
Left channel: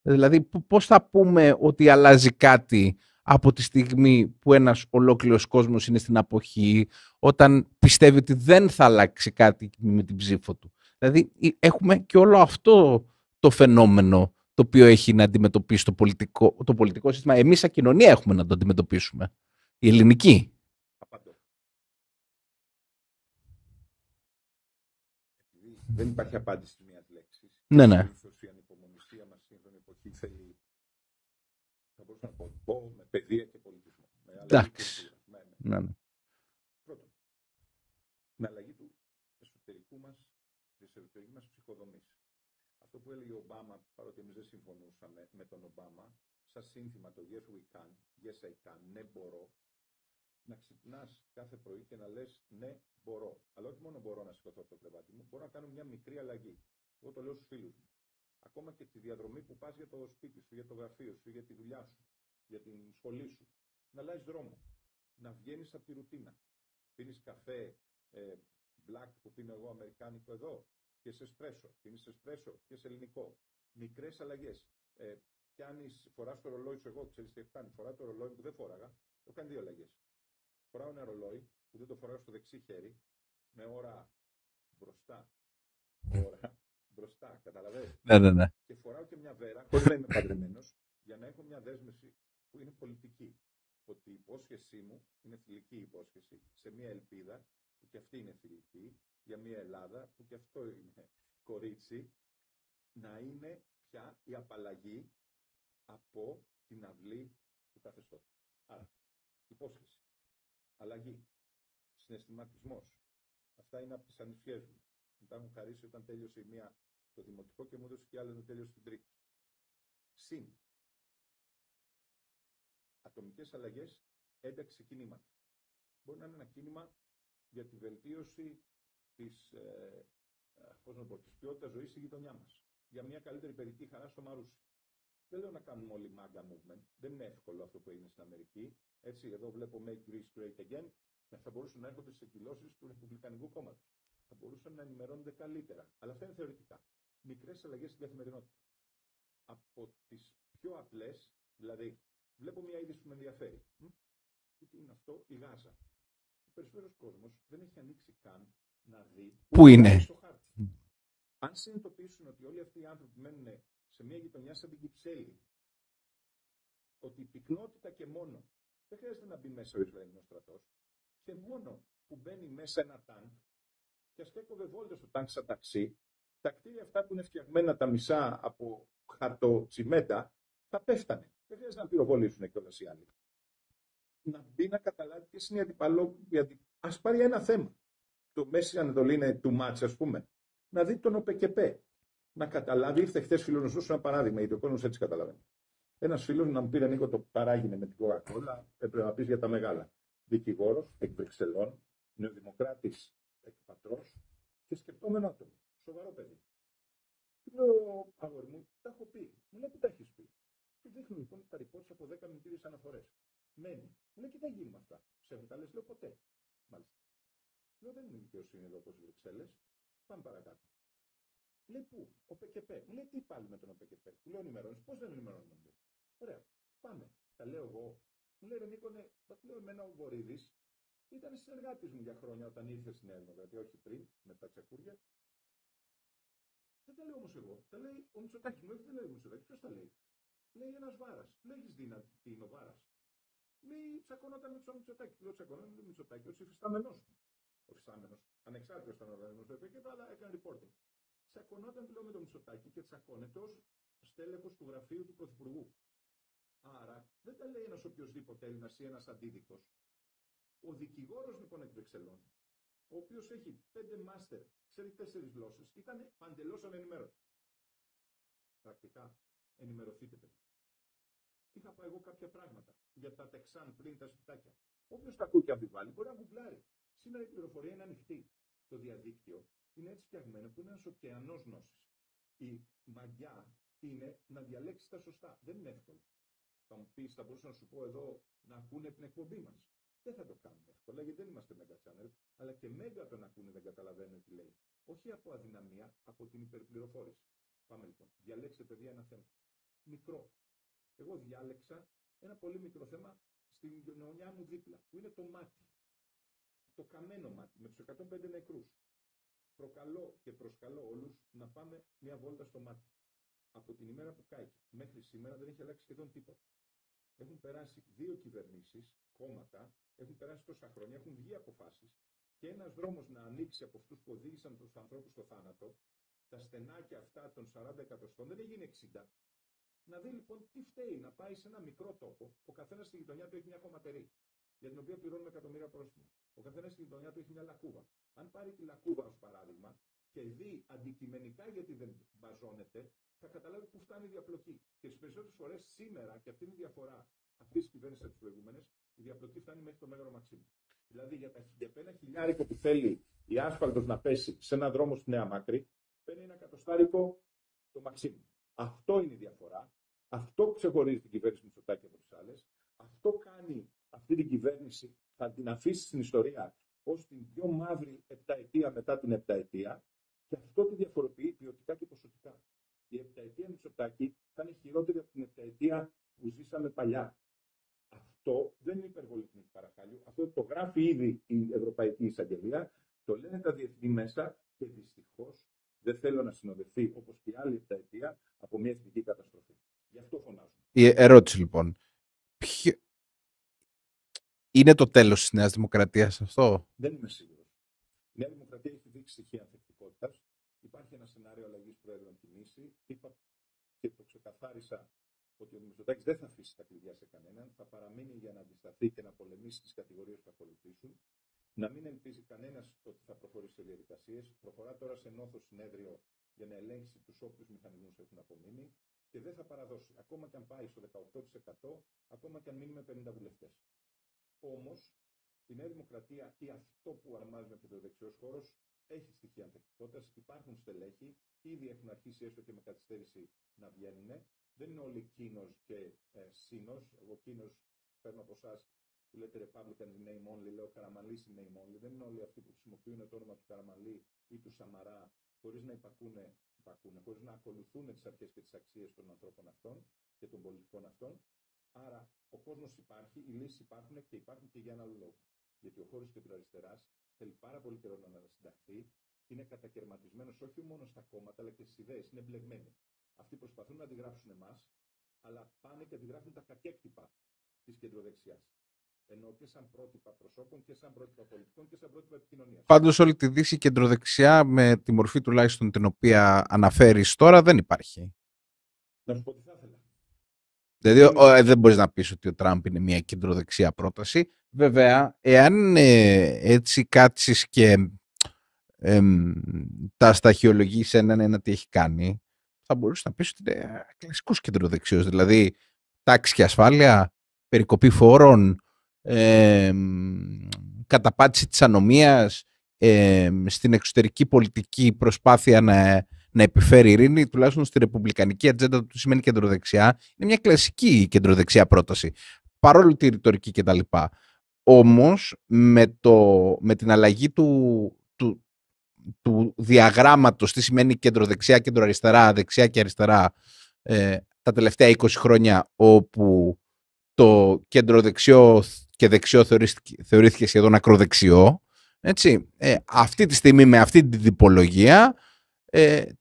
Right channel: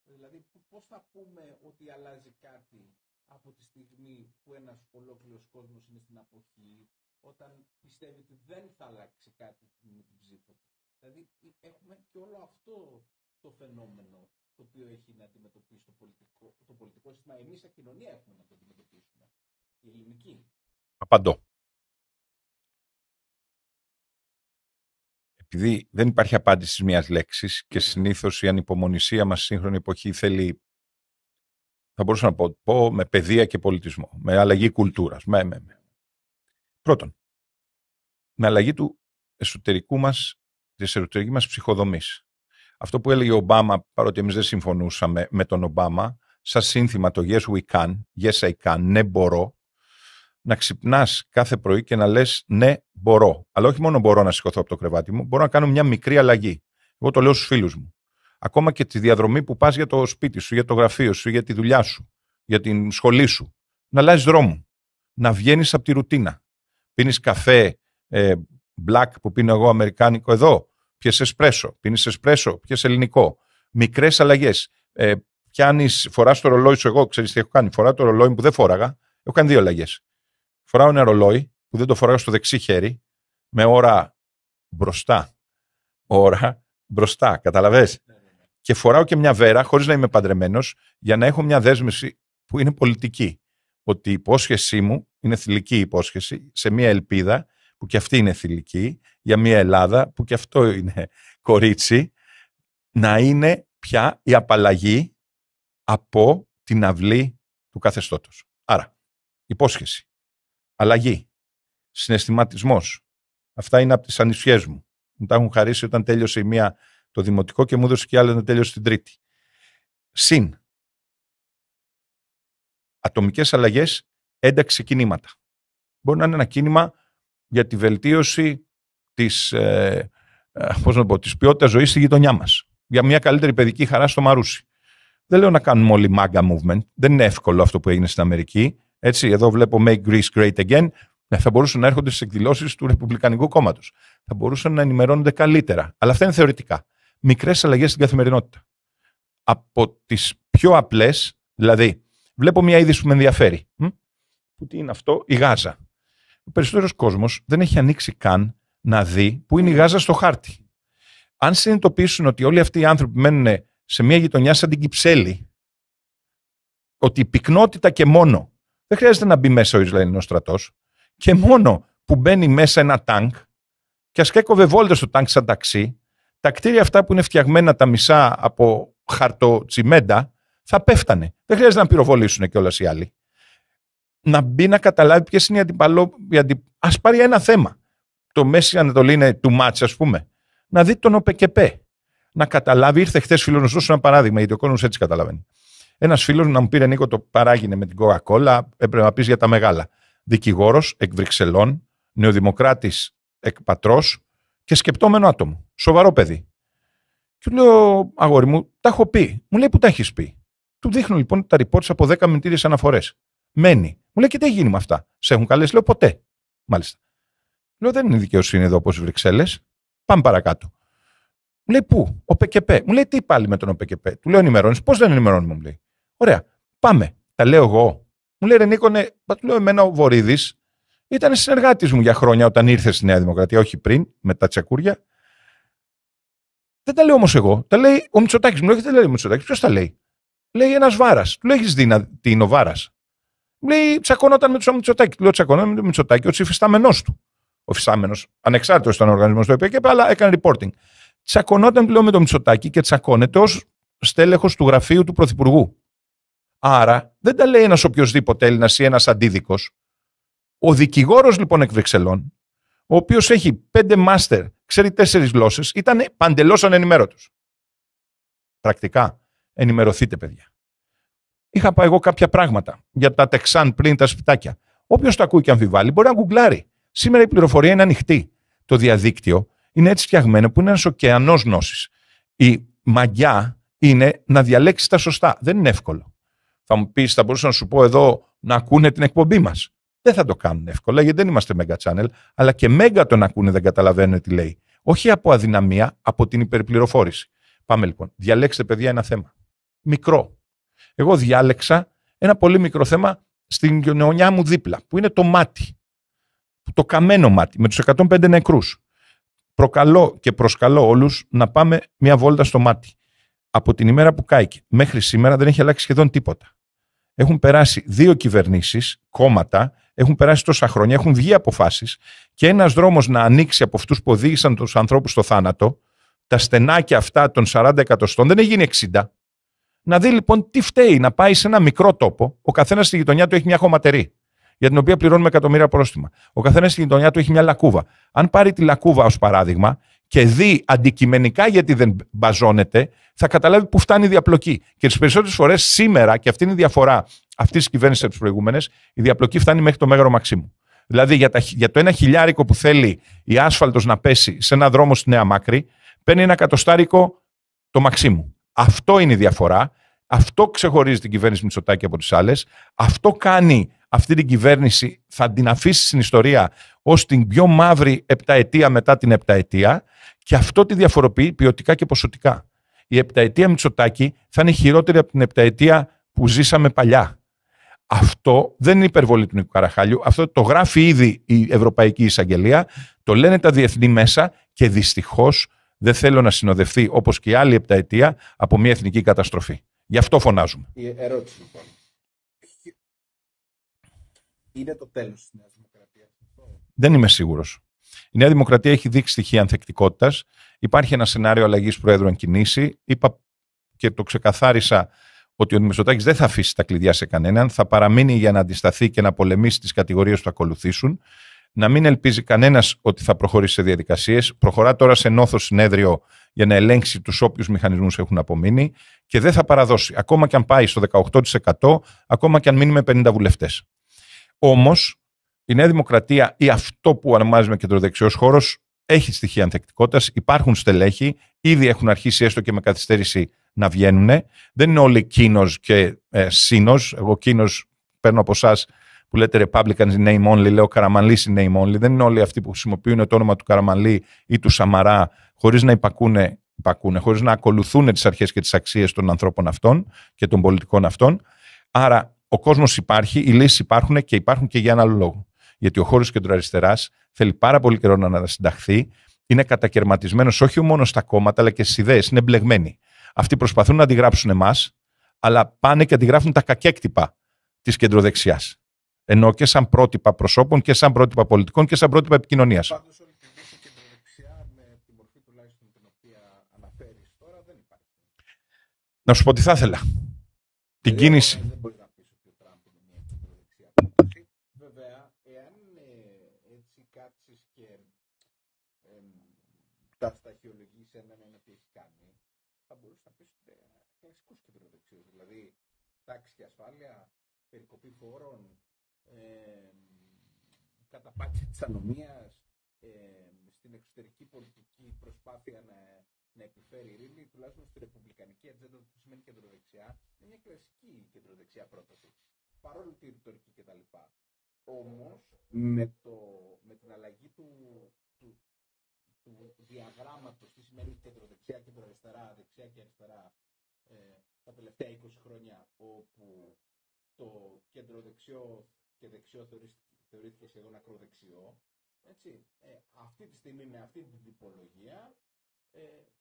Δηλαδή, πώς θα πούμε ότι αλλάζει κάτι από τη στιγμή που ένας ολόκληρος κόσμος είναι στην αποχή, όταν πιστεύει ότι δεν θα αλλάξει κάτι με την ψήφο του? Δηλαδή, έχουμε και όλο αυτό το φαινόμενο το οποίο έχει να αντιμετωπίσει το πολιτικό σύστημα. Εμείς σαν κοινωνία έχουμε να το αντιμετωπίσουμε. Η ελληνική. Απαντώ. Επειδή δεν υπάρχει απάντηση μιας λέξης και συνήθως η ανυπομονησία μας στη σύγχρονη εποχή θέλει, θα μπορούσα να πω με παιδεία και πολιτισμό, με αλλαγή κουλτούρας. Πρώτον, με αλλαγή του εσωτερικού μας, της εσωτερικής μας ψυχοδομής. Αυτό που έλεγε ο Ομπάμα, παρότι εμείς δεν συμφωνούσαμε με τον Ομπάμα, σαν σύνθημα το Yes we can, Yes I can, ναι μπορώ, να ξυπνάς κάθε πρωί και να λες ναι μπορώ. Αλλά όχι μόνο μπορώ να σηκωθώ από το κρεβάτι μου, μπορώ να κάνω μια μικρή αλλαγή. Εγώ το λέω στους φίλους μου. Ακόμα και τη διαδρομή που πας για το σπίτι σου, για το γραφείο σου, για τη δουλειά σου, για την σχολή σου. Να αλλάζεις δρόμο. Να βγαίνεις από τη ρουτίνα. Πίνεις καφέ black που πίνω εγώ αμερικάνικο εδώ. Πιες εσπρέσο. Πίνεις εσπρέσο. Πιες ελληνικό. Μικρές αλλαγές. Φοράς το ρολόι σου. Εγώ ξέρεις τι έχω κάνει? Φοράω το ρολόι που δεν φόραγα. Έχω κάνει 2 αλλαγές. Φοράω ένα ρολόι που δεν το φοράω στο δεξί χέρι, με ώρα μπροστά. Ώρα μπροστά, καταλαβες? Ναι. Και φοράω και μια βέρα, χωρίς να είμαι παντρεμένος, για να έχω μια δέσμευση που είναι πολιτική. Ότι η υπόσχεσή μου είναι θηλυκή υπόσχεση σε μια ελπίδα που και αυτή είναι θηλυκή, για μια Ελλάδα που και αυτό είναι κορίτσι, να είναι πια η απαλλαγή από την αυλή του καθεστώτος. Άρα, υπόσχεση, αλλαγή, συναισθηματισμός. Αυτά είναι από τις ανισιές μου. Μου τα έχουν χαρίσει όταν τέλειωσε η μία το δημοτικό και μου έδωσε και άλλη να τέλειωσε την τρίτη. Συν ατομικές αλλαγές, ένταξη κινήματα. Μπορεί να είναι ένα κίνημα για τη βελτίωση της, της ποιότητας ζωής στη γειτονιά μας. Για μια καλύτερη παιδική χαρά στο Μαρούσι. Δεν λέω να κάνουμε όλοι MAGA movement. Δεν είναι εύκολο αυτό που έγινε στην Αμερική. Έτσι, εδώ βλέπω Make Greece Great Again. Θα μπορούσαν να έρχονται στις εκδηλώσεις του Ρεπουμπλικανικού Κόμματος. Θα μπορούσαν να ενημερώνονται καλύτερα. Αλλά αυτά είναι θεωρητικά. Μικρές αλλαγές στην καθημερινότητα. Από τις πιο απλές, δηλαδή, βλέπω μια είδηση που με ενδιαφέρει. Που τι είναι αυτό, η Γάζα. Ο περισσότερος κόσμος δεν έχει ανοίξει καν να δει πού είναι η Γάζα στο χάρτη. Αν συνειδητοποιήσουν ότι όλοι αυτοί οι άνθρωποι μένουν σε μια γειτονιά σαν την Κυψέλη, ότι η πυκνότητα και μόνο, δεν χρειάζεται να μπει μέσα ο Ισραηλινός στρατός, και μόνο που μπαίνει μέσα ένα τάγκ, και ας έκοβε βόλτες στο τάγκ σαν ταξί, τα κτίρια αυτά που είναι φτιαγμένα τα μισά από χαρτοτσιμέντα, θα πέφτανε. Δεν χρειάζεται να πυροβολήσουν κιόλας οι άλλοι. Να μπει να καταλάβει ποιες είναι οι Ας πάρει ένα θέμα. Το Μέση Ανατολή είναι too much, ας πούμε. Να δει τον ΟΠΕΚΕΠΕ. Να καταλάβει, ήρθε χθες φίλος να σου δώσω ένα παράδειγμα, γιατί ο κόσμος έτσι καταλαβαίνει. Ένας φίλος να μου πήρε, Νίκο, το παράγινε με την Coca-Cola, έπρεπε να πεις για τα μεγάλα. Δικηγόρος εκ Βρυξελών, νεοδημοκράτης εκ Πατρός και σκεπτόμενο άτομο. Σοβαρό παιδί. Του λέω, αγόρι μου, τα έχω πει. Μου λέει, πού τα έχεις πει. Του δείχνω λοιπόν τα reports από 10 μηνυτήριες αναφορές. Μένει. Μου λέει, και τι έχει γίνει με αυτά. Σε έχουν καλέσει. Λέω, ποτέ. Μάλιστα. Λέω, δεν είναι δικαιοσύνη εδώ όπως οι Βρυξέλλες. Πάμε παρακάτω. Μου λέει, πού, ο ΠΚΠ. Μου λέει, τι πάλι με τον ΠΚΠ. Του λέω, ενημερώνεις. Πώς δεν ενημερώνουμε, μου λέει. Ωραία, πάμε. Τα λέω εγώ. Μου λέει, ρε Νίκο, ναι, του λέω, εμένα ο Βορίδης ήταν συνεργάτης μου για χρόνια όταν ήρθε στη Νέα Δημοκρατία, όχι πριν, με τα τσακούρια. Δεν τα λέω όμως εγώ. Τα λέει ο Μητσοτάκης. Μου λέει, δεν λέει ο Μητσοτάκης. Ποιος τα λέει. Λέει ένας Βάρας. Του λέει, έχεις δει τι είναι ο Βάρας. Μου λέει, τσακωνόταν με τον Μητσοτάκη. Του λέω, τσακωνόταν με τον Μητσοτάκη, ο υφιστάμενός του. Ο υφιστάμενος, ανεξάρτητος ήταν ο οργανισμός του ΕΠΚ, αλλά έκανε reporting. Τσακωνόταν, λέω, με τον Μητσοτάκη και τσακώνεται ως στέλεχος του γραφείου του Πρωθυπουργού. Άρα δεν τα λέει ένας οποιοσδήποτε Έλληνας ή ένας αντίδικος. Ο δικηγόρος λοιπόν εκ Βρυξελών, ο οποίος έχει 5 μάστερ, ξέρει 4 γλώσσες, ήταν παντελώς ανενημέρωτος. Πρακτικά, ενημερωθείτε, παιδιά. Είχα πάει εγώ κάποια πράγματα για τα τεξάν πριν τα σπιτάκια. Όποιος το ακούει και αμφιβάλλει μπορεί να γκουγκλάρει. Σήμερα η πληροφορία είναι ανοιχτή. Το διαδίκτυο είναι έτσι φτιαγμένο που είναι ένας ωκεανός γνώσης. Η μαγιά είναι να διαλέξεις τα σωστά. Δεν είναι εύκολο. Θα μου πεις, θα μπορούσα να σου πω εδώ να ακούνε την εκπομπή μας. Δεν θα το κάνουν εύκολα, γιατί δεν είμαστε Mega Channel, αλλά και Mega τον ακούνε, δεν καταλαβαίνουν τι λέει. Όχι από αδυναμία, από την υπερπληροφόρηση. Πάμε λοιπόν. Διαλέξτε, παιδιά, ένα θέμα. Μικρό. Εγώ διάλεξα ένα πολύ μικρό θέμα στην γειτονιά μου δίπλα, που είναι το μάτι. Το καμένο μάτι, με τους 105 νεκρούς. Προκαλώ και προσκαλώ όλους να πάμε μια βόλτα στο μάτι. Από την ημέρα που κάηκε μέχρι σήμερα δεν έχει αλλάξει σχεδόν τίποτα. Έχουν περάσει 2 κυβερνήσεις, κόμματα, έχουν περάσει τόσα χρόνια, έχουν βγει αποφάσεις και ένας δρόμος να ανοίξει από αυτούς που οδήγησαν τους ανθρώπους στο θάνατο, τα στενάκια αυτά των 40 εκατοστών, δεν έχει γίνει 60. Να δει λοιπόν τι φταίει να πάει σε ένα μικρό τόπο, ο καθένας στη γειτονιά του έχει μια χωματερή, για την οποία πληρώνουμε εκατομμύρια πρόστιμα. Ο καθένας στη γειτονιά του έχει μια λακκούβα. Αν πάρει τη λακκούβα ως παράδειγμα και δει αντικειμενικά γιατί δεν μπαζώνεται, θα καταλάβει που φτάνει η διαπλοκή. Και τις περισσότερες φορές σήμερα, και αυτή είναι η διαφορά αυτής της κυβέρνησης από τις προηγούμενες, η διαπλοκή φτάνει μέχρι το Μέγαρο Μαξίμου. Δηλαδή για το 1 χιλιάρικο που θέλει η άσφαλτος να πέσει σε ένα δρόμο στη Νέα Μάκρη, παίρνει 1 εκατοστάρικο το Μαξίμου. Αυτό είναι η διαφορά. Αυτό ξεχωρίζει την κυβέρνηση Μητσοτάκη από τις άλλες. Αυτό κάνει αυτή την κυβέρνηση, θα την αφήσει στην ιστορία ως την πιο μαύρη επταετία μετά την επταετία, και αυτό τη διαφοροποιεί ποιοτικά και ποσοτικά. Η επταετία Μητσοτάκη θα είναι χειρότερη από την επταετία που ζήσαμε παλιά. Αυτό δεν είναι υπερβολή του Νίκου Καραχάλιου. Αυτό το γράφει ήδη η Ευρωπαϊκή Εισαγγελία, το λένε τα διεθνή μέσα και δυστυχώς δεν θέλω να συνοδευτεί, όπως και η άλλη επταετία, από μια εθνική καταστροφή. Γι' αυτό φωνάζουμε. Η ερώτηση λοιπόν. Είναι το τέλος της Νέας Δημοκρατίας αυτό? Δεν είμαι σίγουρος. Η Νέα Δημοκρατία έχει δείξει στοιχεία ανθεκτικότητας. Υπάρχει ένα σενάριο αλλαγής Προέδρου αν κινήσει. Είπα και το ξεκαθάρισα ότι ο Μητσοτάκης δεν θα αφήσει τα κλειδιά σε κανέναν, θα παραμείνει για να αντισταθεί και να πολεμήσει τις κατηγορίες που θα ακολουθήσουν. Να μην ελπίζει κανένας ότι θα προχωρήσει σε διαδικασίες. Προχωρά τώρα σε νόθο συνέδριο για να ελέγξει τους όποιους μηχανισμούς έχουν απομείνει και δεν θα παραδώσει. Ακόμα και αν πάει στο 18%, ακόμα και αν μείνει με 50 βουλευτές. Όμως, η Νέα Δημοκρατία ή αυτό που ονομάζουμε κεντροδεξιός χώρος έχει στοιχεία ανθεκτικότητας, υπάρχουν στελέχη, ήδη έχουν αρχίσει έστω και με καθυστέρηση να βγαίνουν. Δεν είναι όλοι Κίνος και Σίνος. Εγώ Κίνος παίρνω από εσάς που λέτε Republicans in name only, λέω Καραμανλής in name only. Δεν είναι όλοι αυτοί που χρησιμοποιούν το όνομα του Καραμανλή ή του Σαμαρά χωρίς να υπακούνε, χωρίς να ακολουθούν τις αρχές και τις αξίες των ανθρώπων αυτών και των πολιτικών αυτών. Άρα ο κόσμος υπάρχει, οι λύσεις υπάρχουν και υπάρχουν και για ένα άλλο λόγο. Γιατί ο χώρος κεντροαριστεράς θέλει πάρα πολύ καιρό να ανασυνταχθεί, είναι κατακαιρματισμένος όχι μόνο στα κόμματα αλλά και στις ιδέες, είναι μπλεγμένοι. Αυτοί προσπαθούν να αντιγράψουν εμάς, αλλά πάνε και αντιγράφουν τα κακέκτυπα της κεντροδεξιάς. Ενώ και σαν πρότυπα προσώπων και σαν πρότυπα πολιτικών και σαν πρότυπα επικοινωνίας. Πάντως όλη τη Δύση κεντροδεξιά με τη μορφή τουλάχιστον την οποία αναφέρεις τώρα δεν υπάρχει. Να σου πω τι θα ήθελα. Δηλαδή δεν μπορείς να πεις ότι ο Τραμπ είναι μια κεντροδεξιά πρόταση. Βέβαια, εάν έτσι κάτσεις και τα σταχυολογείς ένα τι έχει κάνει, θα μπορούσε να πεις ότι είναι κλασικός κεντροδεξιός. Δηλαδή, τάξη και ασφάλεια, περικοπή φόρων, καταπάτηση της ανομίας, στην εξωτερική πολιτική προσπάθεια να επιφέρει ειρήνη, τουλάχιστον στη ρεπουμπλικανική ατζέντα του σημαίνει κεντροδεξιά. Είναι μια κλασική κεντροδεξιά πρόταση, παρόλο τη ρητορική κτλ. Όμως, με την αλλαγή του διαγράμματος, τι σημαίνει κεντροδεξιά, κεντροαριστερά, δεξιά και αριστερά, τα τελευταία 20 χρόνια, όπου το κεντροδεξιό και δεξιό θεωρήθηκε σχεδόν ακροδεξιό, έτσι, αυτή τη στιγμή με αυτή την τυπολογία,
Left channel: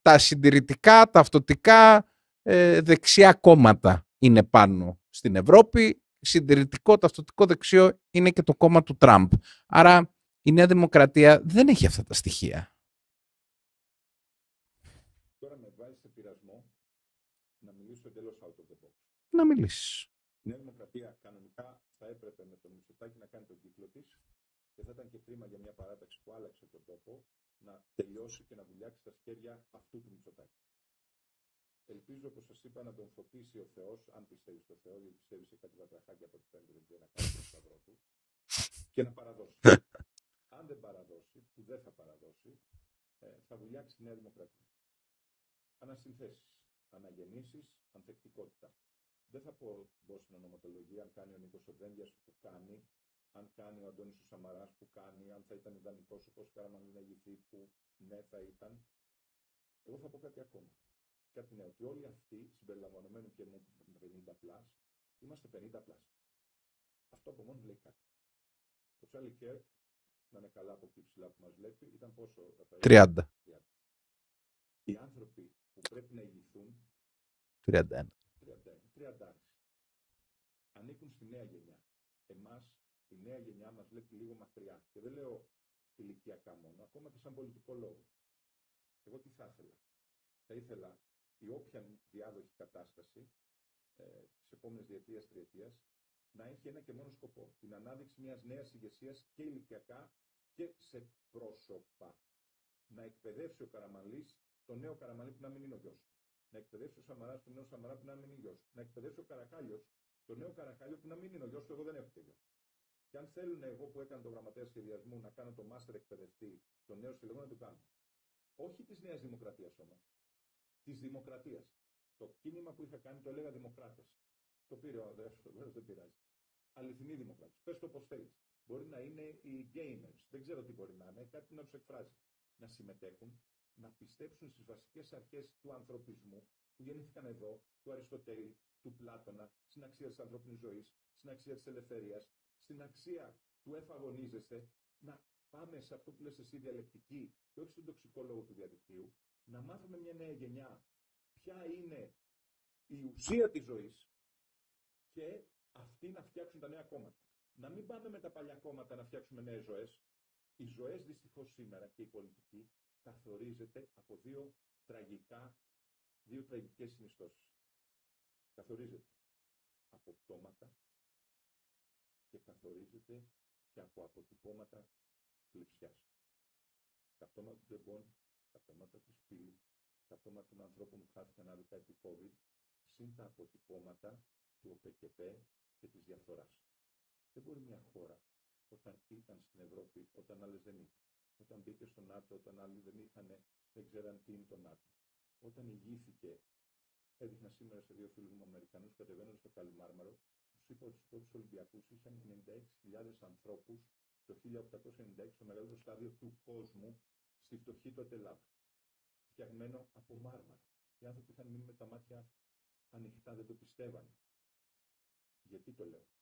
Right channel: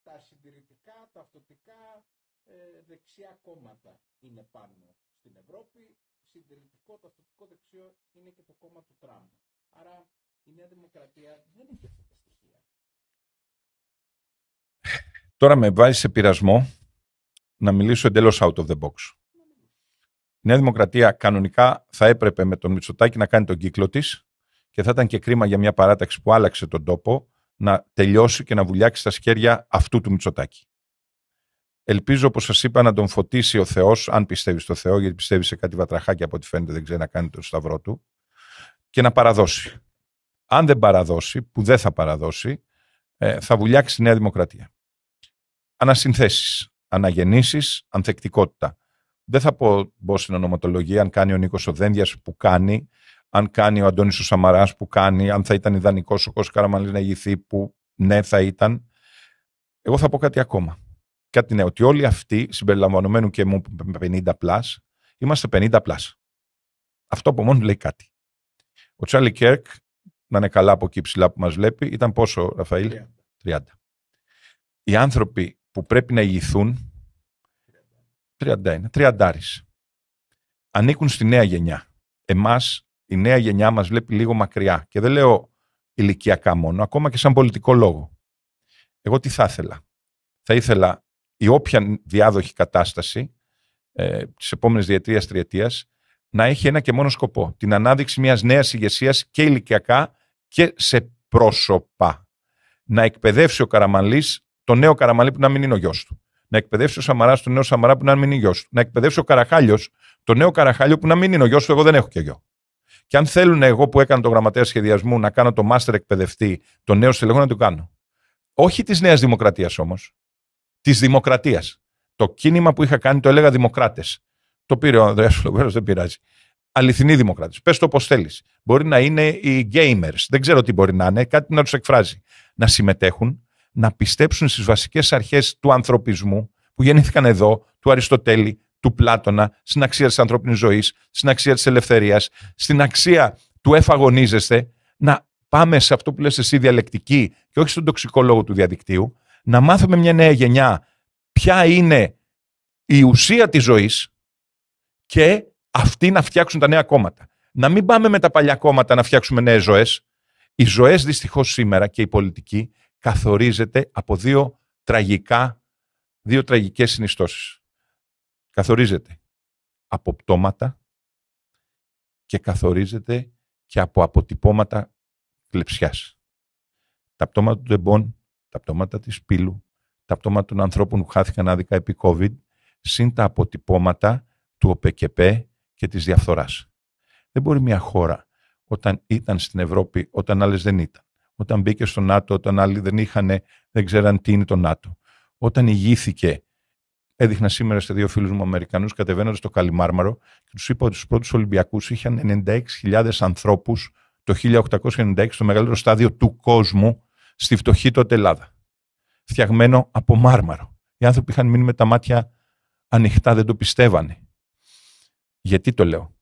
τα συντηρητικά, ταυτοτικά δεξιά κόμματα είναι πάνω στην Ευρώπη. Συντηρητικό, ταυτοτικό δεξιό είναι και το κόμμα του Τραμπ. Άρα η Νέα Δημοκρατία δεν έχει αυτά τα στοιχεία. Τώρα με βάζει σε πειρασμό να μιλήσω εντελώς out of the box. Να μιλήσεις. Η Νέα Δημοκρατία κανονικά θα έπρεπε με τον Μητσοτάκη να κάνει τον κύκλο της και θα ήταν και κρίμα για μια παράταξη που άλλαξε τον τόπο να τελειώσει και να βουλιάξει στα σχέρια αυτού του Μητσοτάκη. Ελπίζω, όπως σας είπα, να τον φωτίσει ο Θεός, αν πιστεύει στο Θεό, γιατί πιστεύει σε κάτι βατραχάκια από ό,τι φαίνεται, δεν ξέρει να κάνει τον σταυρό του, και να παραδώσει. Αν δεν παραδώσει, που δεν θα παραδώσει, θα βουλιάξει η Νέα Δημοκρατία. Ανασυνθέσεις, αναγεννήσεις, ανθεκτικότητα. Δεν θα μπω στην ονοματολογία αν κάνει ο Νίκος ο Δένδιας που κάνει, αν κάνει ο Αντώνης ο Σαμαράς που κάνει, αν θα ήταν ιδανικός ο Κώστας Καραμανλής να ηγηθεί που ναι θα ήταν. Εγώ θα πω κάτι ακόμα. Κάτι νέο, ότι όλοι αυτοί, συμπεριλαμβανομένου και μου 50+, είμαστε 50+. Αυτό από μόνο λέει κάτι. Ο Τσάρλι Κέρκ, να είναι καλά από εκεί ψηλά που μας βλέπει, ήταν πόσο, Ραφαήλ? 30. Οι άνθρωποι που πρέπει να ηγηθούν 31. Ανήκουν στη νέα γενιά. Εμάς, η νέα γενιά μας βλέπει λίγο μακριά. Και δεν λέω ηλικιακά μόνο, ακόμα και σαν πολιτικό λόγο. Εγώ τι θα ήθελα? Θα ήθελα η όποια διάδοχη κατάσταση της επόμενης διετίας, τριετίας, να έχει ένα και μόνο σκοπό. Την ανάδειξη μιας νέας ηγεσίας και ηλικιακά και σε πρόσωπα. Να εκπαιδεύσει ο Καραμανλής τον νέο Καραμανλή που να μην είναι ο γιος του. Να εκπαιδεύσει ο Σαμαράς τον νέο Σαμαρά που να μην είναι ο γιος του. Να εκπαιδεύσει ο Καραχάλιος τον νέο Καραχάλιο που να μην είναι ο γιος του. Εγώ δεν έχω και γιο. Και αν θέλουν εγώ που έκανα το γραμματέα σχεδιασμού να κάνω το μάστερ εκπαιδευτή, τον νέο στελεχό, να το κάνω. Όχι της Νέας Δημοκρατίας όμως. Της Δημοκρατίας. Το κίνημα που είχα κάνει το έλεγα Δημοκράτες. Το πήρε ο Ανδρέας Φλογέρος, δεν πειράζει. Αληθινοί Δημοκράτες. Πες το όπως θέλεις. Μπορεί να είναι οι gamers. Δεν ξέρω τι μπορεί να είναι. Κάτι να τους εκφράζει. Να συμμετέχουν, να πιστέψουν στις βασικές αρχές του ανθρωπισμού που γεννήθηκαν εδώ, του Αριστοτέλη, του Πλάτωνα, στην αξία της ανθρώπινης ζωής, στην αξία της ελευθερίας, στην αξία του εφαγωνίζεστε, να πάμε σε αυτό που λες εσύ διαλεκτική και όχι στον τοξικολόγο του διαδικτύου, να μάθουμε μια νέα γενιά ποια είναι η ουσία της ζωής και αυτοί να φτιάξουν τα νέα κόμματα. Να μην πάμε με τα παλιά κόμματα να φτιάξουμε νέες ζωές. Οι ζωές δυστυχώς σήμερα και η πολιτική καθορίζεται από δύο τραγικά δύο τραγικές συνιστώσεις. Καθορίζεται από πτώματα και καθορίζεται και από αποτυπώματα κλεψιάς. Τα πτώματα του Ντεμπόν, τα πτώματα της Πύλου, τα πτώματα των ανθρώπων που χάθηκαν άδικα επί COVID, συν τα αποτυπώματα του ΟΠΕΚΕΠΕ και της διαφθοράς. Δεν μπορεί μια χώρα όταν ήταν στην Ευρώπη, όταν άλλες δεν ήταν, όταν μπήκε στο ΝΑΤΟ, όταν άλλοι δεν ξέραν τι είναι το ΝΑΤΟ, όταν ηγήθηκε. Έδειχνα σήμερα σε δύο φίλους μου Αμερικανούς κατεβαίνοντας στο Καλιμάρμαρο και τους είπα ότι στους πρώτους Ολυμπιακούς είχαν 96.000 ανθρώπους το 1896 στο μεγαλύτερο στάδιο του κόσμου στη φτωχή τότε Ελλάδα. Φτιαγμένο από μάρμαρο. Οι άνθρωποι είχαν μείνει με τα μάτια ανοιχτά, δεν το πιστεύανε. Γιατί το λέω?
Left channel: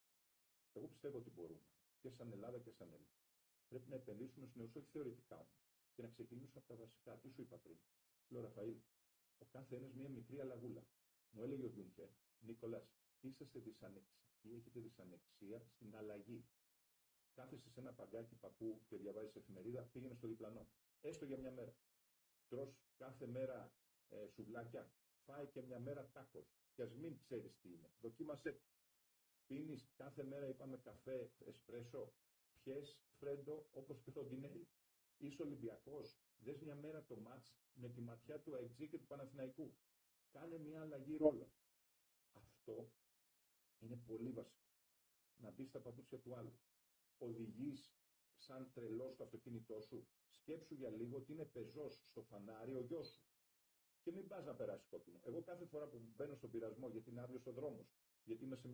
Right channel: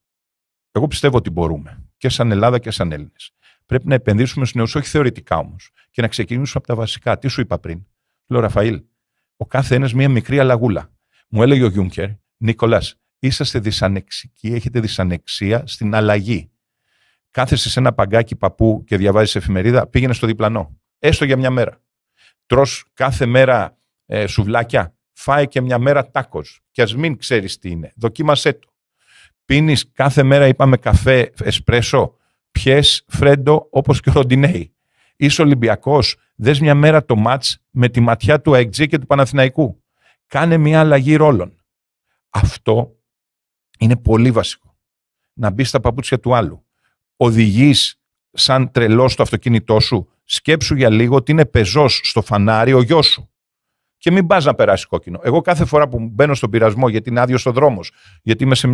Εγώ πιστεύω ότι μπορούμε και σαν Ελλάδα και σαν Έλληνες. Πρέπει να επενδύσουμε στους νέους, όχι θεωρητικά όμως, και να ξεκινήσουμε από τα βασικά. Τι σου είπα πριν? Λέω, Ραφαήλ, ο κάθε ένας μία μικρή αλλαγούλα. Μου έλεγε ο Γιούνκερ, Νίκολας, είσαστε δυσανεξικοί, έχετε δυσανεξία στην αλλαγή. Κάθεσαι σε ένα παγκάκι παππού και διαβάζεις εφημερίδα, πήγαινε στο διπλανό. Έστω για μια μέρα. Τρως κάθε μέρα σουβλάκια, φάε και μια μέρα τάκος. Και ας μην ξέρεις τι είναι, δοκίμασέ το. Πίνεις κάθε μέρα, είπαμε, καφέ, εσπρέσο, πιες φρέντο όπως και ο Ροντινέι. Είσαι Ολυμπιακός, δες μια μέρα το μάτς με τη ματιά του ΑΕΚΤΖ και του Παναθηναϊκού. Κάνε μια αλλαγή ρόλων. Αυτό είναι πολύ βασικό. Να μπεις στα παπούτσια του άλλου. Οδηγείς σαν τρελός στο αυτοκίνητό σου, σκέψου για λίγο ότι είναι πεζός στο φανάρι ο γιος σου. Και μην πας να περάσει κόκκινο. Εγώ κάθε φορά που μπαίνω στον πειρασμό, γιατί είναι άδειος ο δρόμος, γιατί είμαι σε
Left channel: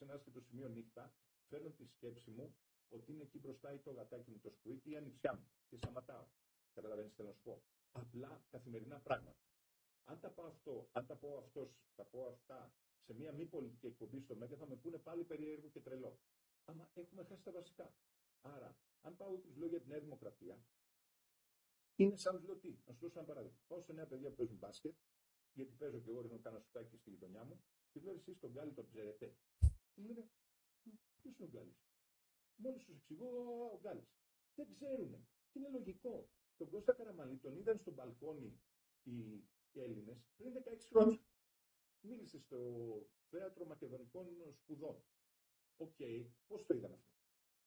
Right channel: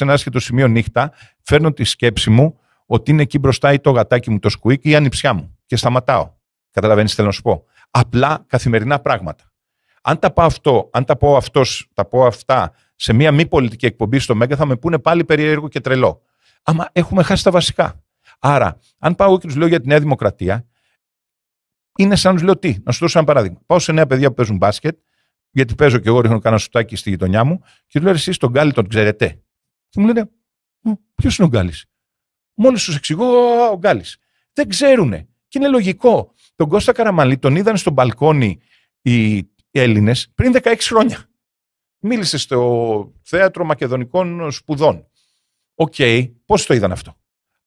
ένα άσχετο σημείο νύχτα, φέρνω τη σκέψη μου ότι είναι εκεί μπροστά ή το γατάκι μου, το σκουίκ ή η ανιψιά μου. Και σταματάω. Καταλαβαίνεις τι θέλω να σου πω? Απλά καθημερινά πράγματα. Αν τα πω αυτά σε μία μη πολιτική εκπομπή στο Μέγκα, θα με πούνε πάλι περίεργο και τρελό. Άμα έχουμε χάσει τα βασικά. Άρα, αν πάω και τους λέω για τη Νέα Δημοκρατία, είναι σαν να τους λέω τι. Να σου δώσω ένα παράδειγμα. Πάω σε νέα παιδιά που παίζουν μπάσκετ, γιατί παίζω και εγώ, ρίχνω κανένα σουτάκι στη γειτονιά μου, και του λέω, εσείς τον Γκάλι τον ξέρετε? Και μου λένε, ποιος είναι ο Γκάλης? Μόλις τους εξηγώ, ο Γκάλης. Δεν ξέρουνε. Και είναι λογικό. Τον Κώστα Καραμανλή τον είδαν στο μπαλκόνι οι Έλληνες πριν 16 χρόνια. Μίλησε στο Θέατρο Μακεδονικών Σπουδών. Οκ, πώς το είδαν αυτό?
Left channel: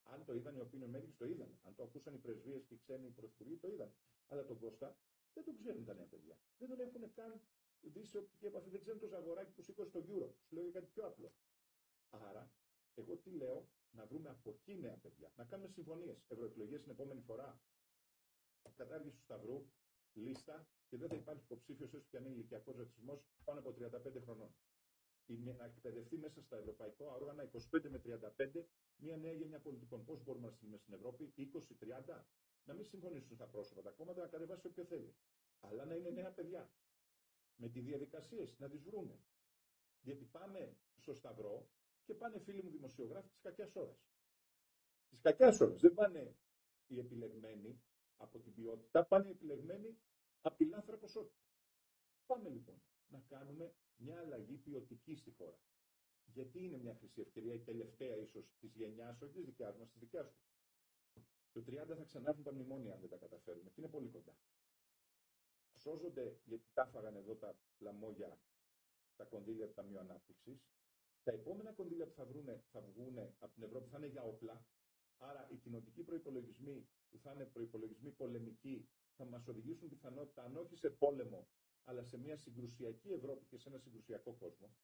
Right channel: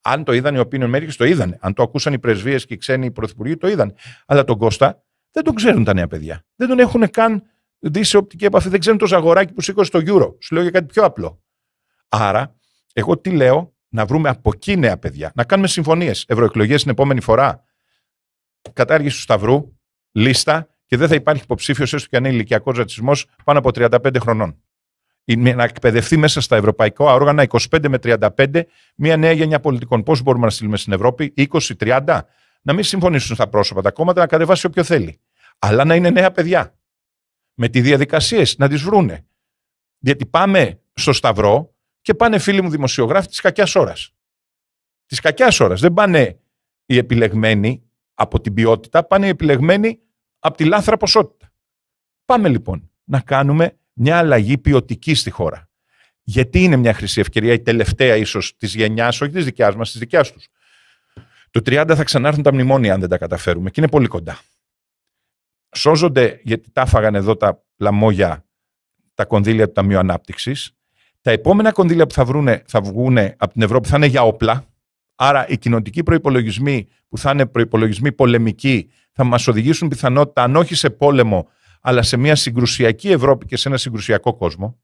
Αν το είδαν οι opinion makers, το είδαν. Αν το ακούσαν οι πρεσβείες και οι ξένοι πρωθυπουργοί, το είδαν. Αλλά τον Κώστα δεν τον ξέρουν τα νέα παιδιά. Δεν τον έχουν καν δει σε οπτική επαφή. Δεν ξέρουν το Ζαγοράκι που σήκωσε στο Euro. Σου λέω για κάτι πιο απλό. Άρα, εγώ τι λέω? Να βρούμε από εκεί νέα παιδιά. Να κάνουμε συμφωνίες. Ευρωεκλογές την επόμενη φορά. Κατάργηση του Σταυρού, λίστα, και δεν θα υπάρχει υποψήφιος, έστω και αν είναι ηλικιακός ρατσισμός, πάνω από 35 χρονών. Να εκπαιδευτεί μέσα στα ευρωπαϊκά όργανα 25 με 35 μια νέα γενιά πολιτικών. Πώς μπορούμε να στείλουμε στην Ευρώπη? 20-30. Να μην συμφωνήσουν στα πρόσωπα τα κόμματα, να κατεβάσει όποιο θέλει. Αλλά να είναι νέα παιδιά. Με τις διαδικασίες να τις βρούνε. Γιατί πάμε στο Σταυρό και πάνε φίλοι μου δημοσιογράφοι της κακιάς ώρας. Της κακιάς ώρας. Δεν πάνε οι επιλεγμένοι από την ποιότητα, πάνε οι επιλεγμένοι από τη λάθρα ποσότητα. Πάμε λοιπόν να κάνουμε μια αλλαγή ποιοτική στη χώρα. Γιατί είναι μια χρυσή ευκαιρία, η τελευταία ίσως της γενιάς, όχι της δικιάς μας, της δικιάς τους. Το 30 θα ξανάρθουν τα μνημόνια αν δεν τα καταφέρουμε και είναι πολύ κοντά. Σώζονται, γιατί τα φάγανε εδώ τα λαμόγια, τα κονδύλια του Ταμείου Ανάπτυξης. Τα επόμενα κονδύλια που θα βγουν από την Ευρώπη θα είναι για όπλα. Άρα οι κοινοτικοί προϋπολογισμοί που θα είναι προϋπολογισμοί πολεμικοί θα μας οδηγήσουν πιθανότητα, αν όχι σε πόλεμο, αλλά σε μια συγκρουσιακή Ευρώπη και σε ένα συγκρουσιακό κόσμο.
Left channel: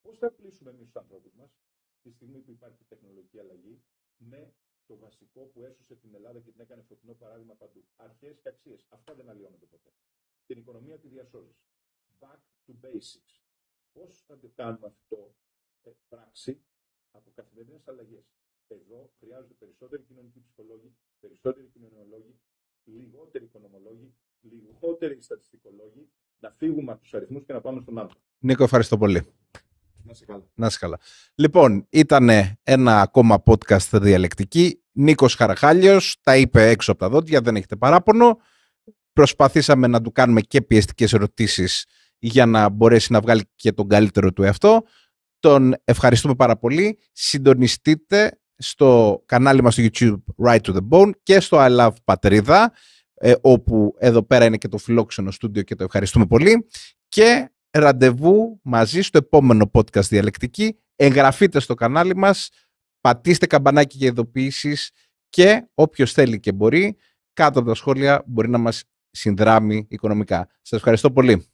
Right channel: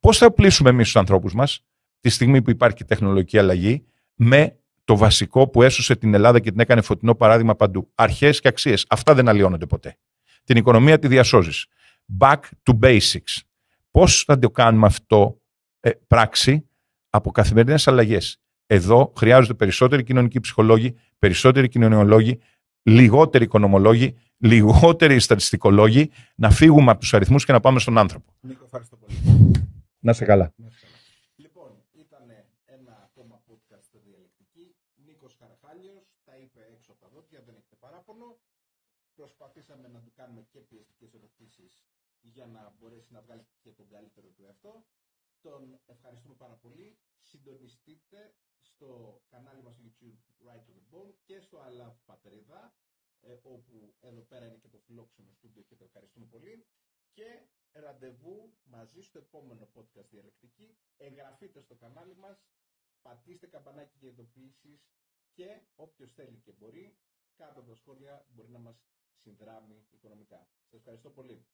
Πώς θα πλήσουμε εμείς τους ανθρώπους μας, τη στιγμή που υπάρχει τεχνολογική αλλαγή, με το βασικό που έσωσε την Ελλάδα και την έκανε φωτεινό παράδειγμα παντού. Αρχές και αξίες. Αυτά δεν αλλοιώνονται ποτέ. Την οικονομία τη διασώζεις. Back to basics. Πώς θα το κάνουμε αυτό πράξη? Από καθημερινές αλλαγές. Εδώ χρειάζονται περισσότεροι κοινωνικοί ψυχολόγοι, περισσότεροι κοινωνιολόγοι, λιγότεροι οικονομολόγοι, λιγότεροι στατιστικολόγοι, να φύγουμε από τους αριθμούς και να πάμε στον άνθρωπο. Νίκο, ευχαριστώ πολύ. Να είσαι καλά. Να είσαι καλά. Λοιπόν, ήταν ένα ακόμα podcast διαλεκτική. Νίκος Χαραχάλιος τα είπε έξω από τα δόντια, δεν έχετε παράπονο. Προσπαθήσαμε να του κάνουμε και πιεστικές ερωτήσεις για να μπορέσει να βγάλει και τον καλύτερο του εαυτό. Τον ευχαριστούμε πάρα πολύ. Συντονιστείτε στο κανάλι μας στο YouTube Right to the Bone και στο I Love Πατρίδα, όπου εδώ πέρα είναι και το φιλόξενο στούντιο και το ευχαριστούμε πολύ. και ραντεβού μαζί στο επόμενο podcast Διαλεκτική. Εγγραφείτε στο κανάλι μας, πατήστε καμπανάκι για ειδοποιήσεις και όποιος θέλει και μπορεί, κάτω από τα σχόλια μπορεί να μας συνδράμει οικονομικά. Σας ευχαριστώ πολύ.